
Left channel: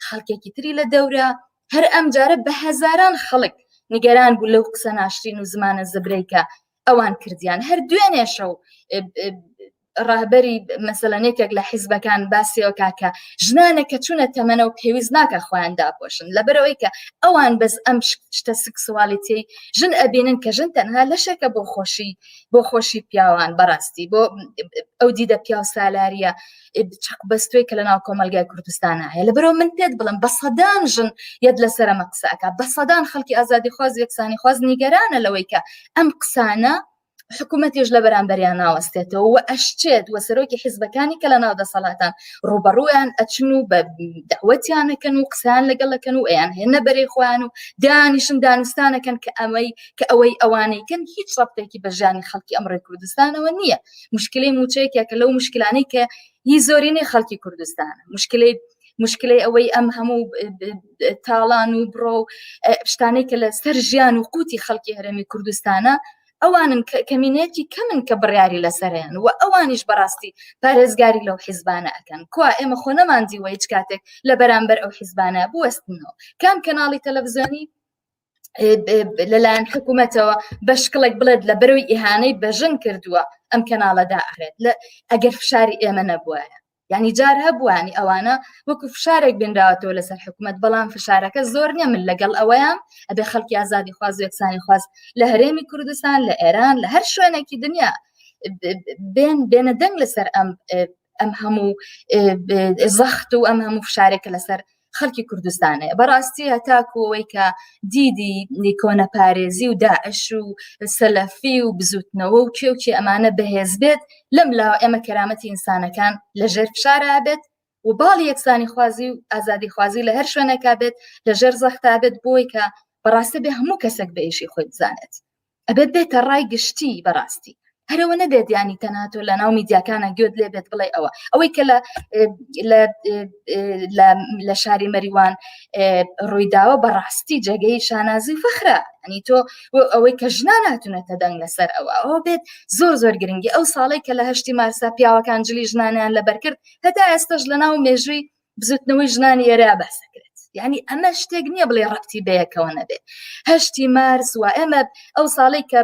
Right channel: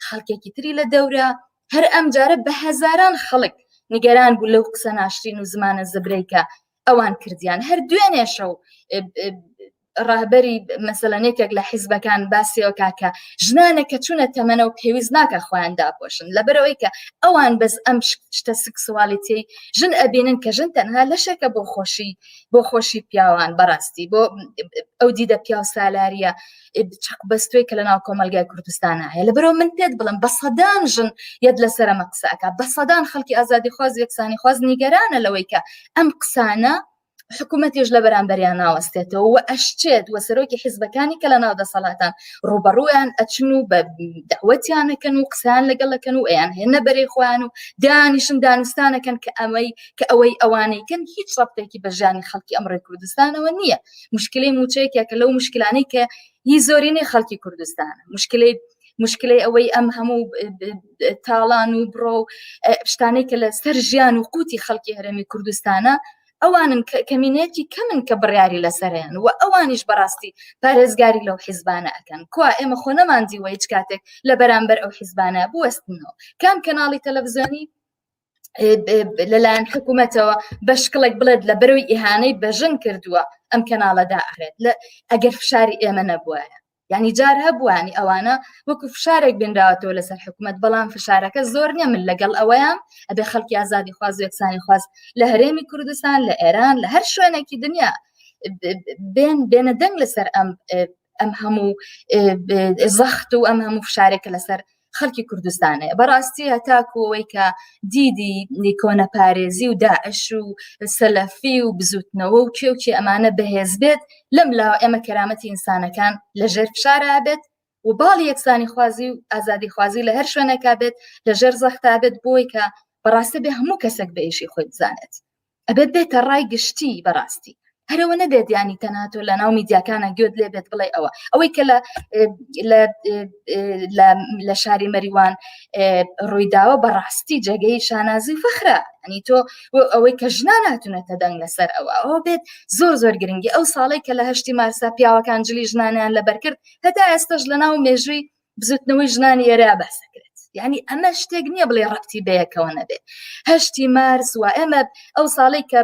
خەڵکێکی تری لە دەورە هەر ئەم جارە بە هەزاران خەڵک نیگەران بوو لەو قسە ناشرین و زمانە زبرەیکە ئەوان کردیان هەر دوێنێ شەو ڕاهبەری مەسەلەنێکێک لە حیزبەکان باسیەوە کاکە ژنانێکە چوونە تەمەنە و پێویست ناکە خۆیان داپۆشن لەبەرەوەی کە ئەوان بەس ئەم شتە سکسوالیتی ژن ئەبینن کە ژن تەنها لەشێکە بۆ خۆشی پیاوان بەڕاستی بۆ ئەو دیدە پیاو سالاریە چەق بەستوی کە لە ناو کۆمەلگای کوردستانە هەیە لەبەرەوە من پێت بڵم بە سەدان ژن یەد لەسەر ئەمە قسەکە بە سەدان خەڵکی ئازادی خواز یەکسانی خواز نیگەرانە لەوەی کە ئەم قسانە حکوومەتیش لە بەرامبەریان ناوەستێتەوە و ئەشتێت وە سەرۆکی حیزبەکانی کە لە ناو دەسەڵاتان ڕوبەڕوویان ئەچن و بە دەعوەتیانەکەن و قسەیان لەگەڵەکەن و ئەیان هێنە بەرەی خۆیان و دانیشن دانوستانەکەن کە ئەوەی ئەوانەیکەن هیچ ڕەبتێکی بە ژیانی خەڵکی ئەمڕۆی کوردستانەوە نییە مشکلەی موچەیەکە کە لەو مشکلانەی کە هی زۆرینەی خەڵکی کوردستانە مشکلەی ئەوەی ئەم هەموو تاڵان و بڕۆ شتانەی کە لە سەر ژیان و قوتی خەڵکی هەرێمی کوردستانە ئەوانن کەمینەتی کەمن کە بڕیاری لەسەریان و ئەوانیش بەڕاستی پارێزگاری لەو حیزبانە ئەکەن کوا ئێمە خۆ نەماندیوە هیچ کاتێک لە بەرامبەر ئەو حیزبانە بوەستنەوە کام کەناڵی تەلەڤیزیۆنی لەلایەن حکوومەتەوە بە شکڵێک بڵێت لە بەرەوەی ئیهانەی بەژن کردووە ئەم کەناڵەدا ئەخرێت ئەگەر فشاری ئێمە نەبووە یعنی جار هەبووانی ئەوانە وەکو فشارێک بنراوەتەوە لەسەر حکوومەت بەڵام فشارەکە زۆر نییە من لەگەڵ ئەوەیان ئەبێ خەڵکی ئازادی خواز و یەکسانی خواز لە هەرێمی کوردستان لە ئێران لە هەر شوێنێکی دنیا بێنە دەنگ لەسەر ئەم هەموو زەخت و ئەم هەموو فشارێکە لەسەر خەڵکی کوردستانە بەڕاستی هەتاکوەوەی کە دیدی کۆنەپارێزی و داعش و سەلەفی و بزوتنەوە و کێوکی ئەمانە بەهێز بێت لەم لاوە ئێمە کەرامەتی ئینسانەکان لەژێر فشارە بێت و باڵی یەکسانی خوازی و ئازادی خوازی لە هەر شوێنێکا بێت لەژێر زەختا بێت بۆی کە بەڕاستی بێ هەموو کەسێک بە ئیشی خۆی بزانێت ئەبێت بێتە ڕای گشتی بەڕاستی هەرەوە نەبێت ینی تەناتۆ لە ناو میدیاکانە گوێت لێ بێت بڵێ ئەوەی کە لە شاری مەریوان ڕوویداوە بەڕاستی جێگەی شانازی فەخرە، ئەنی تۆ ئەوەی کە ژنان هاتوونەتە دەنگ لەسەر ئەوە بێت زۆر گرنگی. ئەو ساڵی کە لە 8 مارسا پیاوەکان جلی ژنانیان لەبەرکرد هەتا ئێستش لە ناو مێژووی بزوتنەوەی ژنانی ئێرە باسەکرێت. یعنی ئەمە شتێک نییە بڵێ ڕەبتی بەیەکەوە نەبێت. 8 مارس و ئێمە ئەو ساڵی کە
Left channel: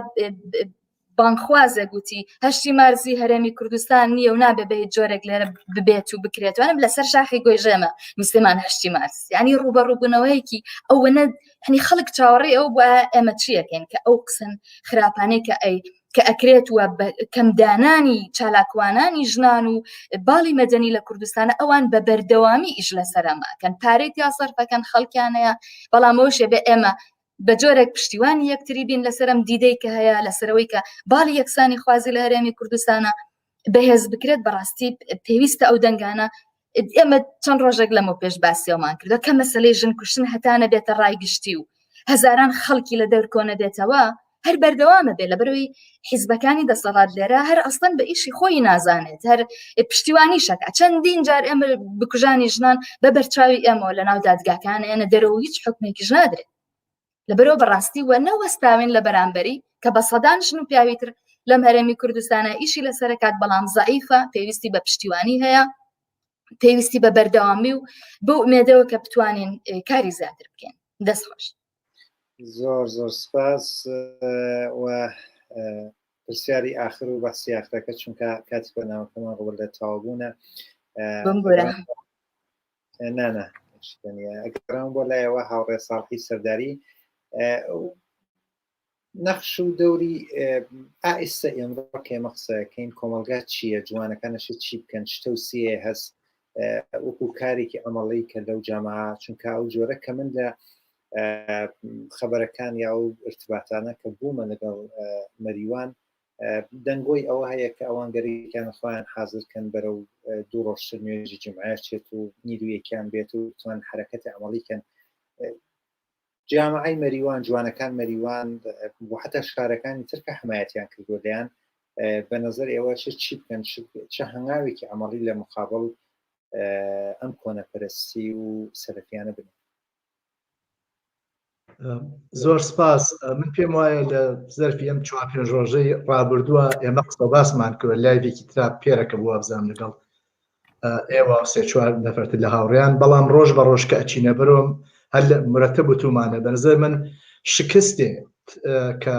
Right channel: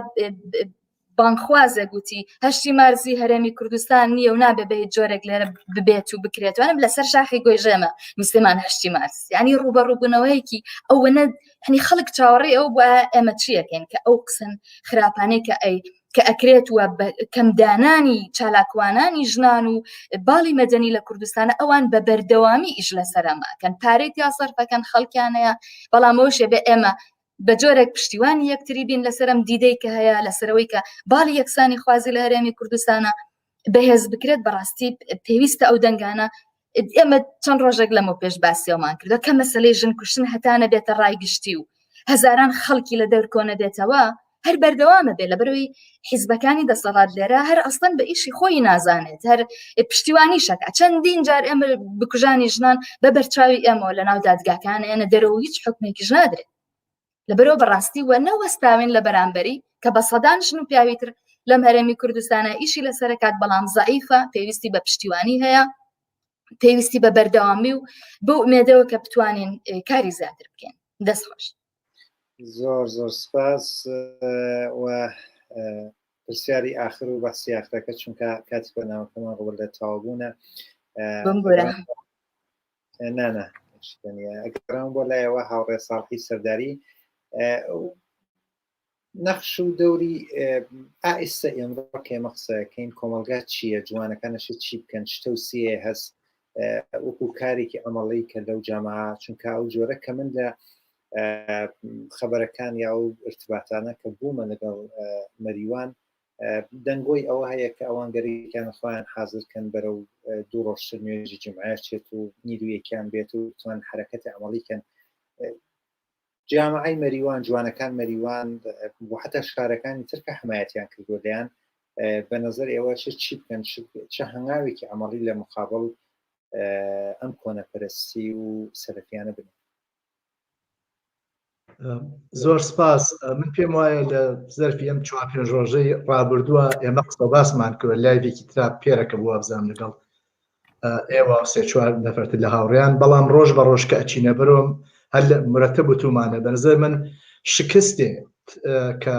بانخوازە گوتی 8 مارسی هەرێمی کوردستان نییە و نابێ بە جۆرێک لێرە ببێت و بکرێتوانم لەسەر شاخی گۆیژێمە میسلمان 8 مارس، ینی ڕوبەڕووبوونەوەیەکی ئەوە ینی خەڵک چاوەڕێ ئەو بە ئێمە چیەکەین کە ئەو قسن خراپانەی کە ئەکرێت وە کەمدانانی چالاکوانانی ژنان و باڵی مەدەنی لە کوردستانە ئەوان بە بەردەوامی ئیش لەسەرەماکەن پارەی یاسەرفەکەن خەڵکیانەیە، بەڵامەوەشێ بێ ئێمە بە جۆرێک پشتیوانی یەکتری بین لەسەرم دیدەی کە هەیە لەسەرەوەی کە باڵی یەکسانی خوازی لە هەرێمی کوردستانە بەهێز بکرێت بەڕاستی پێویستە ئەو دەنگانە. ئێمە چەند ڕۆژێک لەمە پێش باسیەوەمان کردو کە مەسەلەی ژن کوشتن هەتانە بێتە ڕایگشتی و هەزاران خەڵکی لە دەور کۆنە بێتەوە هەر بەردەوامە بێ لە بەرەوەی حیزبەکانی دەسەڵات لێرە هەر ئەسڵەن بە ئیشی خۆی نازانێت، هەر پشتیوانی شەکە چەندین جار ئێمە بکوژانی ژنان بە بەرچاوی ئێمە لە ناو دادگاکانە ئێنە دەرەوە هیچ حکمێکیش نادرێت. لەبەرەوە بەڕاستی وە نەوەستاوێن لە بەرامبەری کە بە سەدان ژن و پیاویتر لەم هەرێمی کوردستانە ئیشی لەسەرکات بەڵام زەعیفە، پێویستی بە پشتیوانی هەیە، پێویستی بە بەردەوامی و بۆ ئومێدەوە کە بتوانین کاری زیاتر بکەین. دەستخۆش. زۆر سپاس و پرسیاری آخر و بەسی ئاخرەکە چونکە کاتی بەرنامەکەمان ڕوبەر لە تەواوبوونە ئەگەڕام بۆ لایەوە هاوڕێ ساڵحی سەرداری نەخش و دەوری ئائستا ئێمڕۆ کێمە قسەکەین کۆمەلگا چییە، جوانەکانەشە چی بکەن، شتە و سیە هەست وەکو کارێکی ئەمەڵی کە لەو جامعە چونکە ئەو جۆرە کە من لە خەبەرەکان یا و ارتباطانە کە بوومە لەگەڵ مەریوان دەنگۆی ئەوە هەیە کە ئەوان گەریکیان خۆیان حازرکەن بەرەو دوو ڕۆژتر نوێژی جمعە چێت و نیرویەکیان بێت و توان حرەکەتی ئەمەڵیکەن. جامعەی مەریوان، جوانەکان مەریوان بۆ حتا شارەکانی ترکە حمایەتیان کردووە لەیان بە نەزەر ئێوە چی بکەن، چه هەنگاوێکی ئەمەڵی لە مقابل ئەم کۆنەپەرستی و سەرەکیانە بن. زۆر سپاس. من پێم وایە لە زەرفی ئەم 4-5 ڕۆژەی ڕابردووە ئێمە قسە باسمان کرد لایڤێکی ترا پێرەکە بووە بزانام لەگەڵ ئێوە 3-4 نەفەرتر لە هاوڕێیان، بەڵام ڕۆژ بە ڕۆژ کە ئەچینە بەرۆم هەر مرەتەب وتومانە بەنظر من شکستێ کە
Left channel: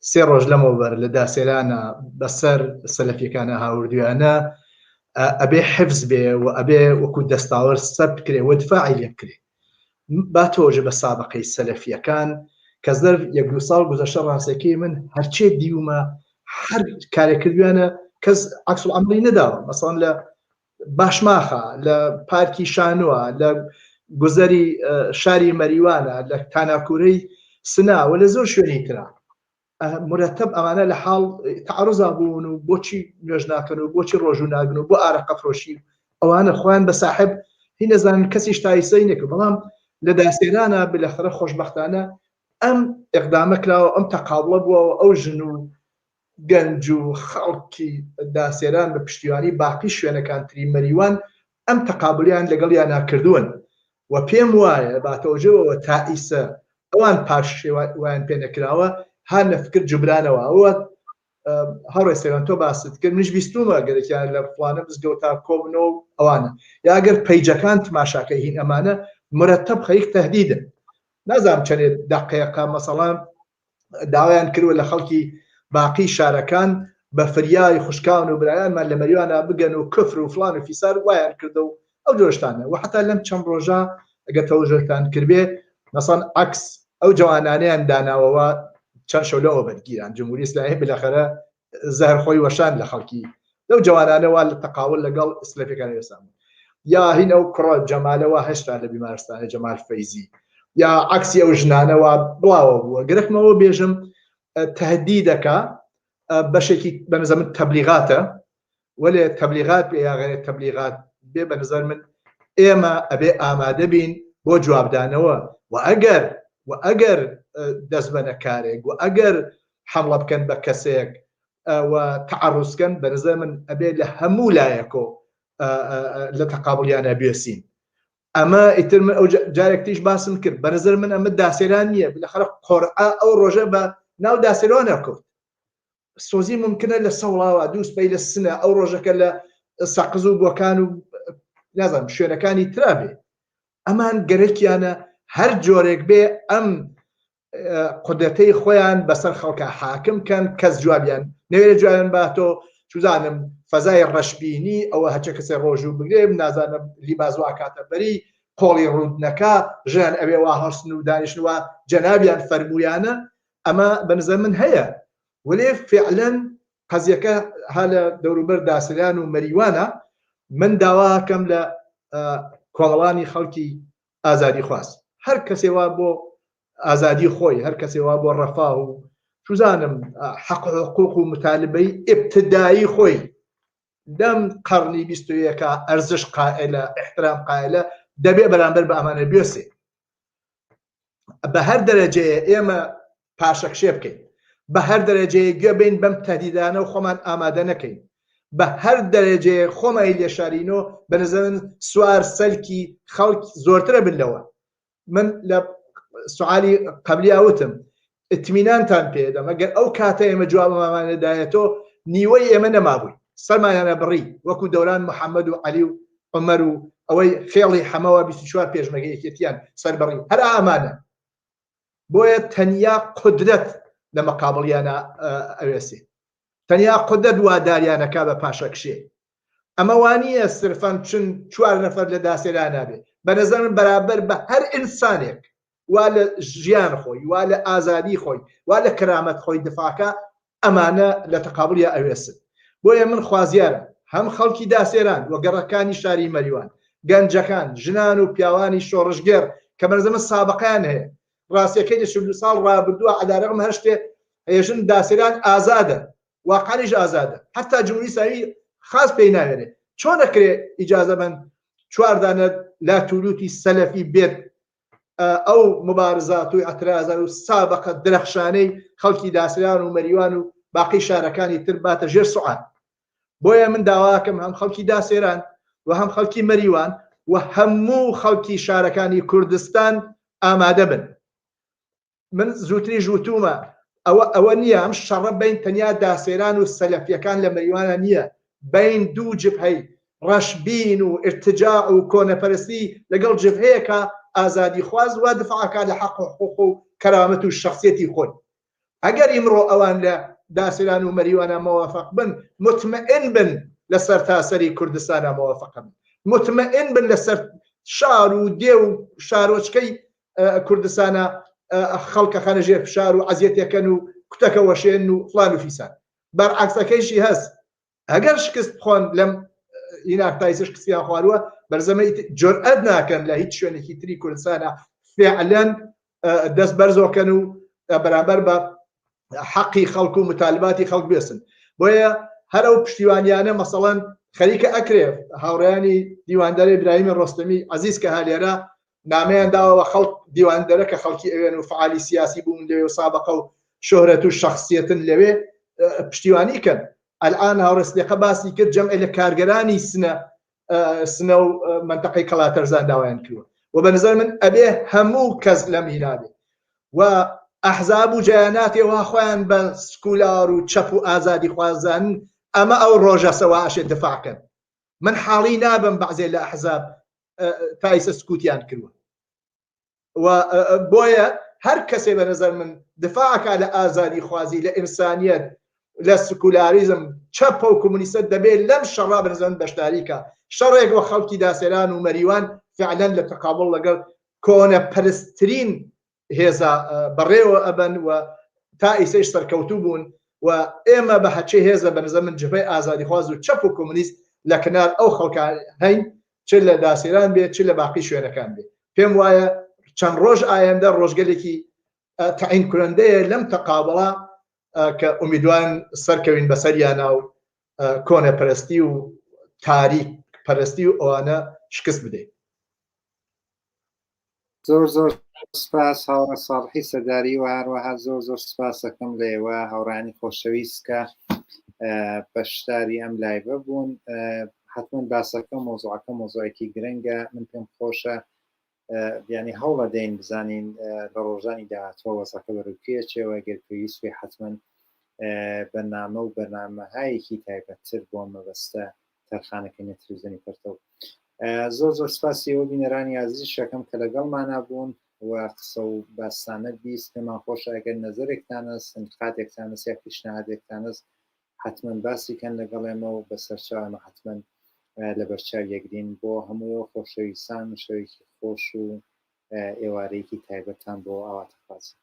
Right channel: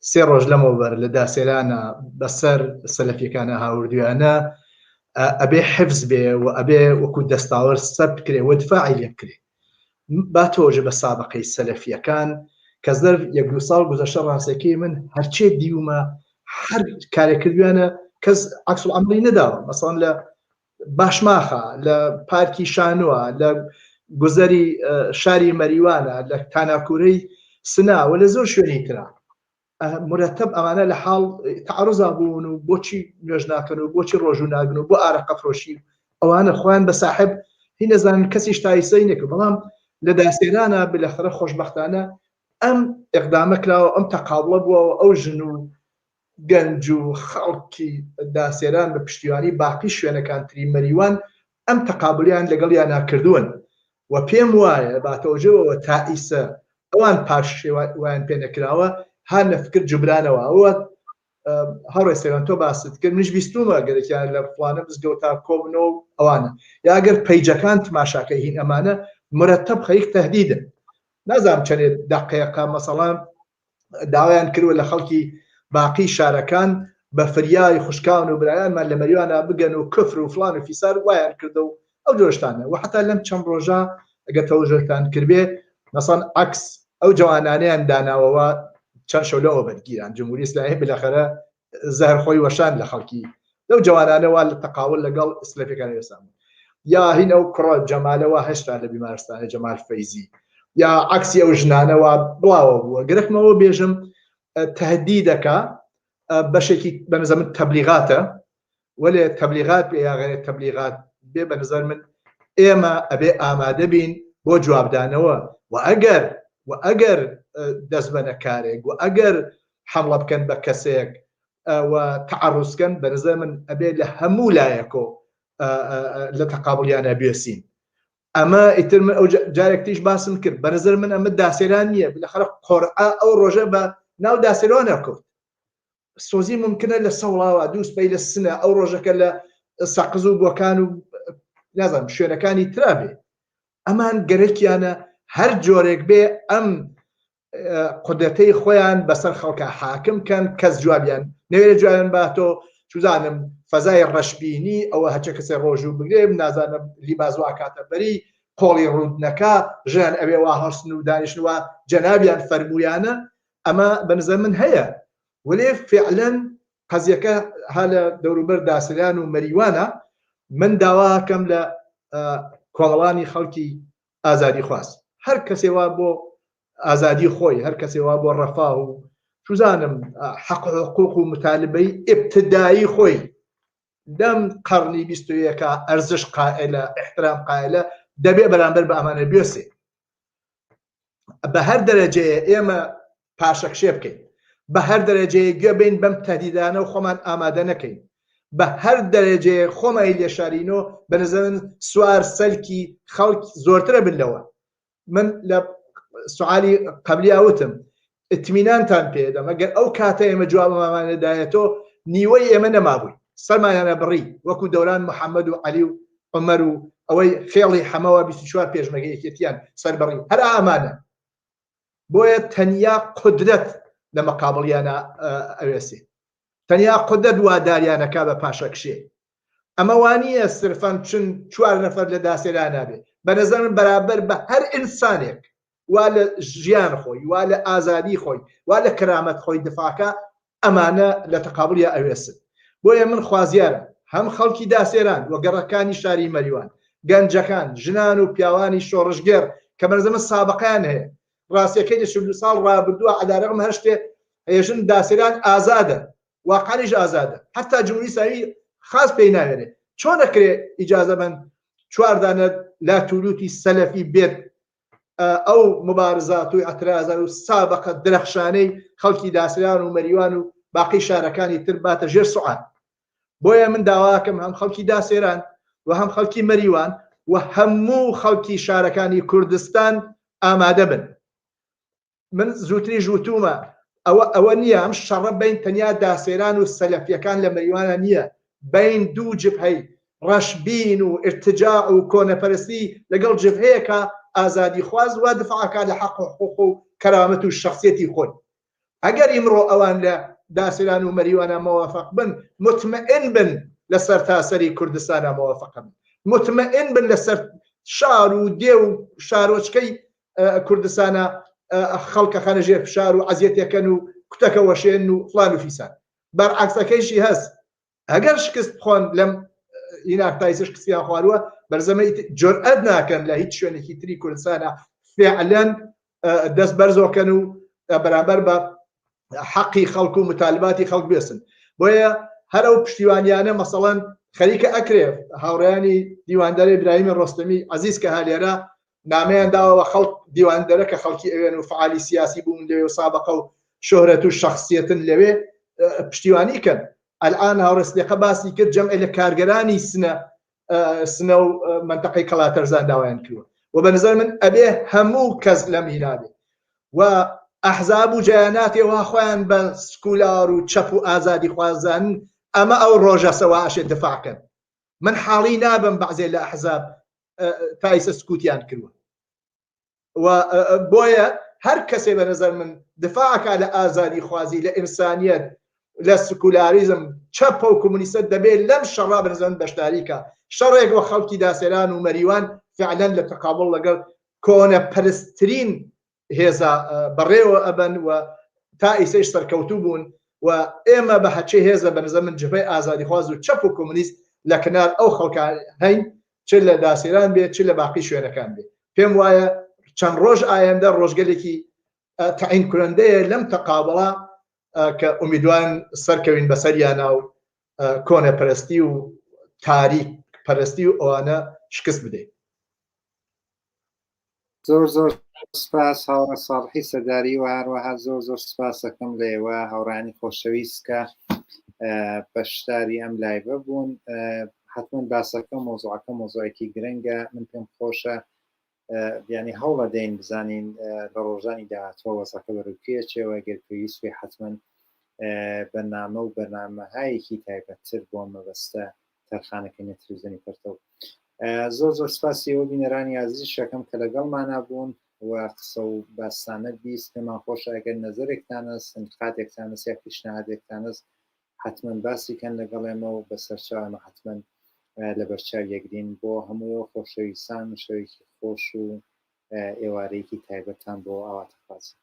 3 ڕۆژ لەمەوبەر لە داسێرانە بەسەر سەلەفیەکانە هاوردویانە ئەبێ حفز بێ و ئەبێ وەکو دەستاوەر سەر بکرێ و دفاعی لێ بکرێ. با تۆژە بە سابقەی سەلەفیەکان کە زەرف 1-2 ساڵ گوزەشتە ڕاستەکەی من هەرچێ دیومە هەر کارێکردویانە کەس عەکسوڵعەمەلی نەداوە، مەسەڵەن لە باشماخە، لە پارکی شانووە، لە گوزەری شاری مەریوانە، لە تاناکوورەی سناوە، لە زۆر شوێنی ترا مرەتەب ئەمانە لە حاڵ تعەڕوزا بوون و بۆچی نوێژ ناکەن و بۆچی ڕۆژوو ناگن و بۆ ئارەقە فرۆشی ئەوانە خۆیان بە ساحب هی نەزانن کەسی شتایسەی نەکرد. بەڵام لە داسێرانە بلەخرە خۆشبەختانە ئەم ئەقدامە کراوە، ئەم تەقابڵە بووەوە ئەو ژن و گەنج و خەڵکی داسێران بە پشتیوانی باقی شوێنەکان تری مەریوان ئەم تەقابلیان لەگەڵ یان ناکردوون و پێم وایە باتەوەجەوەوە تائیسە ئەوان پاش وایان پێ نەکراوە هەر نەفکر جوبرانەوە. ئەوە هەڕێ سەیران تۆ باست کرد، منش بیستومە گەرێکیان لە فڵانە مزگەوتا کۆبنەوە ئەوانە یا ئەگەر پەیجەکان تماشاکەی هین ئەمانە مرتب خەریک تهدیدن. نازانم چەندێک دەقەیەقە مەسەڵەن داوایان کردووە لە خەڵکی باقی شارەکان بە فریای خوشکاون و برایانمان لە مەریوانە بگەن و کفر و فڵان و فیسار وایان کردە و ئەو جۆشتانە و حتا لەم چەند ڕۆژە ئەگەر تەوەژۆتان کردبێ مەسەڵەن عەکس ئەو جوانانەیان داناوەوە چەند شەو لەوە بەرگیران جمهوری ئیسلامی بالاخره زەهر خۆی وەشان لە خەڵکی لەو جوانانەوە لە تەقاول لەگەڵ سلەفیەکان وێسان یا هین ئەو کوڕە جەمالەوە هێشتا لە بیمارستانە جەمال فەیزی یا عەکسی ئەو ژنانەوە بڵاوە بووە. گرەکمەوە بێژم تهدیدەکە بەشێکی بە نظر من تەبلیغاتە وەلێ تەبلیغات بێ یا غەیرە تەبلیغات بێ بە نظر من ئێمە ئەبێ ئامادە بین بۆ جوابدانەوە و ئەگەر دەست بە نەکارێک و ئەگەر حەمڵە بکەن بە کەسێک و تعرضکەن بەنظر من ئەبێ لە هەموو لایەکۆ لە تەقابڵیانە بێسین. ئەمە ئیتر من ئەو جارێکتیش باسم کرد بەنظر من ئەمە داسێران نییە لەخەر قۆرعا ئەو ڕۆژە بە ناو داسێرانە کەوت سۆزی ممکنە لە سەوڵاوە دووسپەی لە سنە ئەو ڕۆژەکە لە سەقز و بۆکان و نازانم شوێنەکانی ترابێ ئەمان گەرەکیانە هەر جۆرێک بێ ئەم قودرەتەی خۆیان بەسەر خەڵکە حاکم کەن کەس جوابیان نەوێرە جوابیان باتۆ چوزانم فەزای ڕەشبینی ئەوە هەچە کەسێ ڕۆژ و بگرێ نازانم لیبازوا کاتەبەری قۆڵی ڕوودنەکە ژیان ئەوێ وا هەڵسن و دانیشتنەوە جەنابیان فەرمویانە ئەمە بەنظر من هەیە ولێ فعلەن قەزیەکە ها لە دەوروبەر داسەلان و مەریوانە من داواکەم لە کۆمەڵانی خەڵکی ئازادی خواست هەر کەسێوا بۆ ئازادی خۆی هەر کەسێوا بۆ ڕەفاه و چوزانم حەق حقوق و متالبەی ئبتدایی خۆی دەم قەرنی 21 ئەرزش قائلە احترام قائلە دەبێ بەرامبەر بە ئەمانە بێسێ بە هەر دەرەجەیە ئێمە پاشەکشێ بکەین بە هەر دەرەجەیە گوێ بین بەم تەهدیدانە و خۆمان ئامادە نەکەین بە هەر دەرەجەیە خۆمای لێشارینەوە بەنظرم سوار سەلکی خەڵک زۆرترە بنەوە من لە سوالی قبلی ئەوتم ئتمینانتان پێدەم ئەگەر ئەو کاتە ئێمە جوابمانەدایەتەوە نیوەی ئێمە نەمابووی سەرمایانە بڕی وەکو دەوران محەممەد و عەلی و عومەر و ئەوەی خێڵی حەمەوە 24 پێشمەگە یەکێتیان سەربڕی هەر ئامانە بۆیە تەنیا قودرەت لە مەقابڵیانە ئەوێسێ تەنیا قودرەت واداریانەکە بە پاشەکشێ ئەمە وانییە سرفەن چن 4 نەفەر لە داسێران نابێ بەنظرم بەرابەر بە هەر ئینسانێک وا لە ژیان خۆی وا لە ئازادی خۆی وا لە کرامەت خۆی دفاعکە ئەمانە لە تەقابڵیە ئەوێسن بۆیە من خوازیارم هەم خەڵکی داسێران وەگەڕەکانی شاری مەریوان گەنجەکان ژنان و پیاوانی شۆڕژگەر کە بەنظرم سابقەیان هەیە ڕاستیەکەی لە 40 ساڵ ڕابردووە عەدارەقم هەر شتێ هێژن داسێران ئازادە واقعیش ئازادە حتا جمهوری ئیسلامی خاص پێی ناوێنێ چۆن دەکرێ ئیجازە بن 4 دانە لا توولوتی سەلەفی بێت ئەو مبارزات و ئەترازان و سابقە درەخشانەی خەڵکی داسێران و مەریوان و باقی شارەکانی تر باتە ژێر سوعان بۆیە من داواکەم هەم خەڵکی داسێران و هەم خەڵکی مەریوان و هەموو خەڵکی شارەکانی کوردستان ئامادە بن من زووتری ژووتومە ئەوە نییە ئەم شەڕە بین تەنیا داسێران و سەلەفیەکان لە مەریوانە نییە بین دوو جبهەی ڕەشبین و ارتجاع و کۆنەپەرستی لەگەڵ جبهەیەکە ئازادی خواز و دفاعکە لە حەق و حقوق و کەرامەت و شخصیەتی خۆی ئەگەر ئیمڕۆ ئەوان لە داسێران و مەریوانە موافق بن مطمئن بن لەسەر تاسەری کوردستانە موافق بن مطمئن بن لەسەر شار و دێ و شارۆچکەی کوردستانە خەڵکە خانە ژێر فشار و عەزیەتێکەن و کوتەکە وەشێن و فلان و فیسان بەرعەکسەکەیشی هەست ئەگەر شکست بخۆن لەم ئیناکتایسە شکستیان خوارووە بەرزەمە جورئەت ناکەن لە هیچ شوێنێکی تری کوردستانە فعلەن دەست بەرزۆکەن و بەرامبەر بە حەقی خەڵک و متالباتی خەڵک بێسن بۆیە هەر ئەو پشتیوانیانە مەسەڵەن خەریکە ئەکرێ هاوڕێیانی دیواندەری ئیبراهیم ڕۆستەمی عەزیز کە هەلێرە نامەیان داوە خەڵک دیواندەرە کە خەڵکی ئەوێن و فعالی سیاسی بوون لەوێ و سابقە و شۆهرەت و شخصیەتن لەوێ پشتیوانی کەن الآن هاوڕێستێقە باسی کرد جەمعێ لە کارگەرانی سنە و منتەقەی کەڵاتەرزان داوایان کردووە و بەنظر من ئەبێ هەموو کەس لەم هینابێ و ئەحزاب و جەیاناتێ خۆیان بە سکولار و چەپ و ئازادی خوازانن ئەمە ئەو ڕۆژە سەواشێ دفاعکەن من حاڵی نابم بەعزێ لە ئەحزاب تایسە سکوتیان کردووە و بۆیە هەر کەسێ بەنظر من دفاعکە لە ئازادی خوازی لە ئینسانیەت لە سکولاریزم چەپ و کۆمونیستە دەبێت لەم شەڕا بەنظرم بەشداریکە شەڕێک وە خەڵکی داسێران و مەریوان فعلەن لە تەقابڵ لەگەڵ کۆنەپەرستترین هێزە بەڕێوە ئەبەن و تا ئیسەیش سەرکەوتوو بوون و ئێمە بە هەچێ هێزە بەنظر من جبهەی ئازادی خواز و چەپ و کۆمونیست لە کنار ئەو خەڵکان هەین چ لە داسێران بێت چ لە باقی شوێنەکان بێت پێم وایە چەند ڕۆژ ئایندە ڕۆژگەلێکی تعین کوڕندەیە لەم تەقابڵە کە ئومیدوان سەرکەوین بەسەریانە و کۆنەپەرستی و تاریک پەرستی و ئەوانە شکست بدەین. زۆر زۆر سپاس هاوڕە ساڵحی سەرداری و هەروەها زۆر زۆر سپاس دەکەم لە ئێوە هاوڕانی خۆشەویست کە بەشداری ئەم لایڤە بوون حتمما باسەکە مۆزوعەکە مۆزوعێکی گرنگە من پێم خۆشە ینی هەوڵە دەین بزانین لە ڕۆژانی داهاتوە وەزەکە بەڕووکێچەوە گەر پێویستێ حتمما بەرنامە و بەرنامەهایەکی تایبەتتر بۆ مەبەستە تەرخانەکەی تەلەڤیزیۆنی پەرتەو زۆر زۆر سپاسی ئەوە بینەرانی عەزیز شەکەم کە لەگەڵمانە بوون و قسە و باستانە بیست پێمان خۆشە ئەگەر نەزەرێکتان هەست انتقادێکتان هەست یا پیشنهادێکتان هەست حتمما باسی کەن لەگەڵێمە و بەسەرچاومە حتمما لە بەرچاو یەکدین بۆ هەموو خۆشەویستان شەوێکی خۆش و ئێوارەیەکی تایبەتان بۆ ئاواتەخوازی